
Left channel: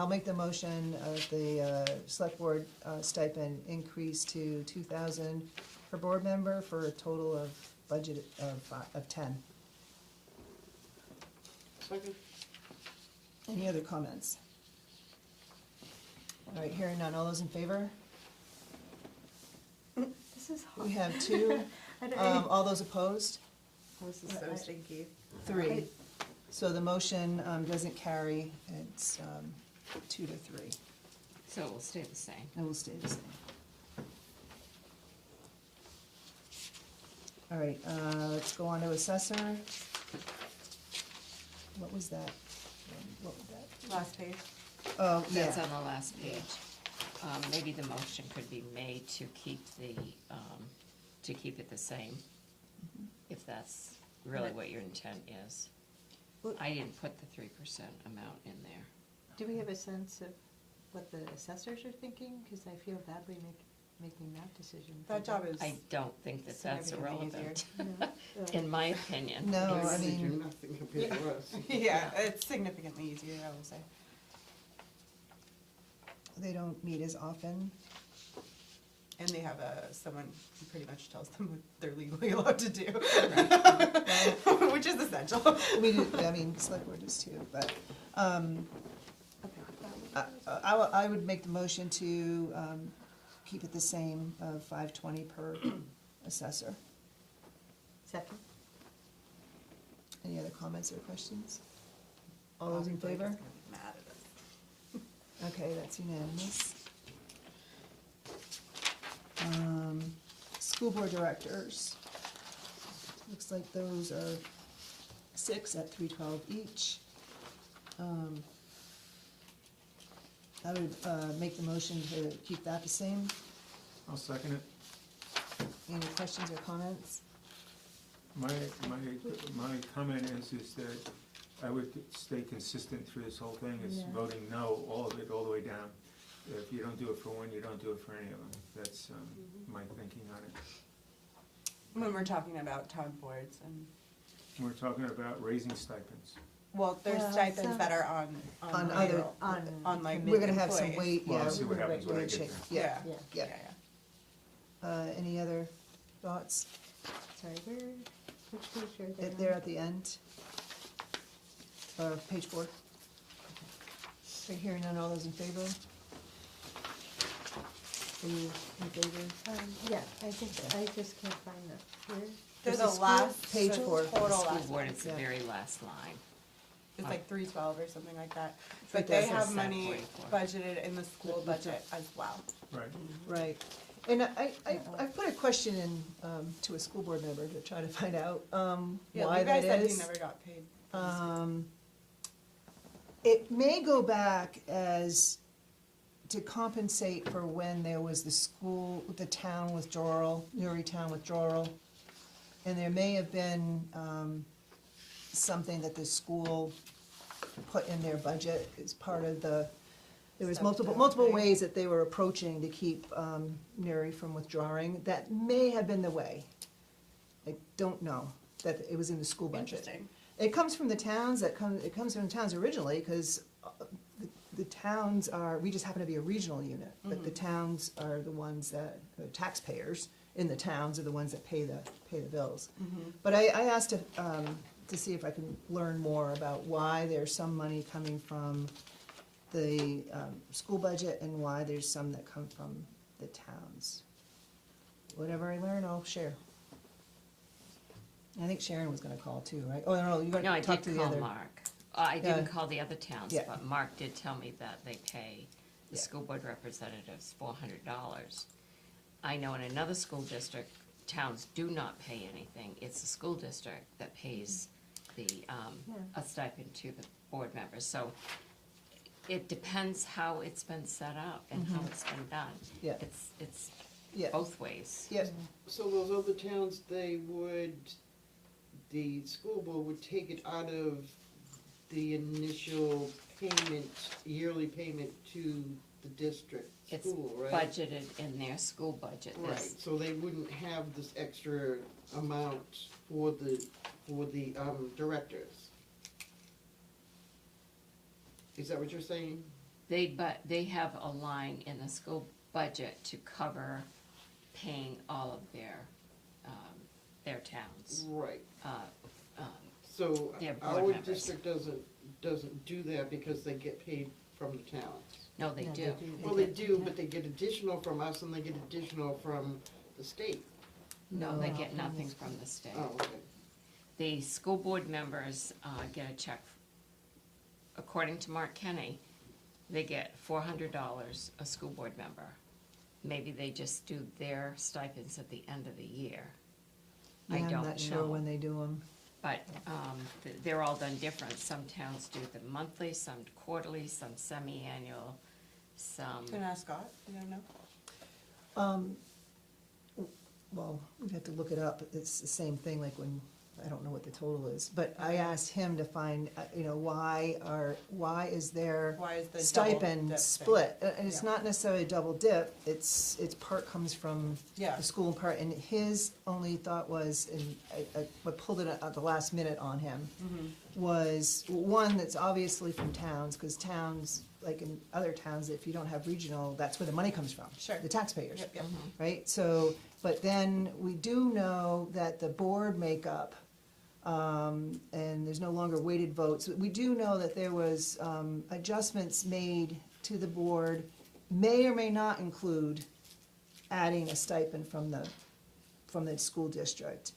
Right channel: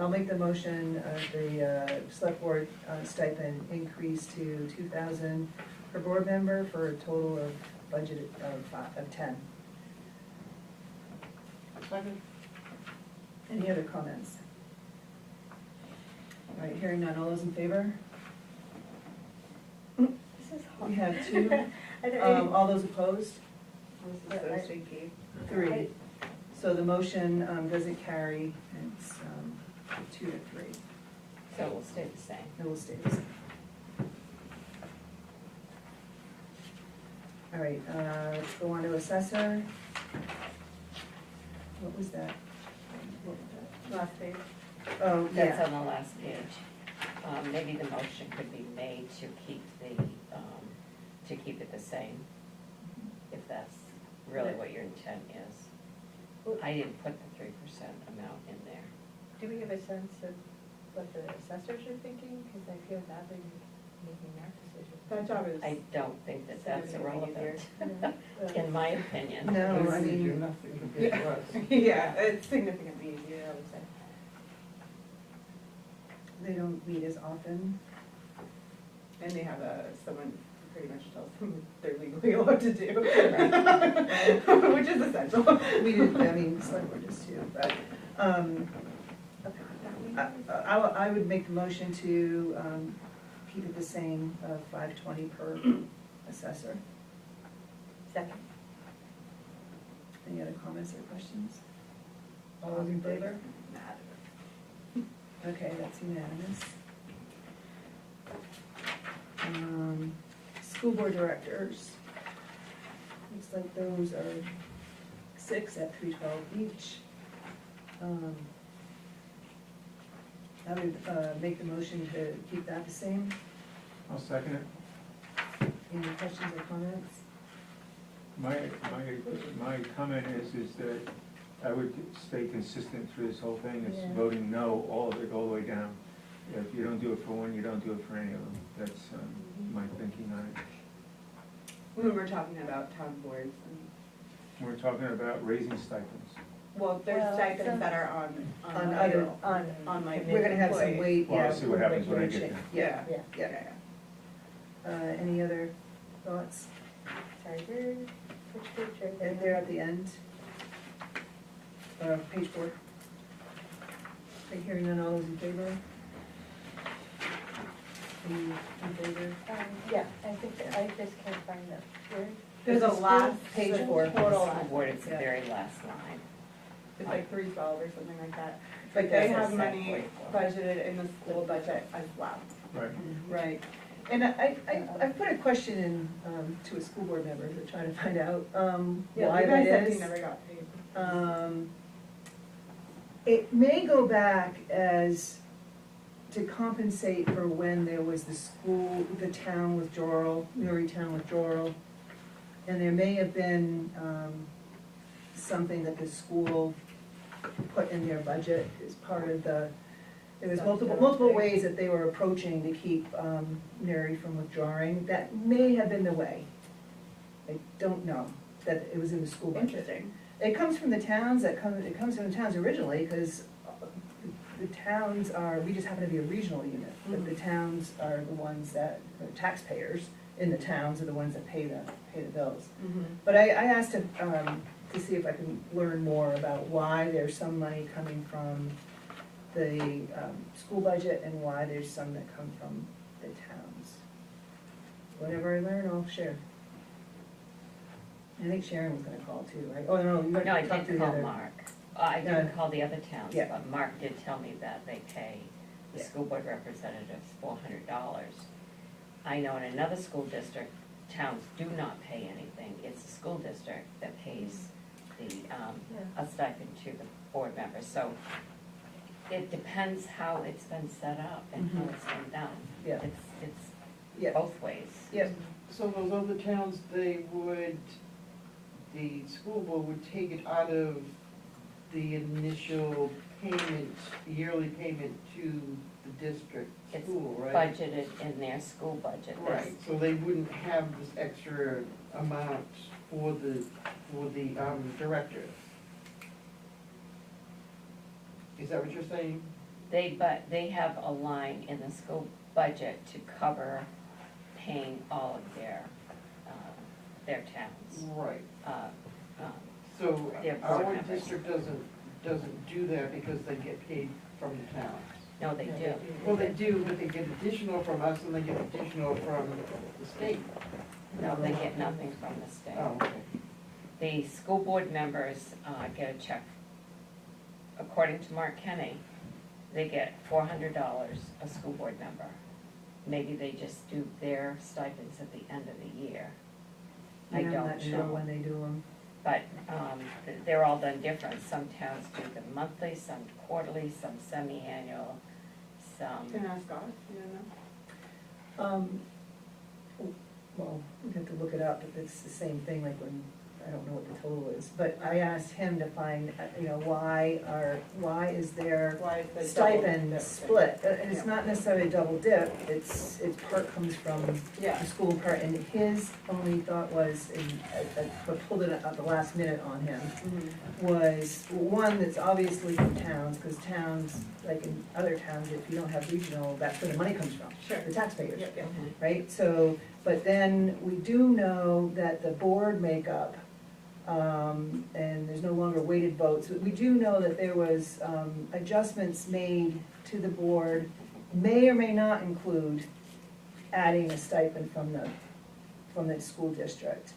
I'll make the motion, the select board stipend increase to 2,000 per board member for a total of budget of 10. Second? Any other comments? All right, hearing none, all those in favor? This is hard. We have two, I don't- all those opposed? This is so stinky. 3. So the motion doesn't carry, it's 2 to 3. So it will stay the same. It will stay the same. All right, let's go on to assessor. What was that? What was that? Last page. Oh, That's yeah, on the last page. Maybe the motion could be made to keep it the same, if that's really what your intent is. I didn't put the 3% amount in there. Do we have a sense of what the assessors are thinking? Because I feel badly making that decision. That job is. I don't think that that's significantly irrelevant, in my opinion. no, I We do mean, nothing compared to us. Yeah, it's significantly easier, I would say. they don't meet as often. And they have someone who pretty much tells them what they're legally allowed to do. Which is essential. We did, I mean, select board does too, but, I would make the motion to, keep it the same, $520 per assessor. Second. Any other comments or questions? All those in favor? Okay, that's unanimous. School board directors. Looks like those are 6 at $312 each. I would make the motion to keep that the same. I'll second it. Any questions or comments? My comment is that I would stay consistent through this whole thing, is Yeah. voting no all the way down. If you don't do it for one, you don't do it for any of them. That's my thinking on it. When we're talking about town boards and, We're talking about raising stipends. well, there's Well, stipends some- that are On on other- payroll, on on my. We're gonna have some employees. weight, Well, yeah. I'll see what happens when I wage get change. there. Yeah, yeah. Okay. Any other thoughts? Sorry, which page are They're at the end. Page 4. Right, hearing none, all those in favor? Are you in favor? Yeah, I think, I just can't find the, where? There's a last Page the 4. Total School last, board is the Yeah. very last line. it's like 312 or something like that. But But they this have is money 744. budgeted in the school budget as well. Right. Right. And I put a question in to a school board member to try to find out Yeah, why you guys that said is. you never got paid. It may go back as to compensate for when there was the town withdrawal, Newrytown withdrawal. And there may have been something that the school put in their budget as part of there was multiple ways that they were approaching to keep Mary from withdrawing. That may have been the way. I don't know, that it was in the school budget. Interesting. It comes from the towns, it comes from the towns originally, because the towns are, we just happen to be a regional unit, but the towns are the ones that, the taxpayers in the towns are the ones that pay the bills. But I asked him to see if I can learn more about why there's some money coming from the school budget and why there's some that come from the towns. Whatever I learn, I'll share. I think Sharon was gonna call too, right? Oh, no, you No, I gotta talk to did the call other. Mark. I Yeah. didn't call the other towns, Yeah. but Mark did tell me that they pay the Yeah. school board representatives $400. I know in another school district, towns do not pay anything. It's the school district that pays a stipend to the board members. So it depends how it's been set up and how it's been done. Yeah. It's Yeah. both ways. Yeah, So those other towns, the school board would take it out of the initial payment, yearly payment to the district It's school, right? budgeted in their school budget. Right, so they wouldn't have this extra amount for the directors. Is that what you're saying? But they have a line in the school budget to cover paying all of their towns. Right. Um, So Their board our members. district doesn't do that because they get paid from the towns. No, they do. Well, they do, but they get additional from us and they get additional from the state. No, they get nothing from the state. Oh, okay. The school board members get a check. According to Mark Kenny, they get $400 a school board member. Maybe they just do their stipends at the end of the year. I I'm don't not sure know. when they do them. But they're all done different. Some towns do them monthly, some quarterly, some semi-annual, some. You can ask God, you don't know? Well, we have to look it up, but it's the same thing, like when, I don't know what the total is, but I asked him to find, why is there Why is the double stipend dip? split? It's Yeah. not necessarily a double dip, it's part comes from Yeah. the school part, and his only thought was, and I pulled it at the last minute on him, was, one, that's obviously from towns, because towns, like in other towns, if you don't have regional, that's where the money comes from. Sure. The taxpayers, Yep, yep. right? So, but then we do know that the board makeup, and there's no longer weighted votes. We do know that there was, adjustments made to the board, may or may not include adding a stipend from the school district.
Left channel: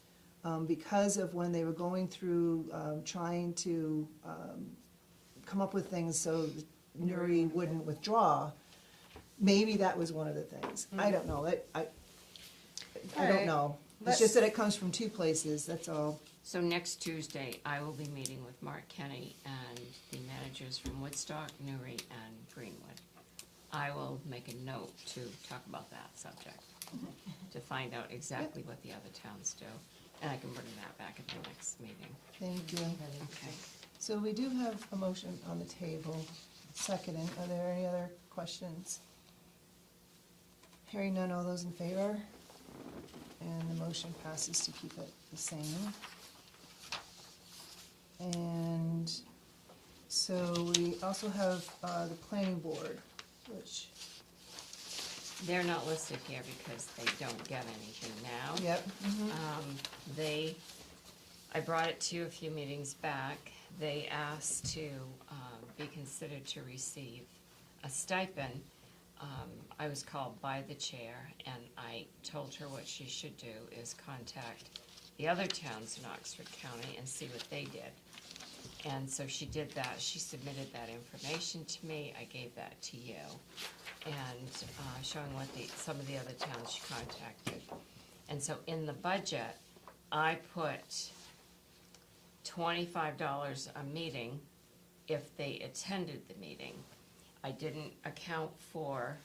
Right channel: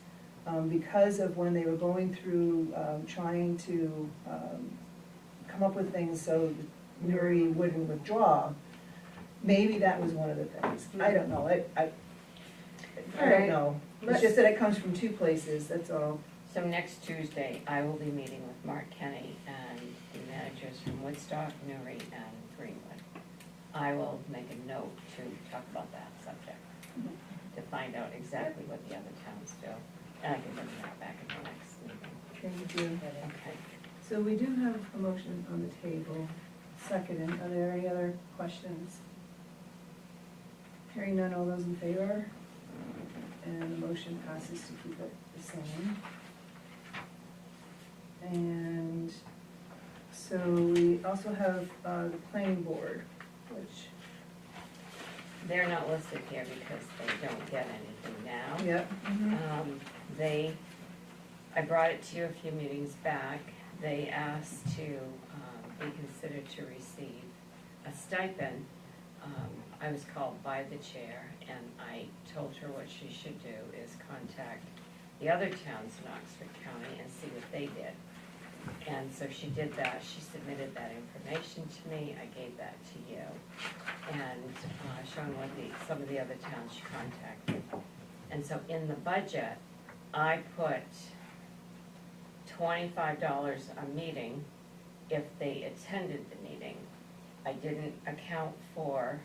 Because of when they were going through, trying to, come up with things so Nuri wouldn't withdraw, maybe that was one of the things. I don't know, I don't Alright. know. It's just that it comes from two places, that's all. So next Tuesday, I will be meeting with Mark Kenny and the managers from Woodstock, Newry, and Greenwood. I will make a note to talk about that subject, to find out exactly what the other towns do. And I can bring that back at the next meeting. Thank you. Okay. So we do have a motion on the table, seconded. Are there any other questions? Hearing none, all those in favor? And the motion passes to keep it the same. And so we also have the planning board, which, They're not listed here because they don't get anything now. yep. I brought it to you a few meetings back. They asked to be considered to receive a stipend. I was called by the chair and I told her what she should do is contact the other towns in Oxford County and see what they did. And so she did that, she submitted that information to me, I gave that to you. And showing what some of the other towns she contacted. And so in the budget, I put $25 a meeting if they attended the meeting. I didn't account for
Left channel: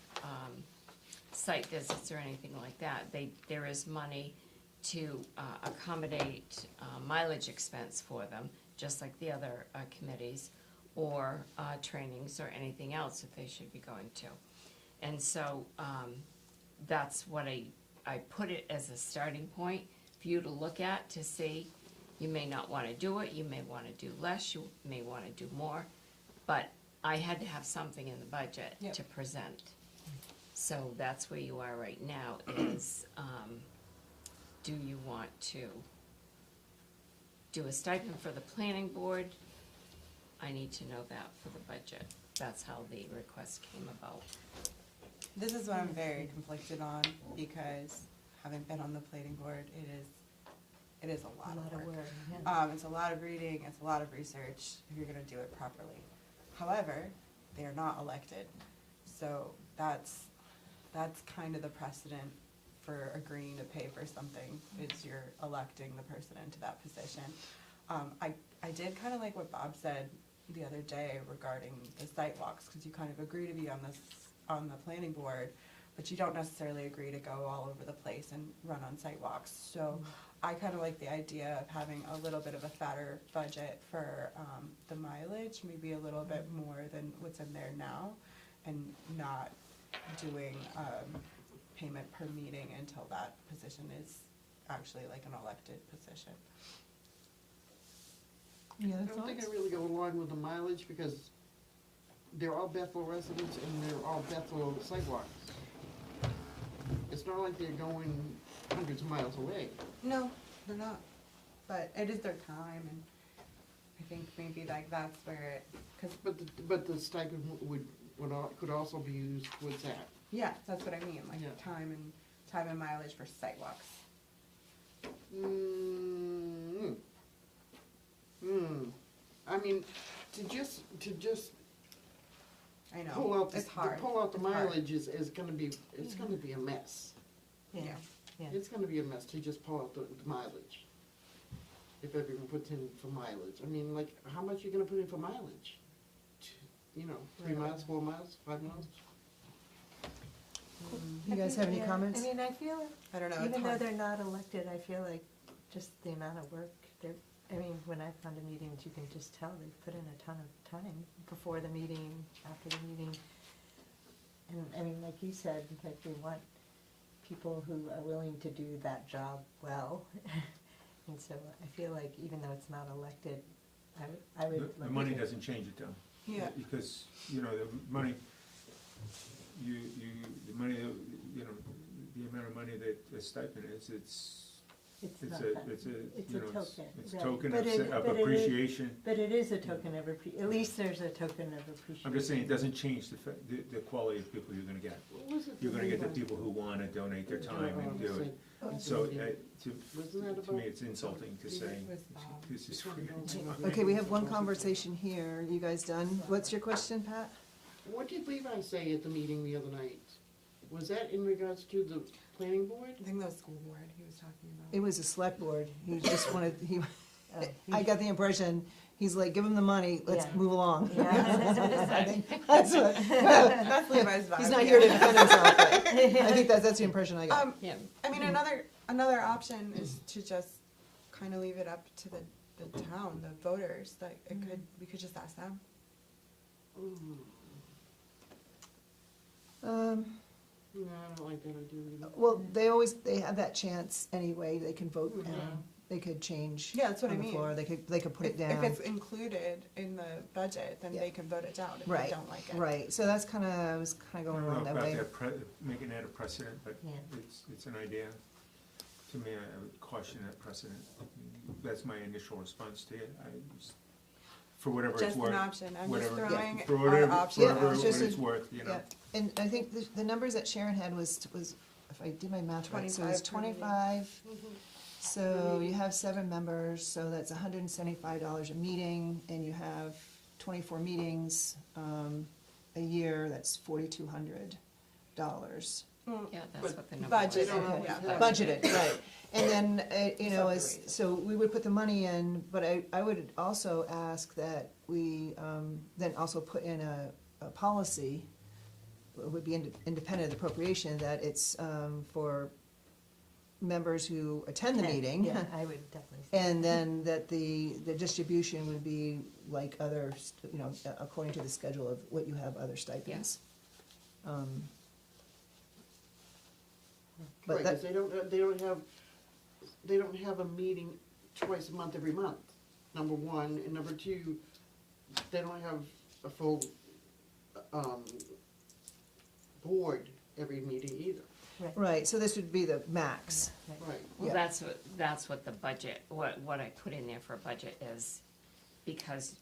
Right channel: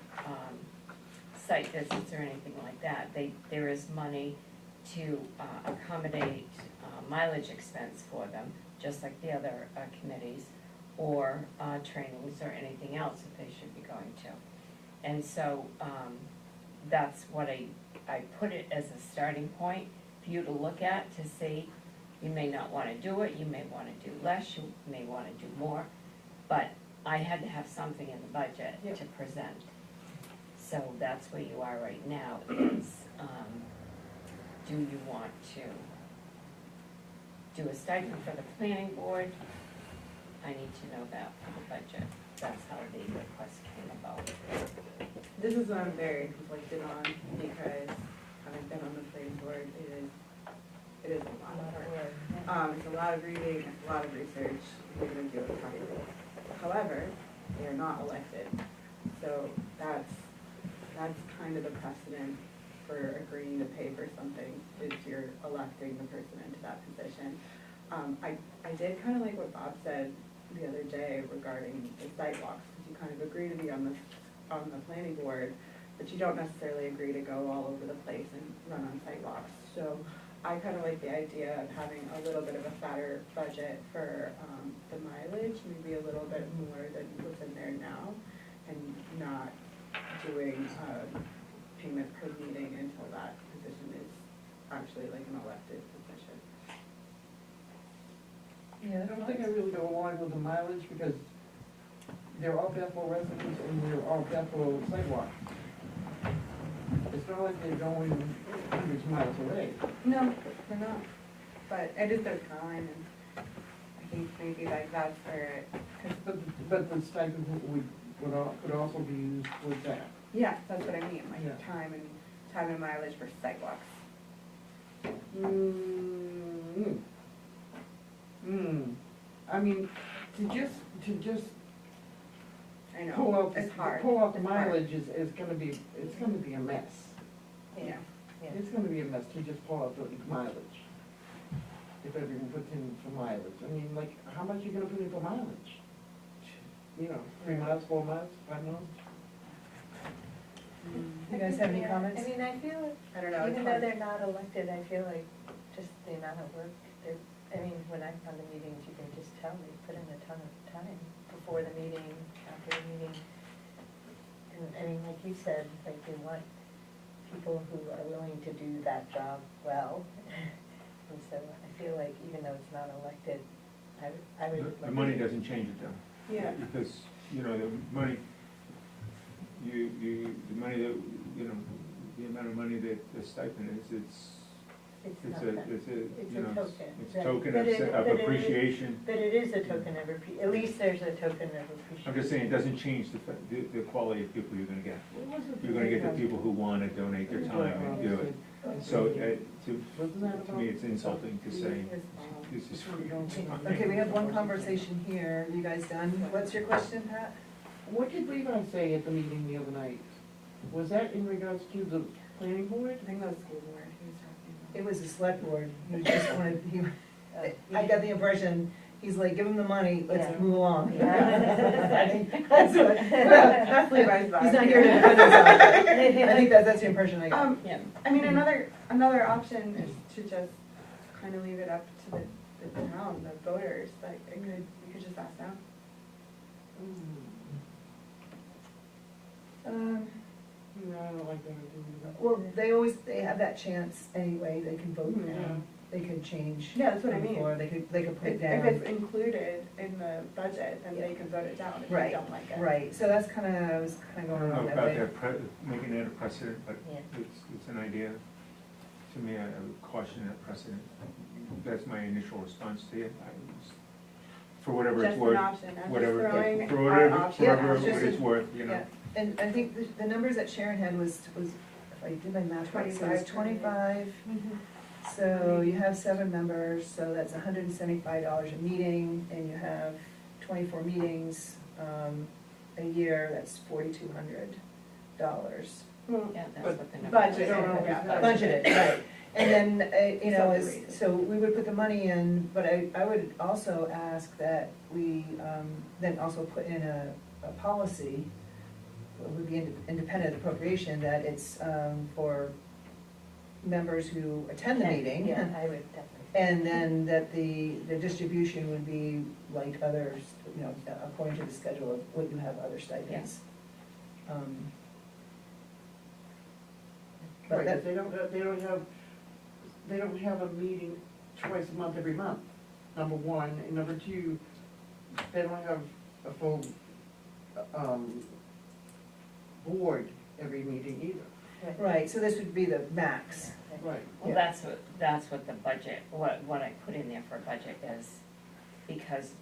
site visits or anything like that. There is money to accommodate mileage expense for them, just like the other committees, or trainings or anything else that they should be going to. And so that's what I put it as a starting point for you to look at to see. You may not want to do it, you may want to do less, you may want to do more, but I had to have something in the budget to present. So that's where you are right now is, do you want to do a stipend for the planning board? I need to know that for the budget. That's how the request came about. This is what I'm very conflicted on because having been on the planning board, it is a lot of work. It's a lot of reading, it's a lot of research, you're gonna do it properly. However, they are not elected, so that's kind of the precedent for agreeing to pay for something, is you're electing the person into that position. I did kind of like what Bob said the other day regarding the sidewalks, because you kind of agree to be on the planning board, but you don't necessarily agree to go all over the place and run on sidewalks. So I kind of like the idea of having a little bit of a fatter budget for the mileage, maybe a little bit more than what's in there now, and not doing payment per meeting until that position is actually like an elected position. Yeah, I don't think I really go along with the mileage because they're all Bethel residents and they're all Bethel sidewalks. It's not like they're going hundreds of miles away. No, they're not, but it is their time, and I think maybe like that's where it, But the stipend could also be used with that. yeah, that's what I mean, like Yeah. time and mileage for sidewalks. I mean, to just I know, pull out, it's hard. pull out the It's hard. mileage is gonna be, it's gonna be a mess. Yeah. It's gonna be a mess to just pull out the mileage. If everyone puts in for mileage, I mean, like, how much are you gonna put in for mileage? You know, 3 miles, 4 miles, 5 miles? You guys have any Yeah, comments? I mean, I feel, I don't know, it's even though hard. they're not elected, I feel like just the amount of work they're, I mean, when I've gone to meetings, you can just tell they put in a ton of time before the meeting, after the meeting. And, I mean, like you said, like they want people who are willing to do that job well. And so I feel like even though it's not elected, I would. The money doesn't change it though. Yeah. Because, you know, the money, the money that, you know, the amount of money that the stipend is, it's It's not that. you It's a know, token. it's right. token But of it- of but it is- appreciation. But it is a token of at least there's a token of appreciation. I'm just saying, it doesn't change the quality of people you're gonna get. You're gonna get the people who wanna donate their time and do it. So, to me, it's insulting to say, this is free. Okay, we have one conversation here. You guys done? What's your question, Pat? What did Levi say at the meeting the other night? Was that in regards to the planning board? I think that was school board he was talking about. It was a select board. He just wanted, I got the impression, he's like, give him the money, let's Yeah. move along. Yeah, that's what it said. That's what, That's Levi's vibe. he's not here to defend himself. I think that's the impression I got. Yeah. I mean, another option is to just kind of leave it up to the town, the voters, like, we could just ask them. No, I don't like that idea. Well, they have that chance anyway. They can vote down. They could change. Yeah, that's what I on the mean. floor. They could put it If down. it's included in the budget, then they could vote it down if they Right, don't like it. right. So that's I was kind I of don't going know around that about way. that, making that a precedent, but Yeah. it's an idea. To me, I would caution that precedent. That's my initial response to it. For whatever it's Just an worth. option, I'm just Whatever, throwing for our whatever, option Yeah, whatever it's just it's a- worth, you know. Yeah, and I think the numbers that Sharon had was, if I did my math right, so it's 25. So you have 7 members, so that's $175 a meeting, and you have 24 meetings a year, that's $4,200. Yeah, that's what the number Budget, is. yeah. Budgeted, right. And then, you know, Separated. so we would put the money in, but I would also ask that we then also put in a policy, it would be independent appropriation, that it's for members who attend the meeting. Yeah, I would definitely. say And then that the distribution would be like others, you know, according to the schedule of what you have other stipends. But Right, that, 'cause they don't have a meeting twice a month, every month, number one, and number two, they don't have a full, board every meeting either. right, so this would be the max. Right. Well, Yeah. that's what the budget, what I put in there for budget is, because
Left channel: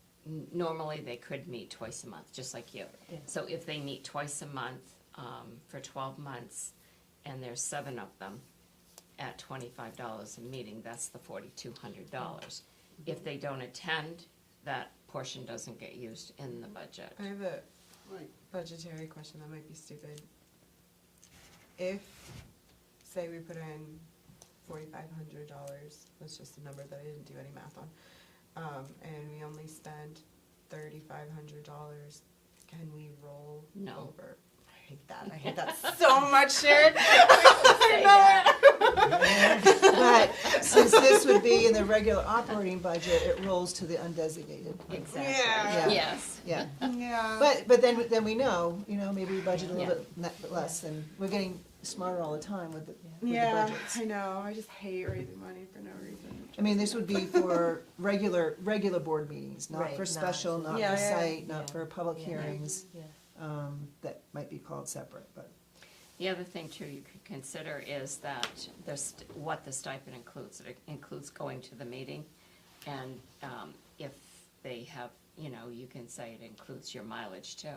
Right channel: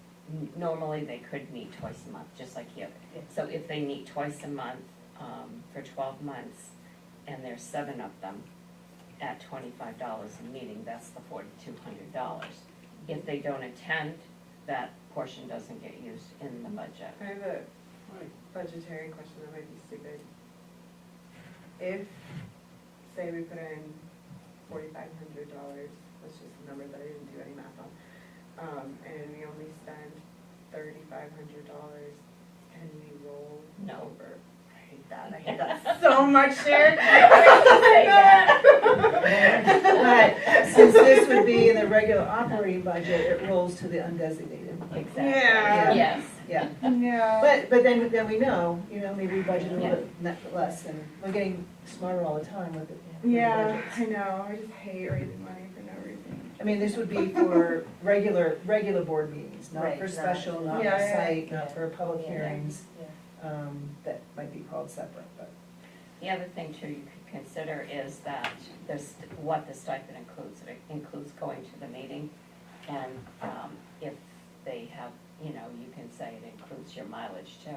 normally they could meet twice a month, just like you. Yeah. So if they meet twice a month, for 12 months, and there's 7 of them, at $25 a meeting, that's the $4,200. If they don't attend, that portion doesn't get used in the budget. I have a Right. budgetary question that might be stupid. If, say we put in $4,500, that's just a number that I didn't do any math on, and we only spend $3,500, can we roll No. over? I hate that so much, Sharon. But since this would be in the regular operating budget, it rolls to the undesignated. Exactly. Yeah. Yes. Yeah, Yeah. but then we know, you know, maybe we budget a little bit less, and we're getting smarter all the time with the Yeah, budgets. I know, I just hate raising money for no reason. I mean, this would be for regular board meetings, not Right, for not- special, not Yeah, for yeah, site, not for public Yeah. hearings, Yeah. that might be called separate, but. The other thing too you could consider is that what the stipend includes. It includes going to the meeting, and if they have, you know, you can say it includes your mileage too.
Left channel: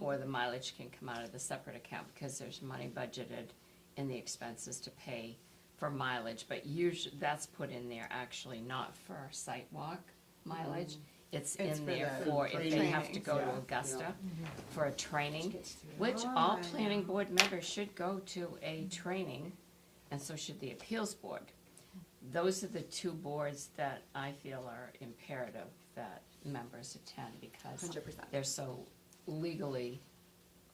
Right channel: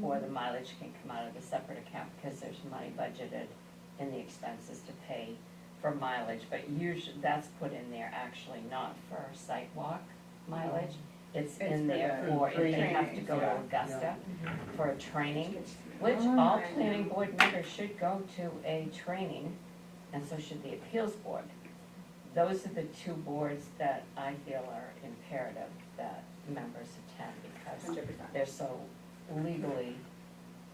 Or the mileage can come out of the separate account, because there's money budgeted in the expenses to pay for mileage, but usually, that's put in there actually not for sidewalk mileage. It's It's in for there the for if they have to trainings, go to yeah. Augusta for a training, which Oh, all I know. planning board members should go to a training, and so should the appeals board. Those are the two boards that I feel are imperative that members attend, because 100%. they're so legally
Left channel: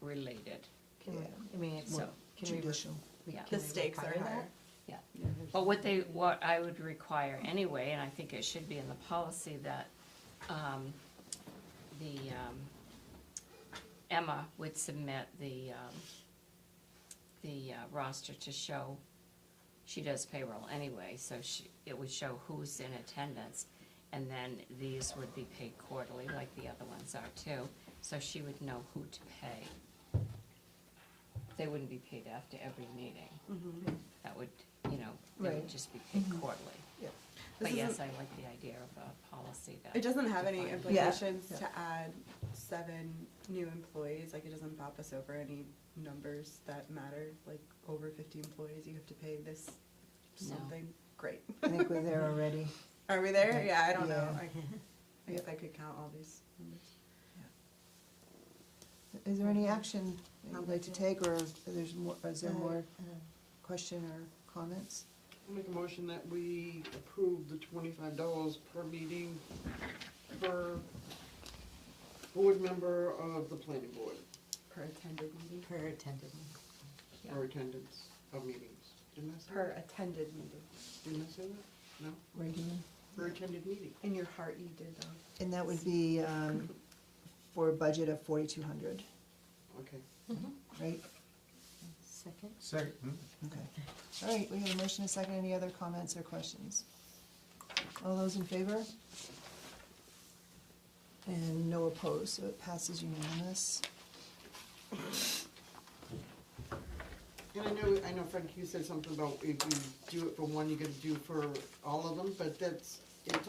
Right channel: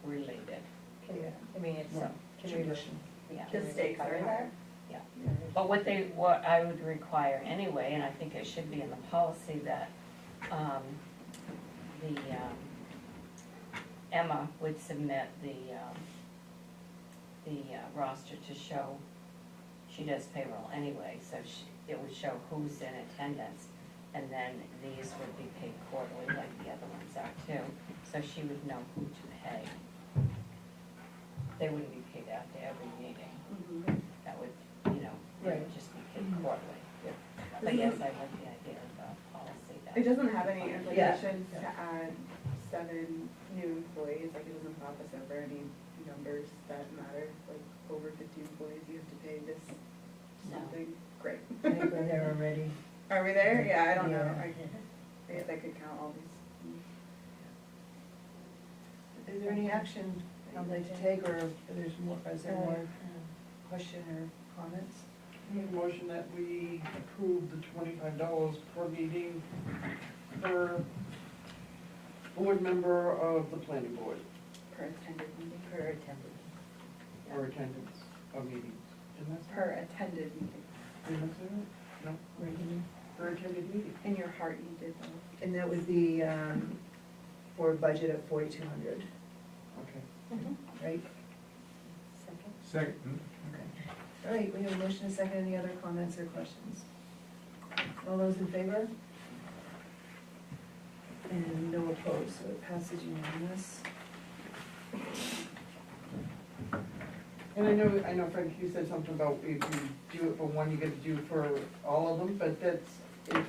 related, Yeah. I mean, it's, so, can we, Tradition. yeah. The stakes are require higher. But what I would require anyway, and I think it should be in the policy, that Emma would submit the roster to show, she does payroll anyway, so it would show who's in attendance, and then these would be paid quarterly like the other ones are too, so she would know who to pay. They wouldn't be paid after every meeting. That would, you know, it would Right. just be paid quarterly. But yes, I like the idea of the policy that. It doesn't have any implications to add 7 new employees, like it doesn't pop us over any numbers that matter, like over 50 employees, you have to pay this something, great. I think we're there already. Are we there? Yeah, I don't know, Yeah. I guess I could count all these. Is there any action I'd like to take, or if there's more, is there more question or comments? Make a motion that we approve the $25 per meeting per board member of the planning board, Per attended meeting. per attendant. or attendance of meetings. Didn't I say Per that? attended meeting. Didn't I say that? No, per attended meeting. In your heart you did though. And that would be, for a budget of 4,200, Okay. right? Second? Second, Okay. All right, we have a motion, a second, any other comments or questions? All those in favor? And no opposed, so it passes unanimous. And I know Frank, you said something about if you do it for one, you get to do it for all of them, but it's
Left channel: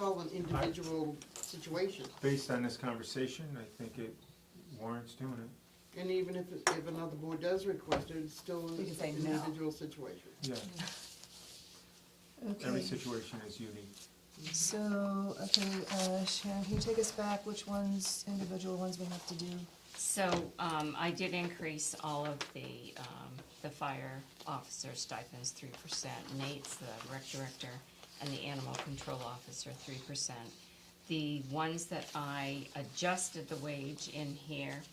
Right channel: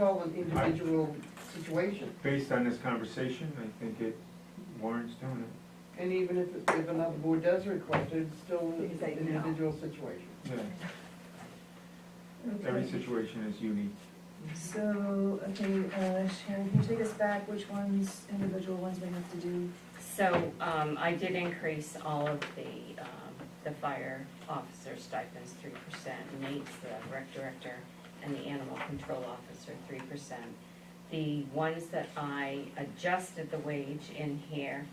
all an individual situation. based on this conversation, I think it warrants doing it. And even if another board does request it, it's still You an can say no. individual situation. Yeah, every Okay, situation is unique. so, okay, Sharon, can you take us back, which ones, individual ones we have to do? So, I did increase all of the fire officer stipends 3%, Nate's the rec director, and the animal control officer 3%. The ones that I adjusted the wage in here,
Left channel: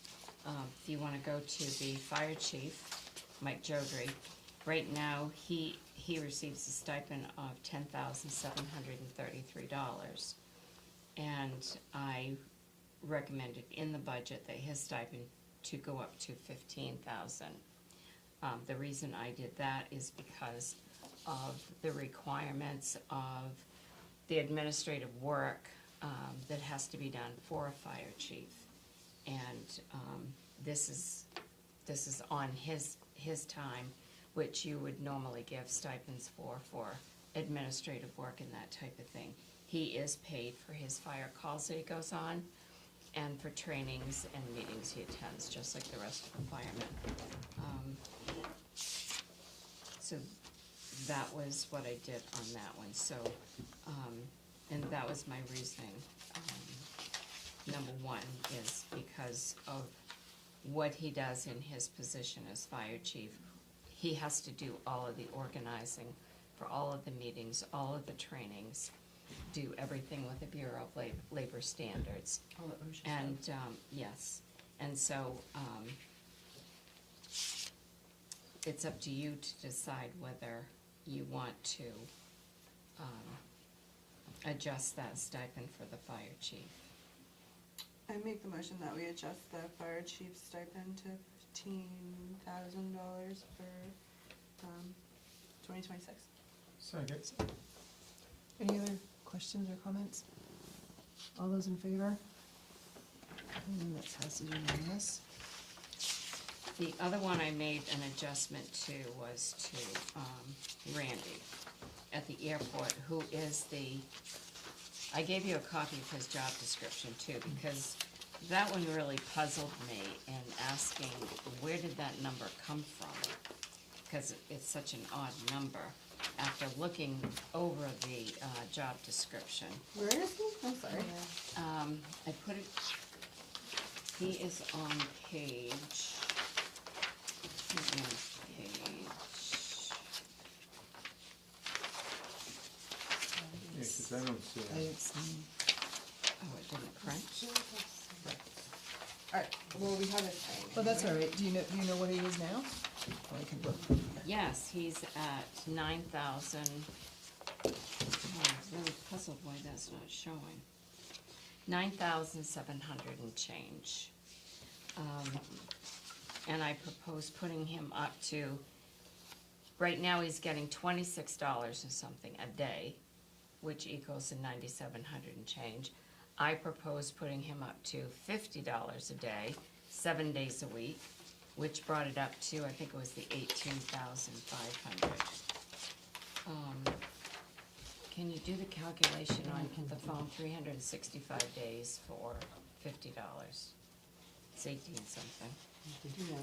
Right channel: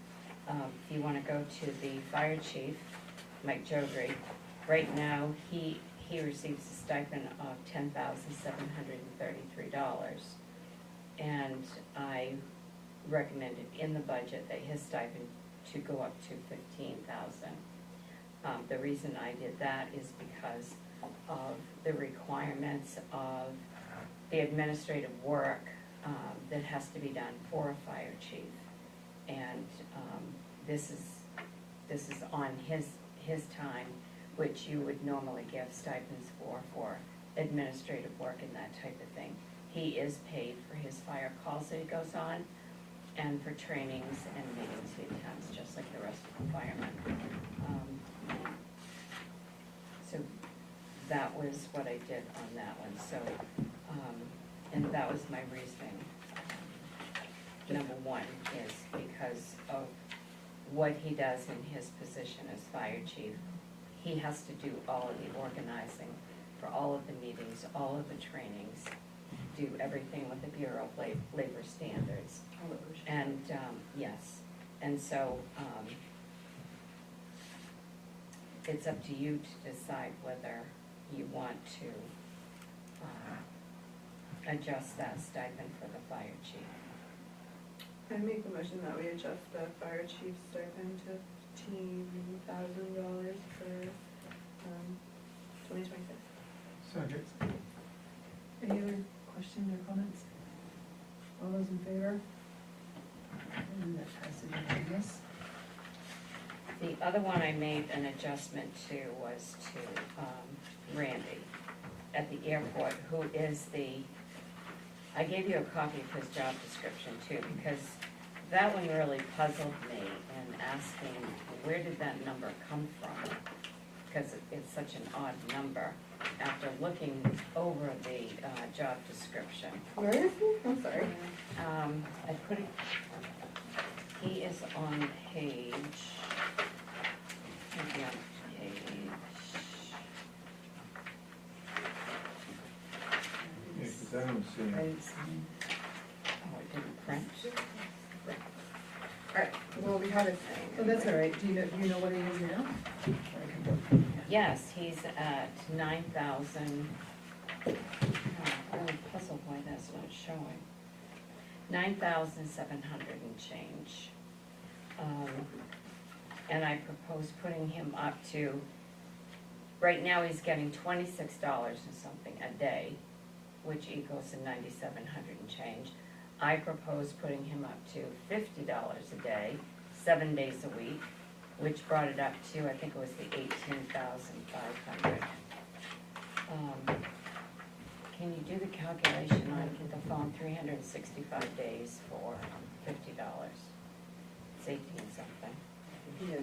if you wanna go to the fire chief, Mike Jodry, right now, he receives a stipend of $10,733. And I recommended in the budget that his stipend to go up to $15,000. The reason I did that is because of the requirements of the administrative work that has to be done for a fire chief. And this is on his time, which you would normally give stipends for administrative work and that type of thing. He is paid for his fire calls that he goes on, and for trainings and meetings he attends, just like the rest of the firemen. So that was what I did on that one, so, and that was my reasoning. Number one is because of what he does in his position as fire chief. He has to do all of the organizing for all of the meetings, all of the trainings, do everything with the Bureau of Labor Standards. And, yes, and so, it's up to you to decide whether you want to, adjust that stipend for the fire chief. I make the motion that we adjust the fire chief stipend to $15,000 for 2026. Second. discussion or comments? All those in favor? And that passes unanimous. The other one I made an adjustment to was to Randy at the airport, who is I gave you a copy of his job description too, because that one really puzzled me in asking, where did that number come from? Because it's such an odd number. After looking over the job description, Where is he? I'm sorry. I put it, he is on page, Yeah, 'cause I don't see. I didn't see. oh, it didn't print. Alright, well, we had it. Oh, that's all right. Do you know what he is now? Yes, he's at 9,000. I'm really puzzled why that's not showing. 9,700 and change. And I propose putting him up to, right now he's getting $26 and something a day, which equals to 9,700 and change. I propose putting him up to $50 a day, 7 days a week, which brought it up to, I think it was the 18,500. Can you do the calculation on the phone, 365 days for $50? It's 18 something. Yeah.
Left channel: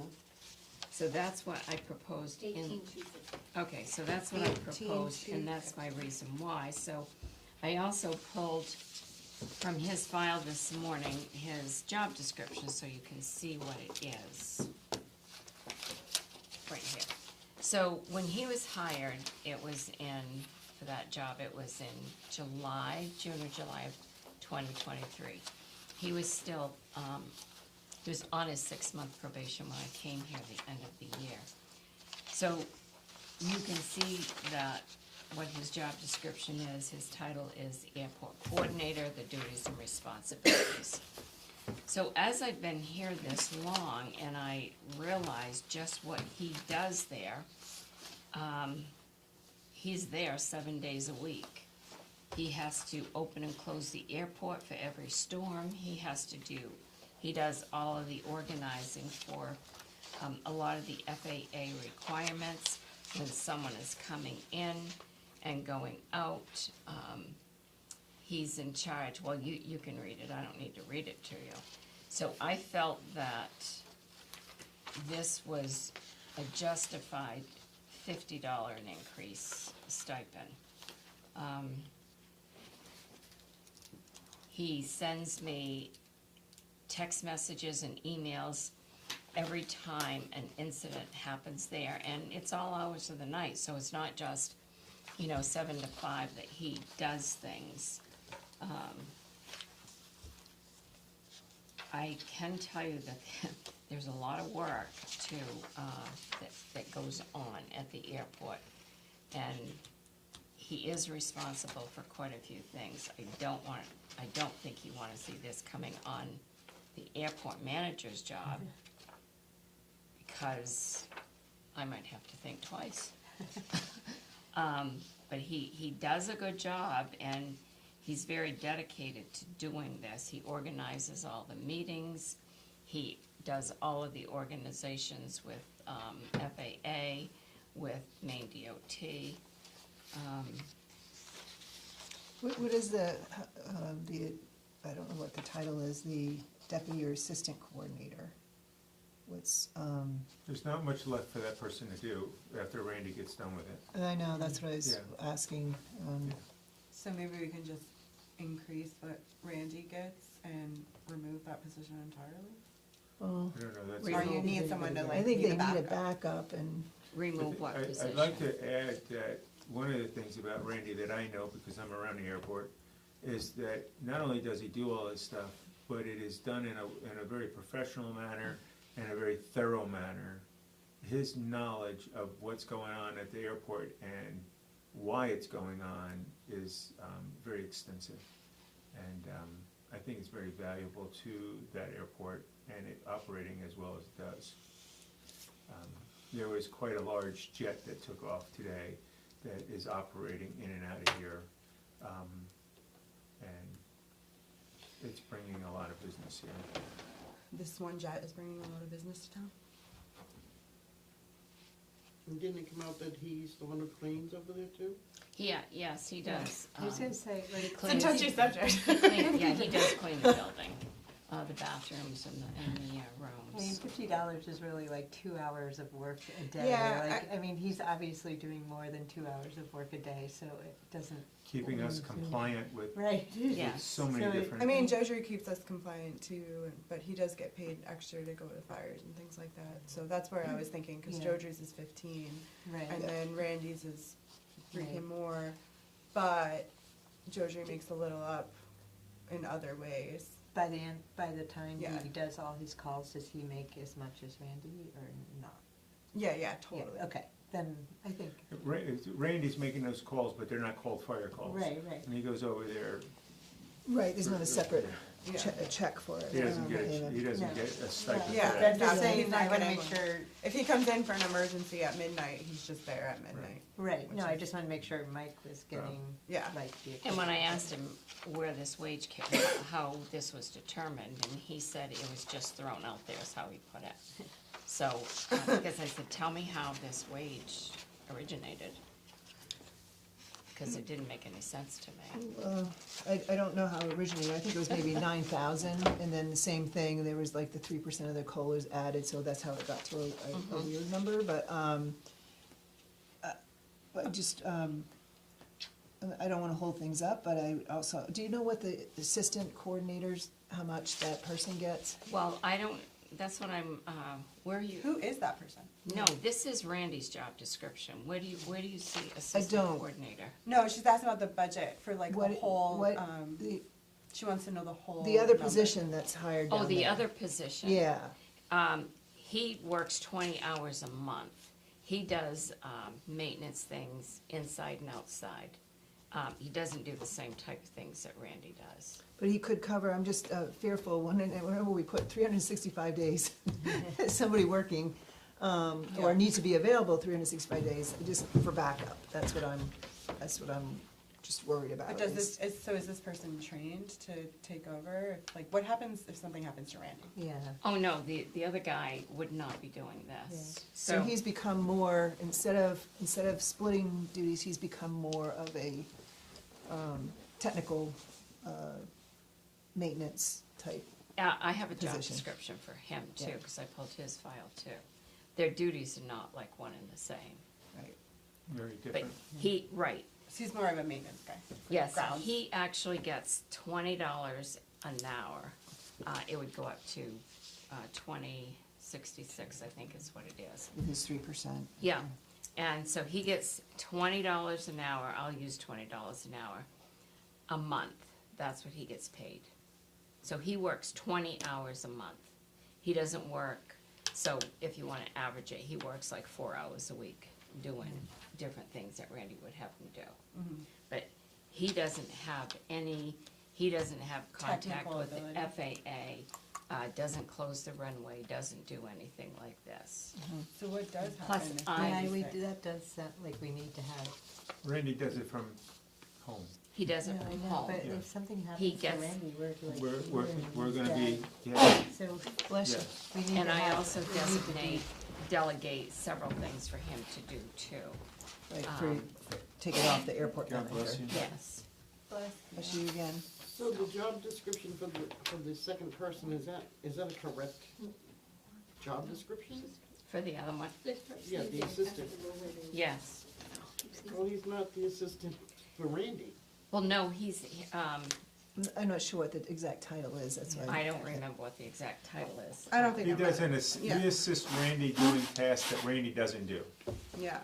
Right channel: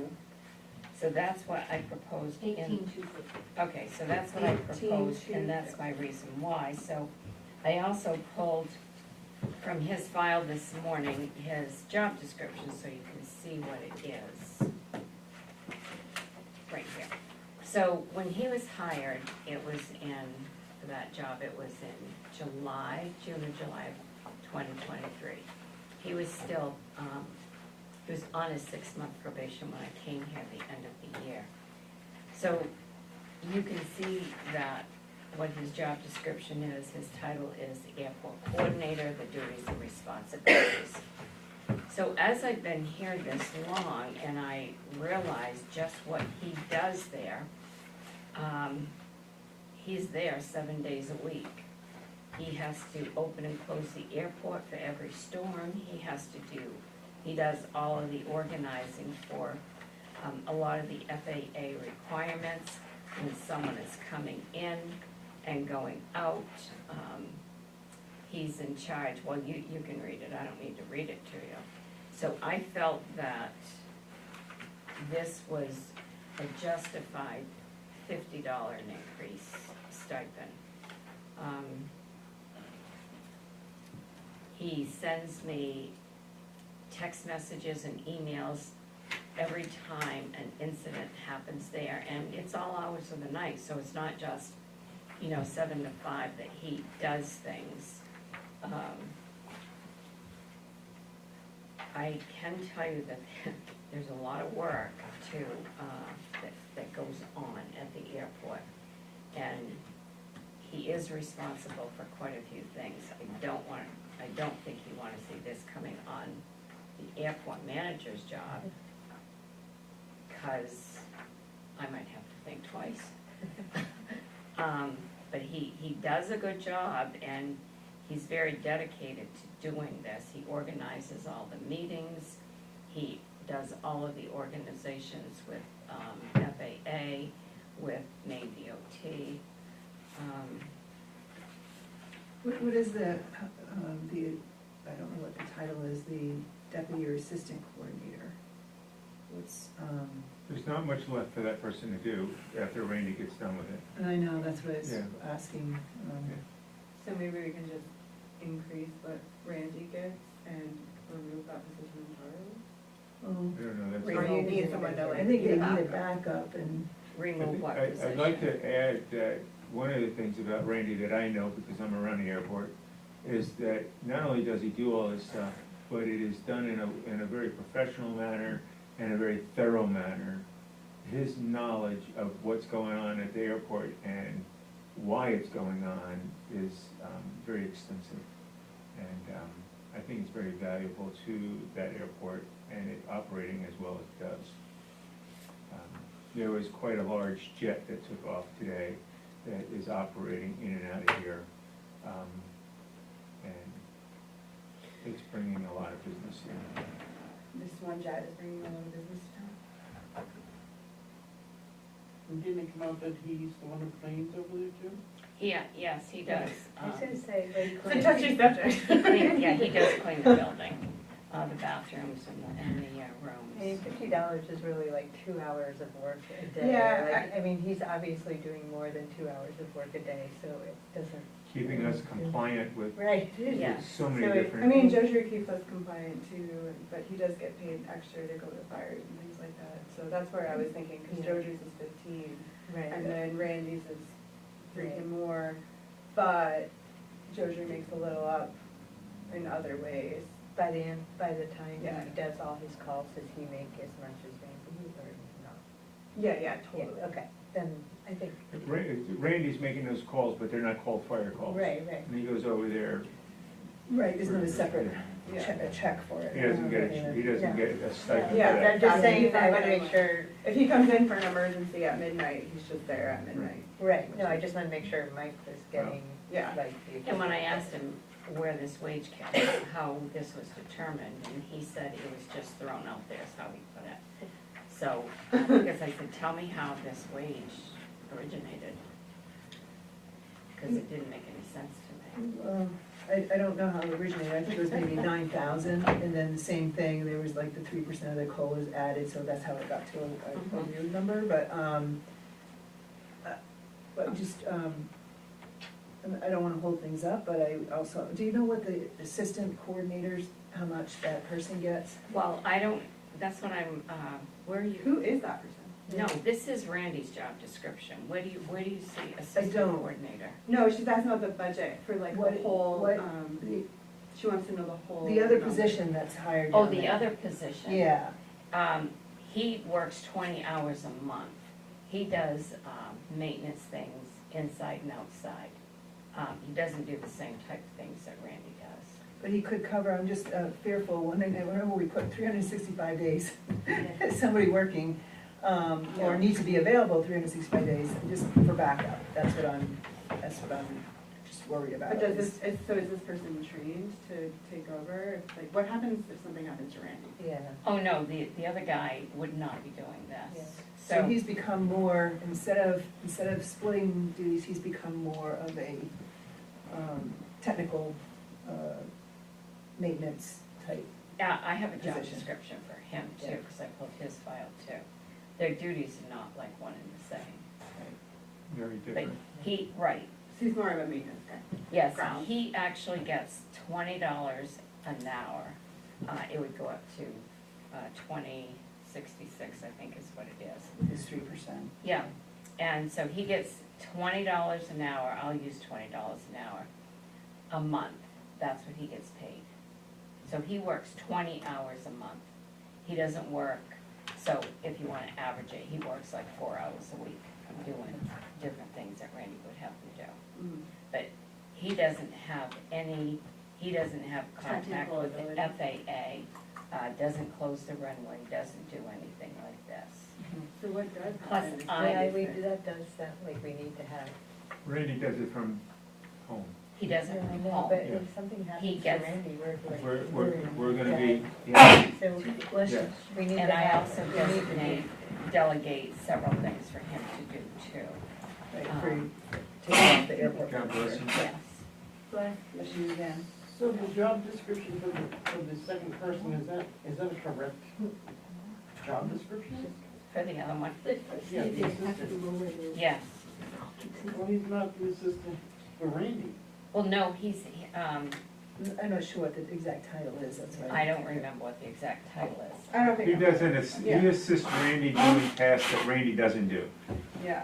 So that's what I proposed in. 18,250. Okay, so that's what I proposed, and that's my reason why. So I also pulled from his file this morning his job description, so you can see what it is. Right here. So when he was hired, it was in, for that job, it was in June or July of 2023. He was still, he was on his 6-month probation when I came here at the end of the year. So you can see that what his job description is, his title is the airport coordinator, the duties and responsibilities. So as I've been here this long and I realized just what he does there, he's there 7 days a week. He has to open and close the airport for every storm. He does all of the organizing for a lot of the FAA requirements when someone is coming in and going out. He's in charge. Well, you can read it. I don't need to read it to you. So I felt that this was a justified $50 increase stipend. He sends me text messages and emails every time an incident happens there, and it's all hours of the night, so it's not just, 7 to 5 that he does things. I can tell you that there's a lot of work too, that goes on at the airport, and he is responsible for quite a few things. I don't think you wanna see this coming on the airport manager's job, because I might have to think twice. But he does a good job, and he's very dedicated to doing this. He organizes all the meetings, he does all of the organizations with FAA, with Maine DOT. What is the, I don't know what the title is, the deputy or assistant coordinator? What's, There's not much left for that person to do after Randy gets done with it. and I know, that's what I was Yeah. asking. So maybe we can just increase what Randy gets and remove that position entirely? Well, I don't know, that's. Or you need someone to I like think be they the need a backup. backup and, Remove what position? I'd like to add that one of the things about Randy that I know, because I'm around the airport, is that not only does he do all this stuff, but it is done in a very professional manner and a very thorough manner. His knowledge of what's going on at the airport and why it's going on is very extensive. And I think it's very valuable to that airport and it operating as well as it does. There was quite a large jet that took off today that is operating in and out of here. business, yeah. This one jet is bringing a lot of business to town. And didn't it come out that he's the one who cleans over there too? Yeah, yes, he does. I was gonna say, like. It's a touchy subject. Yeah, he does clean the building, the bathrooms and the I mean, rooms. $50 is really like 2 hours of work a day. Yeah, Like, I mean, he's obviously doing more than 2 hours of work a day, so it doesn't. Keeping us compliant with Right. Yeah. so many So it- different. I mean, Jojer keeps us compliant too, but he does get paid extra to go to fires and things like that. So that's where I was thinking, because Yeah. Jojer's is 15, Right. and then Randy's is Right. freaking more, but Jojer makes a little up in other ways. By the time Yeah. he does all his calls, does he make as much as Randy or no? Yeah, Yeah, totally. okay, then I think. Randy's making those calls, but they're not called fire calls. Right. And he goes over there, Right, there's not a separate Yeah. a check for it. he doesn't get a stipend for Yeah, that. I'm just After saying, he's I not wanna getting make sure, If he comes in for an emergency at midnight, he's just there at midnight. right, no, I just wanna make sure Mike was getting, Yeah. like, the. And when I asked him where this wage came, how this was determined, and he said it was just thrown out there, is how he put it. So, I guess I said, tell me how this wage originated. Because it didn't make any sense to me. I don't know how it originated, I think it was maybe 9,000, and then the same thing, there was like the 3% of the COLAs added, so that's how it got to a weird number, but just, I don't wanna hold things up, but I also, do you know what the assistant coordinators, how much that person gets? Well, I don't, that's what I'm, where are you? Who is that person? No, this is Randy's job description. Where do you see assistant don't. coordinator? No, she's asking about the budget for like What- the whole, what- The, she wants to know the whole. the other number. position that's hired Oh, down the there. other position. Yeah, He works 20 hours a month. He does maintenance things inside and outside. He doesn't do the same type of things that Randy does. but he could cover, I'm just fearful, whenever we put 365 days, somebody working, or needs to be available 365 days, just for backup, that's what I'm just worried about. But is this person trained to take over? Like, what happens if something happens to Randy? Yeah. Oh, no, the other guy would not be doing this. So he's become more, instead of splitting duties, he's become more of a technical maintenance type. Yeah, I have a job Position. description for him too, Yeah. because I pulled his file too. Their duties are not like one and the same. Very But different. right, So he's more of a maintenance guy. yes, Grounds. he actually gets $20 an hour. It would go up to $20.66, I think is what it is. With his 3%. Yeah, and so he gets $20 an hour, I'll use $20 an hour, a month, that's what he gets paid. So he works 20 hours a month. He doesn't work, so if you wanna average it, he works like 4 hours a week doing different things that Randy would have to do. Mhm. But he doesn't have contact Technical with the ability. FAA, doesn't close the runway, doesn't do anything like this. So what does Plus, happen? That does sound like we need to have. Randy does it from home. He does it Yeah, I from know, home. but if something happens to gets- Randy, we're like. We're gonna be, Yeah. So, Bless you. yeah. we need to And I have. also delegate several things for him to do too. Right, for taking off the airport. God bless you. Yes. Bless you again. So the job description for the second person, is that a correct job description? For the other one. Yeah, the assistant. Yes. Well, he's not the assistant for Randy. Well, no, he's, I'm not sure what the exact title is, that's why. I don't remember what the exact title is. I don't think. He I'm- doesn't, Yeah. he assists Randy doing tasks that Randy doesn't do. Yeah.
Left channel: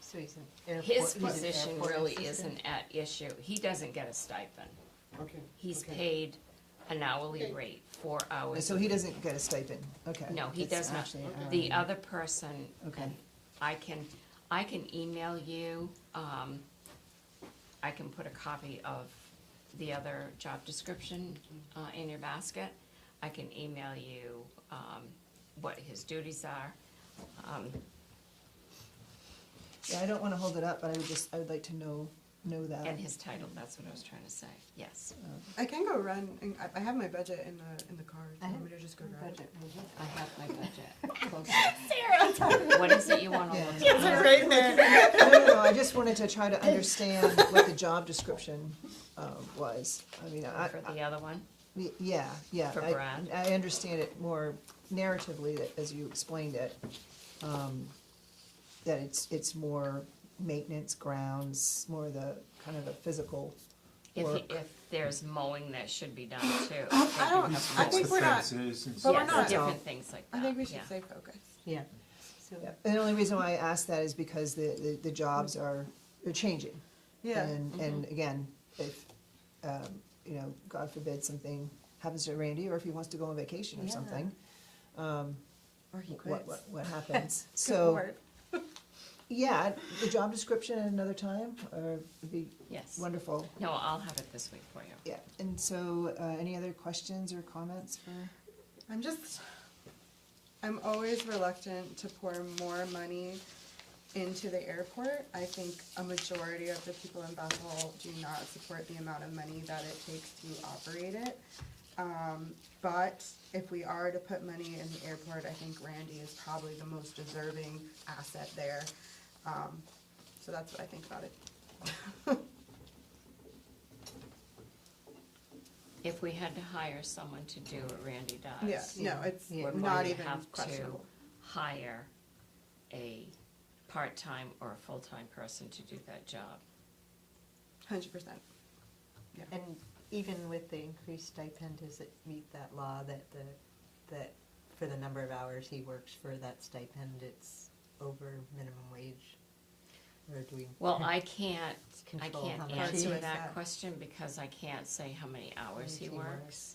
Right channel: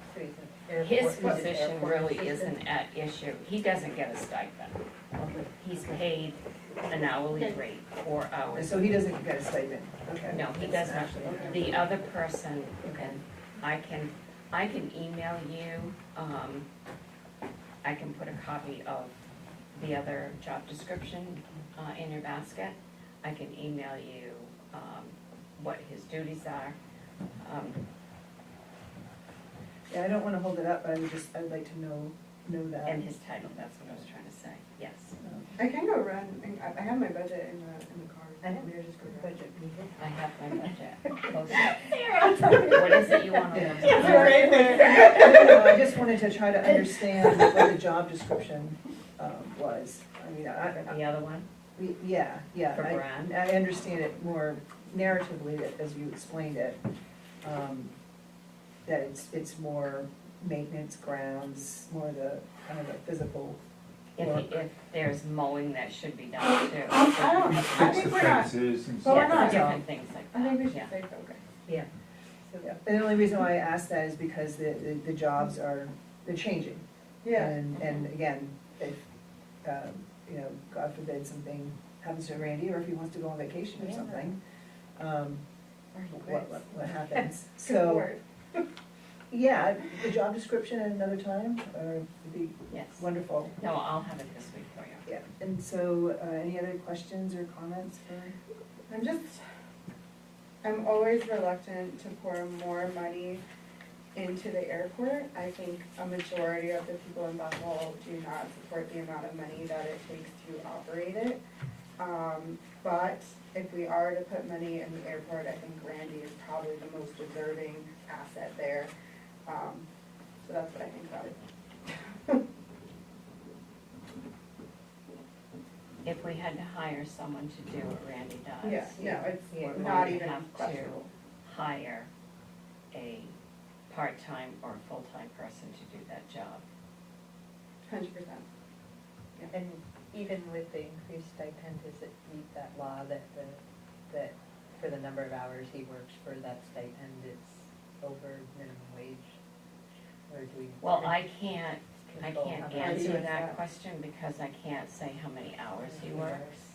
So he's an His airport- he's an position airport really assistant. isn't at issue. He doesn't get a stipend. Okay. He's paid an hourly rate, 4 hours. So he doesn't get a stipend, okay. No, he That's doesn't. actually- The other person, Okay. I can email you, I can put a copy of the other job description, in your basket. I can email you, what his duties are. Yeah, I don't wanna hold it up, but I'd like to know know that. And his title, that's what I was trying to say, yes. I can go run, and I have my budget in the car. I so don't we're just go run. budget. I have my budget. Sarah! What is it you want to Yeah. look It's at? right there. No, I just wanted to try to understand what the job description was. I mean, For the other one? yeah, yeah. For Brad? I understand it more narratively as you explained it. That it's more maintenance, grounds, more the kind of the physical. If there's mowing that should be done too. I Fix think the we're not. fences and But we're Yes, not. different things like that. I think we should yeah. say focus. Yeah. So, Yeah, the only reason why I ask that is because the jobs they're changing. Yeah. And again, if, you know, God forbid something happens to Randy, or if he wants to go on vacation or Yeah. something, Or he quits. what happens? Good So, word. yeah, the job description at another time, would be Yes. wonderful. No, I'll have it this week for you. Yeah, and so, any other questions or comments for? I'm always reluctant to pour more money into the airport. I think a majority of the people in Bethel do not support the amount of money that it takes to operate it. But if we are to put money in the airport, I think Randy is probably the most deserving asset there. So that's what I think about it. If we had to hire someone to do what Randy does. Yeah, no, it's Yeah. would not we even have to questionable. hire a part-time or full-time person to do that job? 100%. And even with the increased stipend, does it meet that law that that for the number of hours he works for that stipend, it's over minimum wage? Or do we? Well, I can't control how much he answer does that question because I can't say how many hours he works.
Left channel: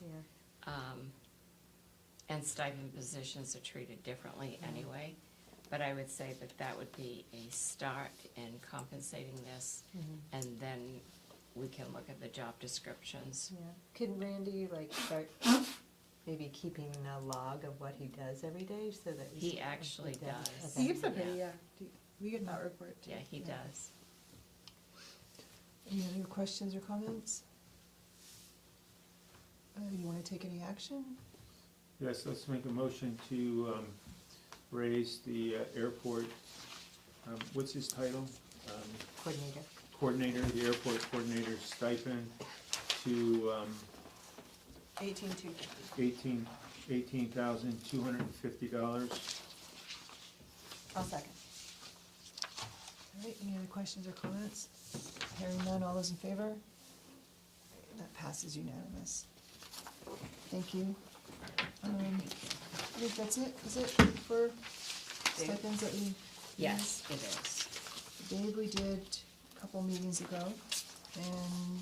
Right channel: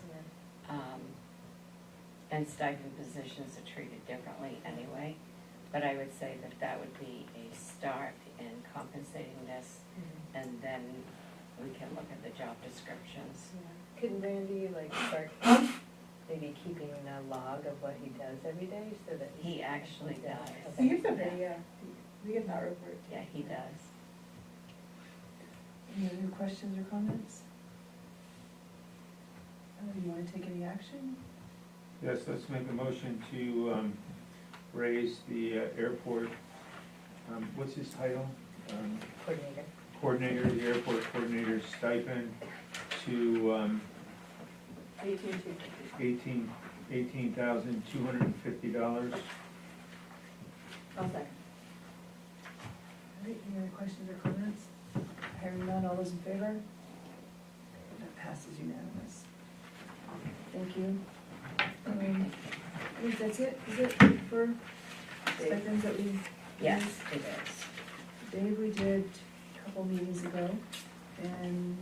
And stipend positions are treated differently anyway. But I would say that that would be a start in compensating this, Mhm. and then we can look at the job descriptions. Yeah. Could Randy like start maybe keeping a log of what he does every day so that? we He can- actually Yeah, does. okay. He gets a pay, yeah. We get that report. Yeah, he does. Any other questions or comments? You wanna take any action? Yes, let's make a motion to raise the airport, what's his title? Coordinator. Coordinator, the airport coordinator stipend to 18,250. $18,250. I'll second. All right, any other questions or comments? Hearing none, all those in favor? That passes unanimous. Thank you. I think that's it, is it for stipends that we? Yes, it is. Dave, we did a couple meetings ago, and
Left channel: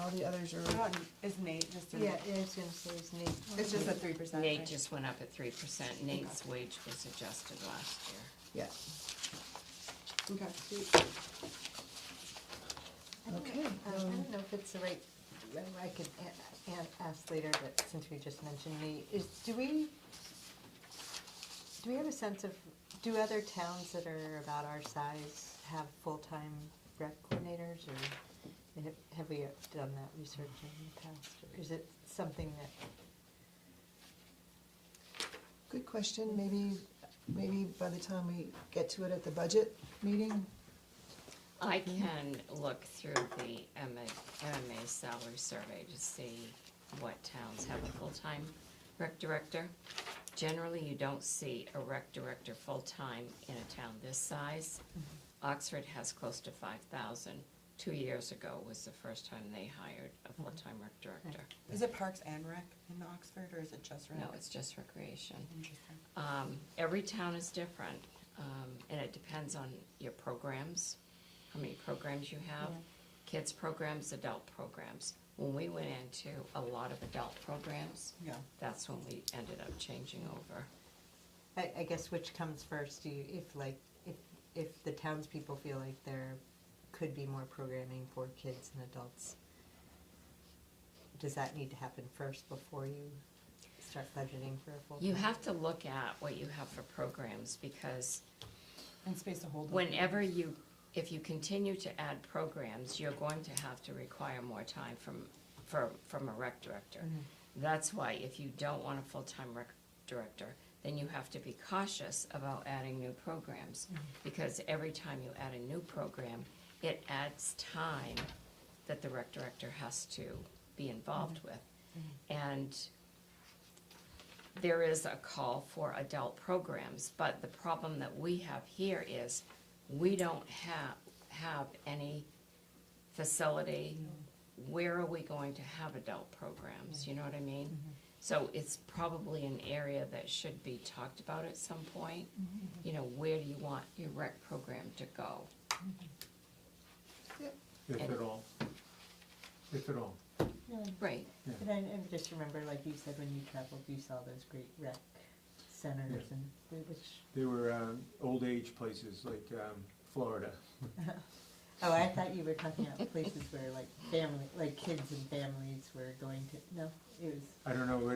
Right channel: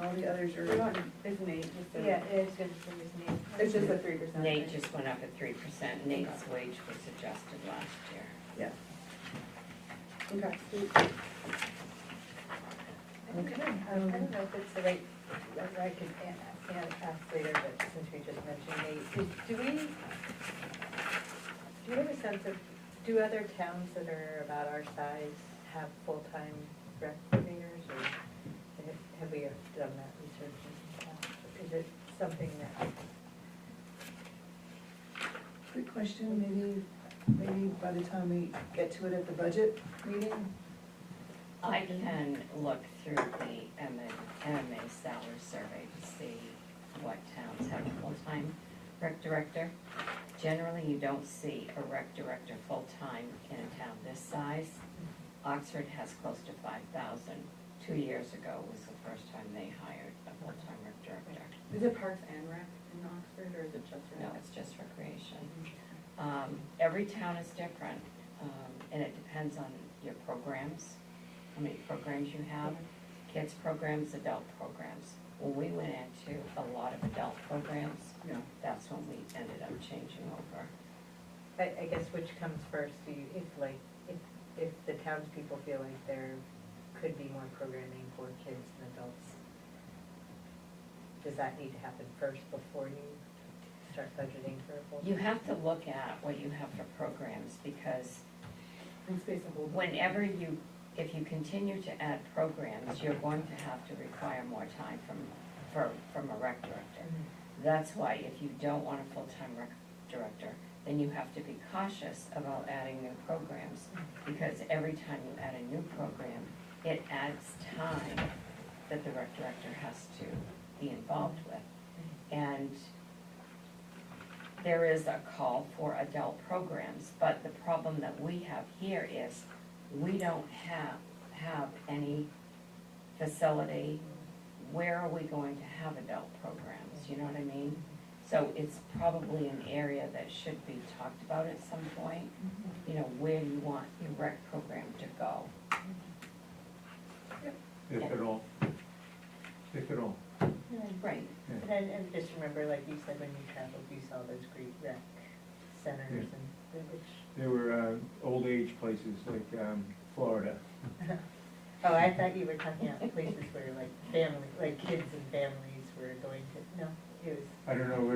all the others are. Is Nate just a? Yeah, I was gonna say his name. It's just a 3%. Nate right? just went up at 3%. Nate's wage was adjusted last year. Yeah. Okay. Okay, I don't know if it's the right, I could ask later, but since we just mentioned Nate, do we have a sense of, do other towns that are about our size have full-time rec coordinators, or have we done that research in the past? Or is it something that, good question, maybe by the time we get to it at the budget meeting. I can look through the MMA salary survey to see what towns have a full-time rec director. Generally, you don't see a rec director full-time in a town this size. Oxford has close to 5,000. 2 years ago was the first time they hired a full-time rec director. Is it Parks and Rec in Oxford, or is it just Rec? No, it's just recreation. Every town is different, and it depends on your programs, how many programs you have. Kids programs, adult programs. When we went into a lot of adult programs, that's when we ended up changing over. I guess which comes first, if the townspeople feel like there could be more programming for kids and adults, does that need to happen first before you start budgeting for a full? You have to look at what you have for programs, because And space to hold. whenever you if you continue to add programs, you're going to have to require more time from a rec director. That's why if you don't want a full-time rec director, then you have to be cautious about adding new programs, because every time you add a new program, it adds time that the rec director has to be involved with. And there is a call for adult programs, but the problem that we have here is we don't have any facility. Where are we going to have adult programs, you know what I mean? So it's probably an area that should be talked about at some point. You know, where do you want your rec program to go? If at all. If at all. Right. And just remember, like you said, when you traveled, you saw those great rec centers and which. There were old age places like Florida. Oh, I thought you were talking about places where like family, like kids and families were going to, no, it was. I don't know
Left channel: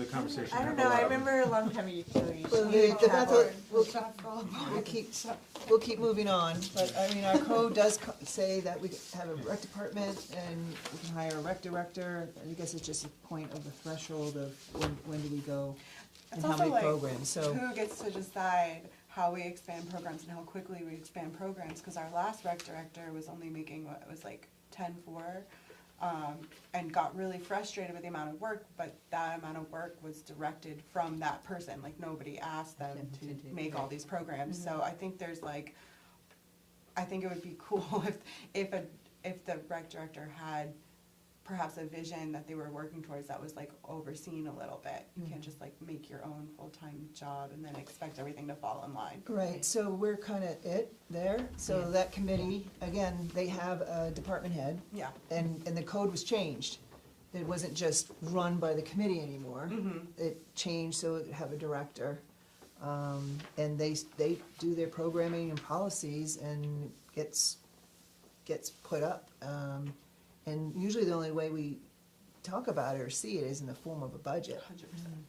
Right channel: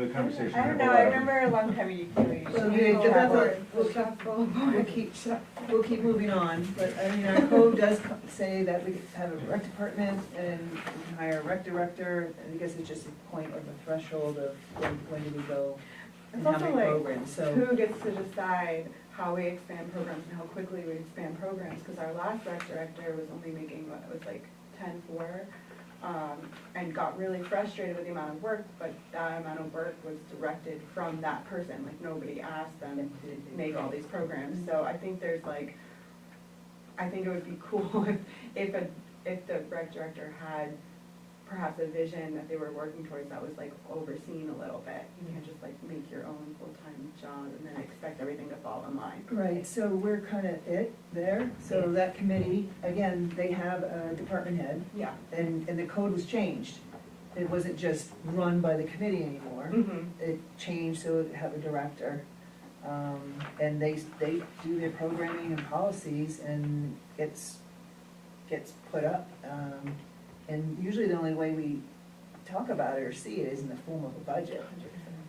the conversation. I don't know, I remember a long time ago. We'll keep moving on, but I mean, our code does say that we have a rec department and we can hire a rec director, and I guess it's just a point of the threshold of when do we go and It's how also many like, programs, so. who gets to decide how we expand programs and how quickly we expand programs, because our last rec director was only making, what, it was like 10-4, and got really frustrated with the amount of work, but that amount of work was directed from that person, like nobody asked them to make all these programs, so I think there's like, I think it would be cool if the rec director had perhaps a vision that they were working towards that was like overseen a little bit. You can't just like make your own full-time job and then expect everything to fall in line. Right, so we're kind of there, so that committee, again, they have a department head. Yeah. And the code was changed. It wasn't just run by the committee anymore. It changed so it had a director. And they do their programming and policies and gets put up. And usually the only way we talk about it or see it is in the form of a budget.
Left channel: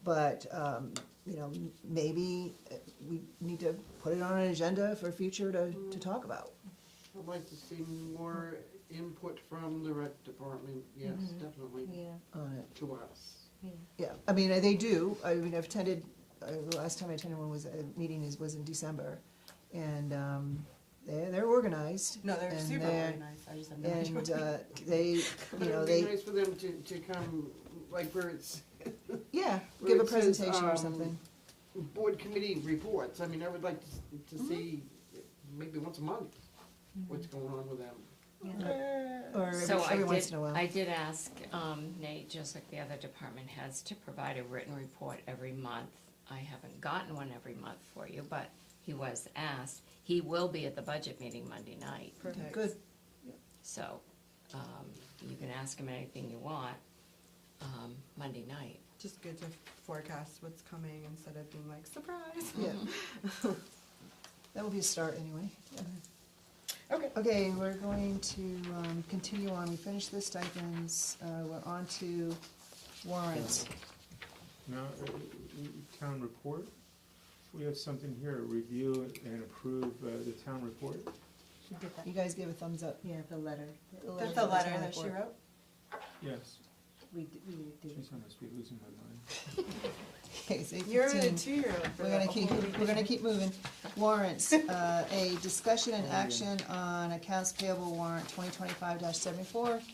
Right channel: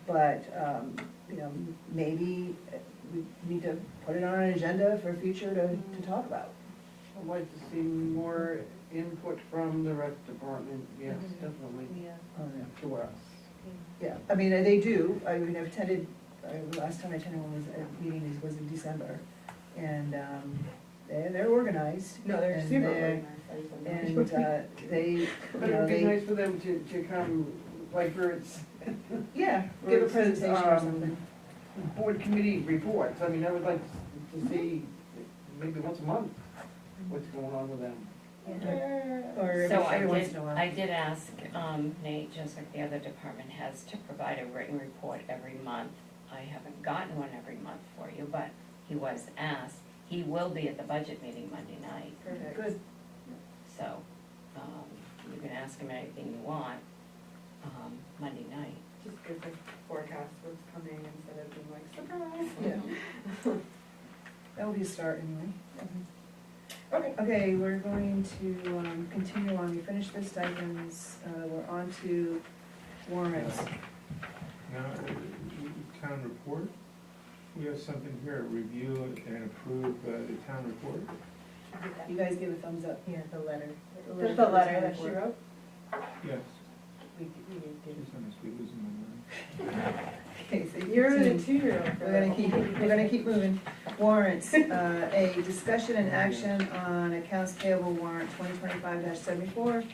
But, you know, maybe we need to put it on an agenda for future to talk about. I'd like to see more input from the rec department, yes, definitely, Oh, yeah. to us. Yeah, I mean, they do, I mean, I've attended, the last time I attended one was a meeting, was in December, and, they're organized. No, they're and super they're- organized. And, they, But you it know, would be they, nice for them to come, like where it's, yeah, where give a it says, presentation or something. board committee reports, I mean, I would like to see maybe once a month what's going on with them. Or So every once in a while. I did ask Nate, just like the other department heads, to provide a written report every month. I haven't gotten one every month for you, but he was asked. He will be at the budget meeting Monday night, Perfect. Good. so you can ask him anything you want Monday night. Just good to forecast what's coming instead of being like, surprise. Yeah. That would be a start anyway. Okay. Okay, we're going to continue on, we finished the stipends, we're on to warrants. Now, town report, we have something here, review and approve the town report. You guys give a thumbs up. Yeah, the letter. Just the letter that she wrote? Yes, We did. this one is be losing my mind. Okay, so You're the 15. 2-year-old. We're gonna keep moving. Warrants, a discussion and action on accounts payable warrant 2025-74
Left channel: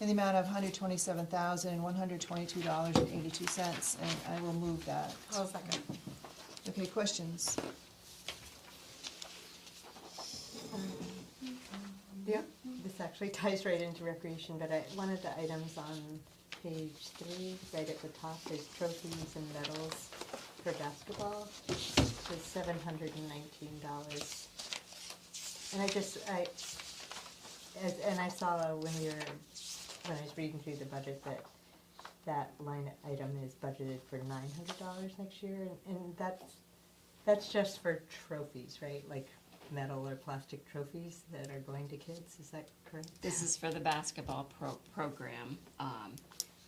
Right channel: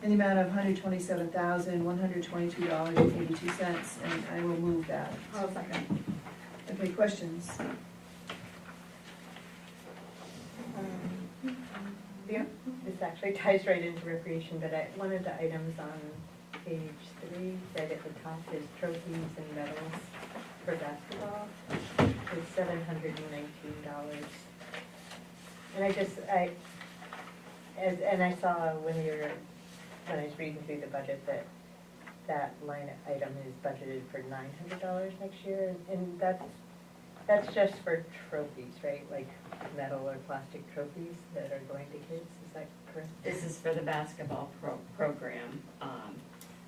in the amount of $127,122.82, and I will move that. Oh, second. Okay, questions? Yeah? This actually ties right into recreation, but one of the items on page 3, right at the top, is trophies and medals for basketball, is $719. And I saw when I was reading through the budget, that line item is budgeted for $900 next year, and that's just for trophies, right? Like metal or plastic trophies that are going to kids, is that correct? This is for the basketball program,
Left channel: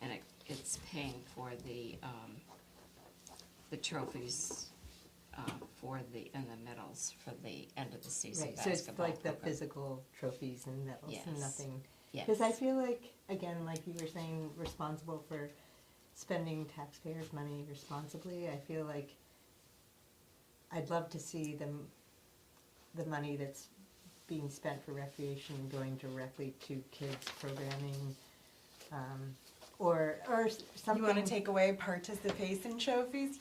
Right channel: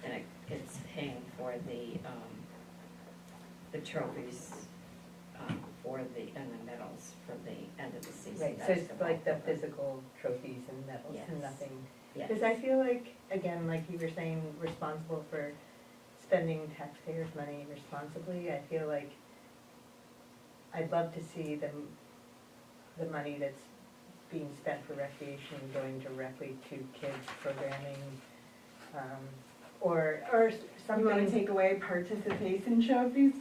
and it's paying for the trophies and the medals medals for the end of the season Right, so basketball. it's like the program. physical trophies and medals and Yes. nothing. Yes. Because I feel like, again, like you were saying, responsible for spending taxpayers' money responsibly, I feel like I'd love to see the money that's being spent for recreation going directly to kids programming, or You something. wanna take away participation trophies?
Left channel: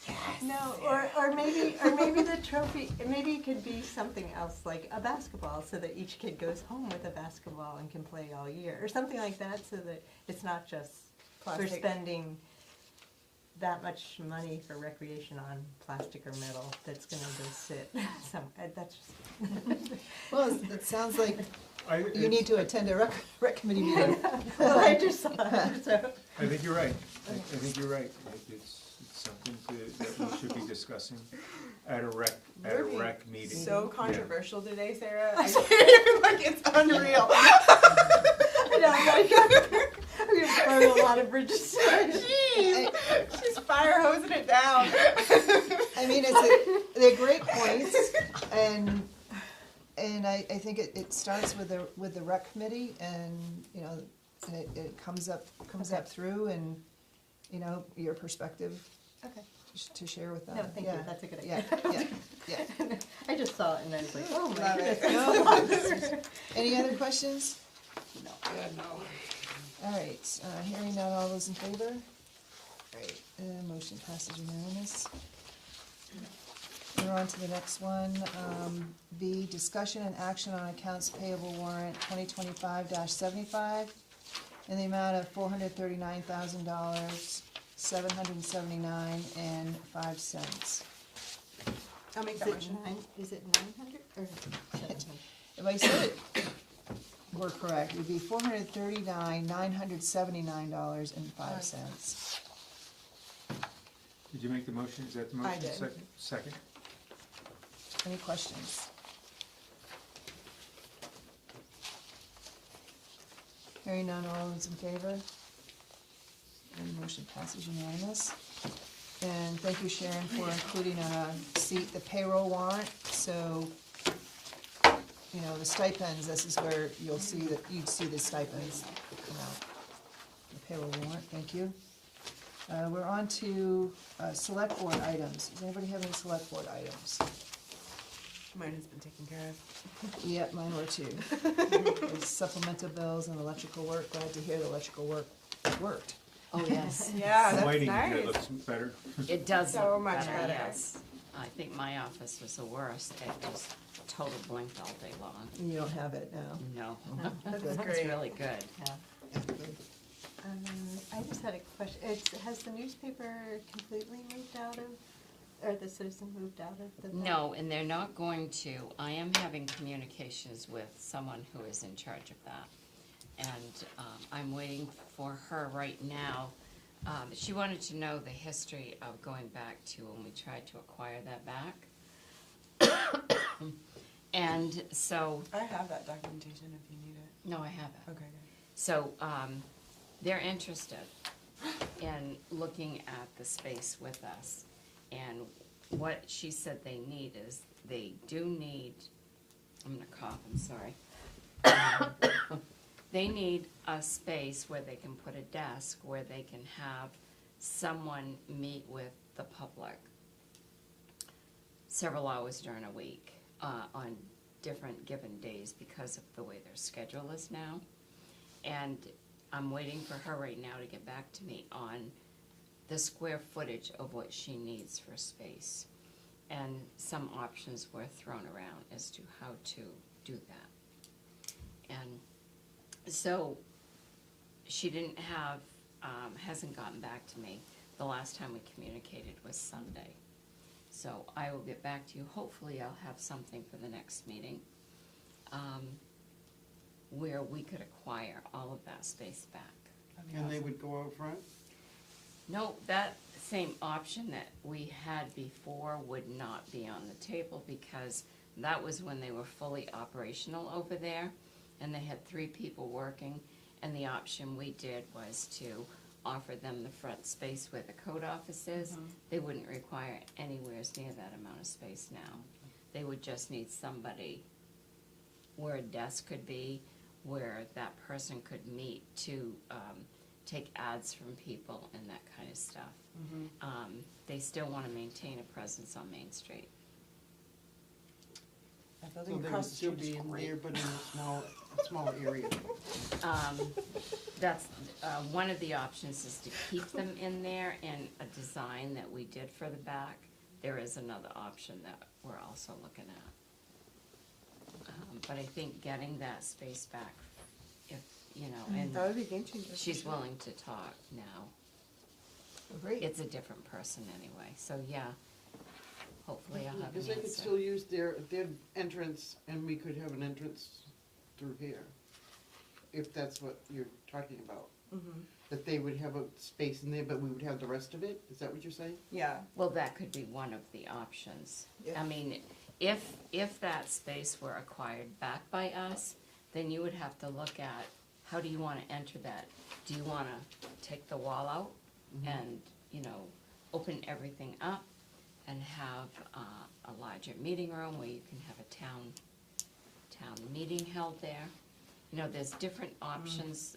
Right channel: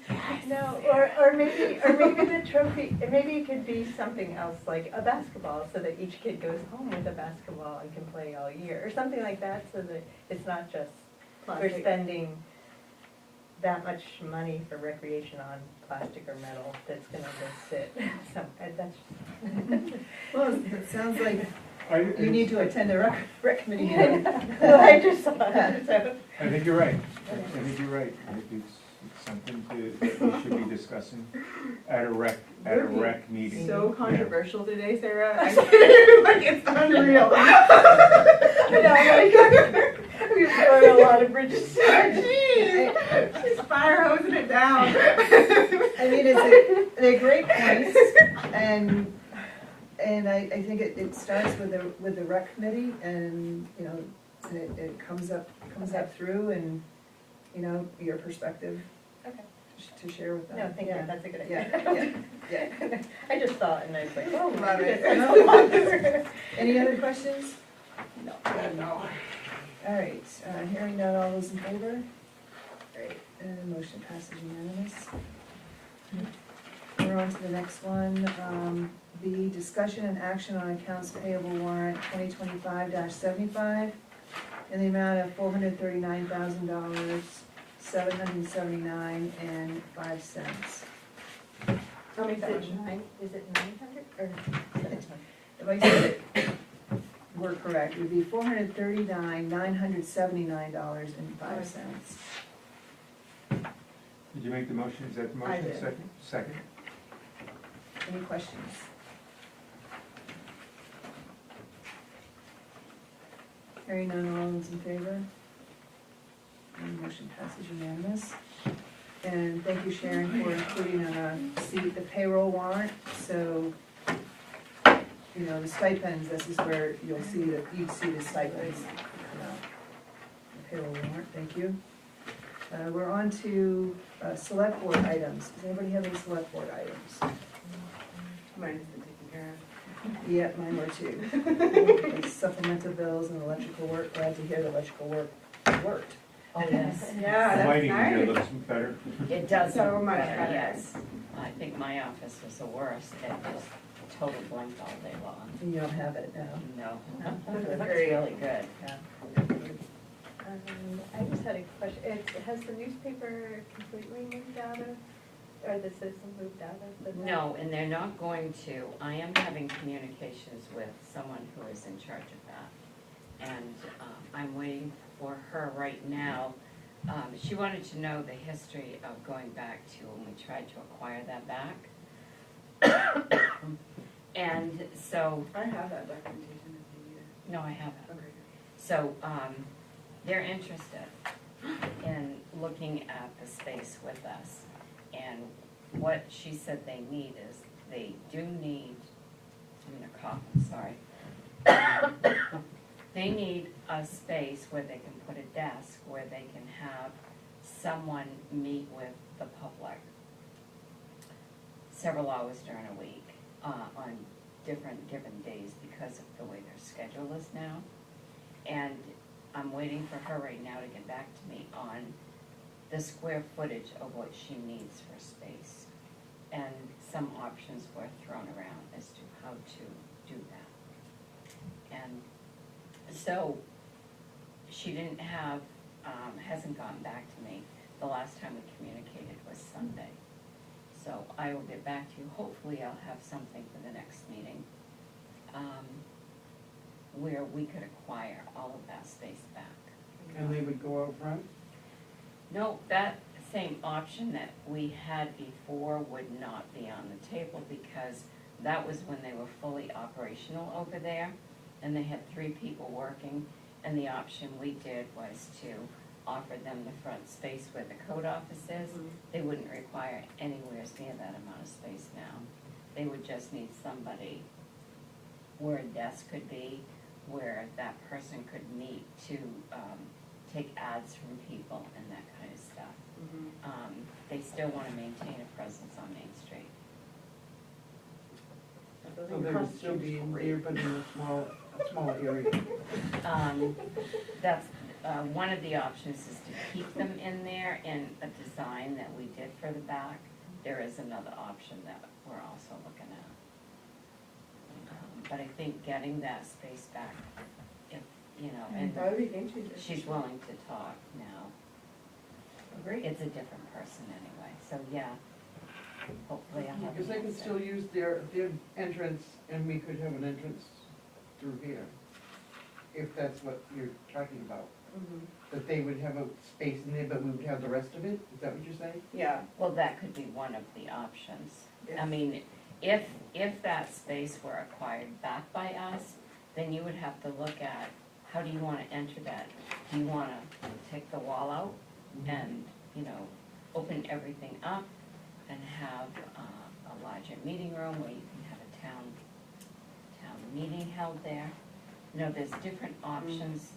No, or maybe the trophy, maybe it could be something else, like a basketball, so that each kid goes home with a basketball and can play all year, or something like that, so that it's not just, we're Plastic. spending that much money for recreation on plastic or metal that's gonna just sit, so, that's just. Well, it sounds like I, you need to attend a rec committee meeting. Well, I just saw that, so. I think you're right. I think you're right. It's something that we should be discussing at a rec meeting. So Yeah. controversial today, Sarah. I like it's unreal. We've burned a lot of bridges. She's fire hosing it down. I mean, they're great points, and I think it starts with the rec committee, and, you know, it comes up through, and, you know, your perspective Okay. to share with them. No, thank you, Yeah. that's a good Yeah, idea. yeah. I just saw it and I was like, oh, Love it. it. Any other questions? No. All right, hearing none, all those in favor? Great, and motion passes unanimous. We're on to the next one, B, discussion and action on accounts payable warrant 2025-75 in the amount of $439,000, $779.05. I'll make that motion. Is it 900 or? If I said it, we're correct, it would be $439,979.05. Did you make the motion? Is that the I motion? did. Second? Any questions? Hearing none, all those in favor? And motion passes unanimous. And thank you, Sharon, for including on a seat the payroll warrant, so, you know, the stipends, this is where you'll see you'd see the stipends. The payroll warrant, thank you. We're on to, select board items. Does anybody have any select board items? Mine's been taken care of. Yep, mine were too. Supplemental bills and electrical work, glad to hear the electrical work worked. Oh, yes. Yeah, The that's lighting here nice. looks better. It does So look much better, better. yes. I think my office was the worst. It just total blinked all day long. You don't have it now. No. That's It looks great. really good. I just had a question, has the newspaper completely moved out of, or the Citizen moved out of the? No, and they're not going to. I am having communications with someone who is in charge of that. And I'm waiting for her right now. She wanted to know the history of going back to when we tried to acquire that back. And so, I have that documentation if you need it. no, I haven't. Okay. So, they're interested in looking at the space with us. And what she said they need is, they do need, I'm gonna cough, I'm sorry. They need a space where they can put a desk, where they can have someone meet with the public several hours during a week, on different given days because of the way their schedule is now. And I'm waiting for her right now to get back to me on the square footage of what she needs for space. And some options were thrown around as to how to do that. And so, she didn't have, hasn't gotten back to me. The last time we communicated was Sunday. So I will get back to you. Hopefully I'll have something for the next meeting, where we could acquire all of that space back. And they would go out front? No, that same option that we had before would not be on the table because that was when they were fully operational over there and they had 3 people working, and the option we did was to offer them the front space where the code office is. They wouldn't require anywhere near that amount of space now. they would just need somebody where a desk could be, where that person could meet to take ads from people and that kind of stuff. They still want to maintain a presence on Main Street. So they would still be in here, but in a smaller area. That's, one of the options is to keep them in there in a design that we did for the back. There is another option that we're also looking at. But I think getting that space back, if, you know, and That would be game changer. she's willing to talk now. Great. It's a different person anyway, so yeah, hopefully I'll have Because an they could answer. still use their entrance, and we could have an entrance through here, if that's what you're talking about. That they would have a space in there, but we would have the rest of it, is that what you're saying? Yeah. Well, that could be one of the options. Yeah. I mean, if that space were acquired back by us, then you would have to look at, how do you wanna enter that? Do you wanna take the wall out and, you know, open everything up and have a larger meeting room where you can have a town meeting held there? You know, there's different options,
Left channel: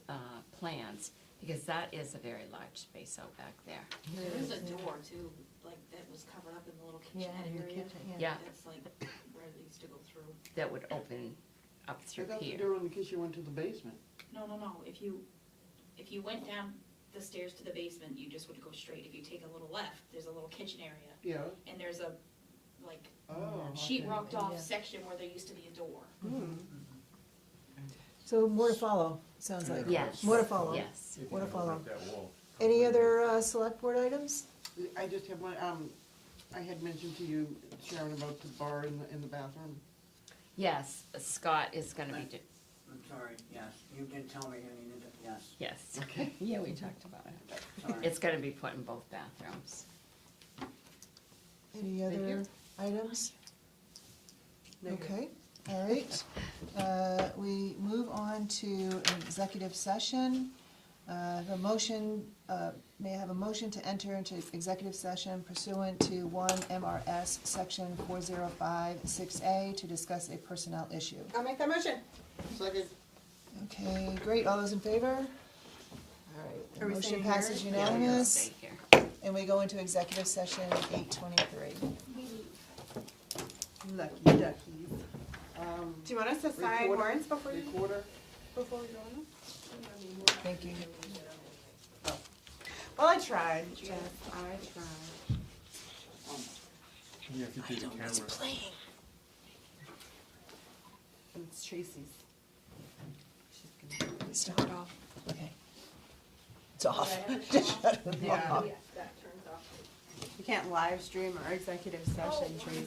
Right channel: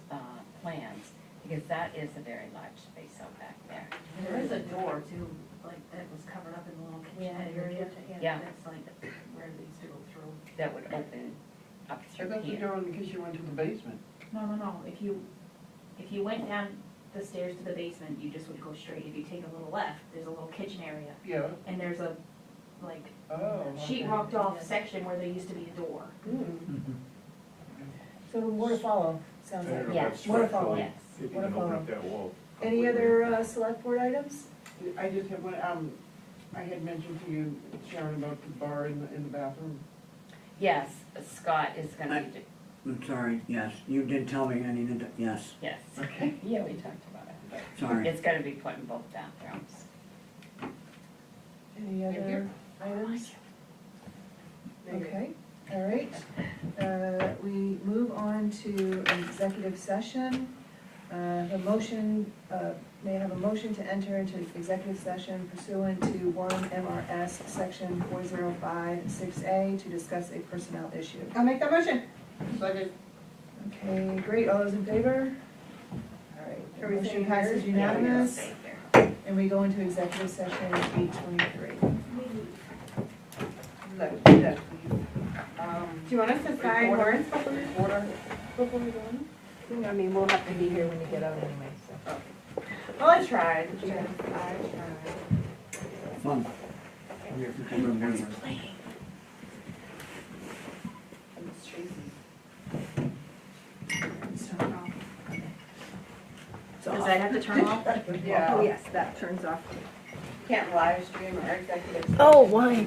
plans, because that is a very large space out back there. There is a door too, like, that was covered up in the little kitchen area. Yeah. That's like where they used to go through. That would open up I through thought the here. door in because you went to the basement. No, if you went down the stairs to the basement, you just would go straight. If you take a little left, there's a little kitchen area, Yeah. and there's a, like, Oh, sheet okay. rocked off section where there used to be a door. So more to follow, sounds like. Yes. More to follow. Yes. If you What can about- open up that wall. Any other select board items? I just have my, I had mentioned to you, Sharon, about the bar in the bathroom. Yes, Scott is gonna be, I'm sorry, yes, you did tell me I needed to, yes, yes, okay, yeah, we talked about it. sorry. It's gonna be put in both bathrooms. Any other items? Okay, all right. We move on to an executive session. A motion, may I have a motion to enter into executive session pursuant to 1 MRS Section 4056A to discuss a personnel issue. I'll make that motion. Second. Okay, great, all those in favor? All right, Are the we motion staying passes here? unanimous, Stay here. and we go into executive session at 8:23. Do you want us to sign warrants before we go in? I mean, we'll have to be here when you get out anyway, so. Well, I tried. Fun. It's Tracy's. Stop. It's off. Does that have to turn off? Yeah. yes, that turns off. Can't live stream or executive. Oh, why?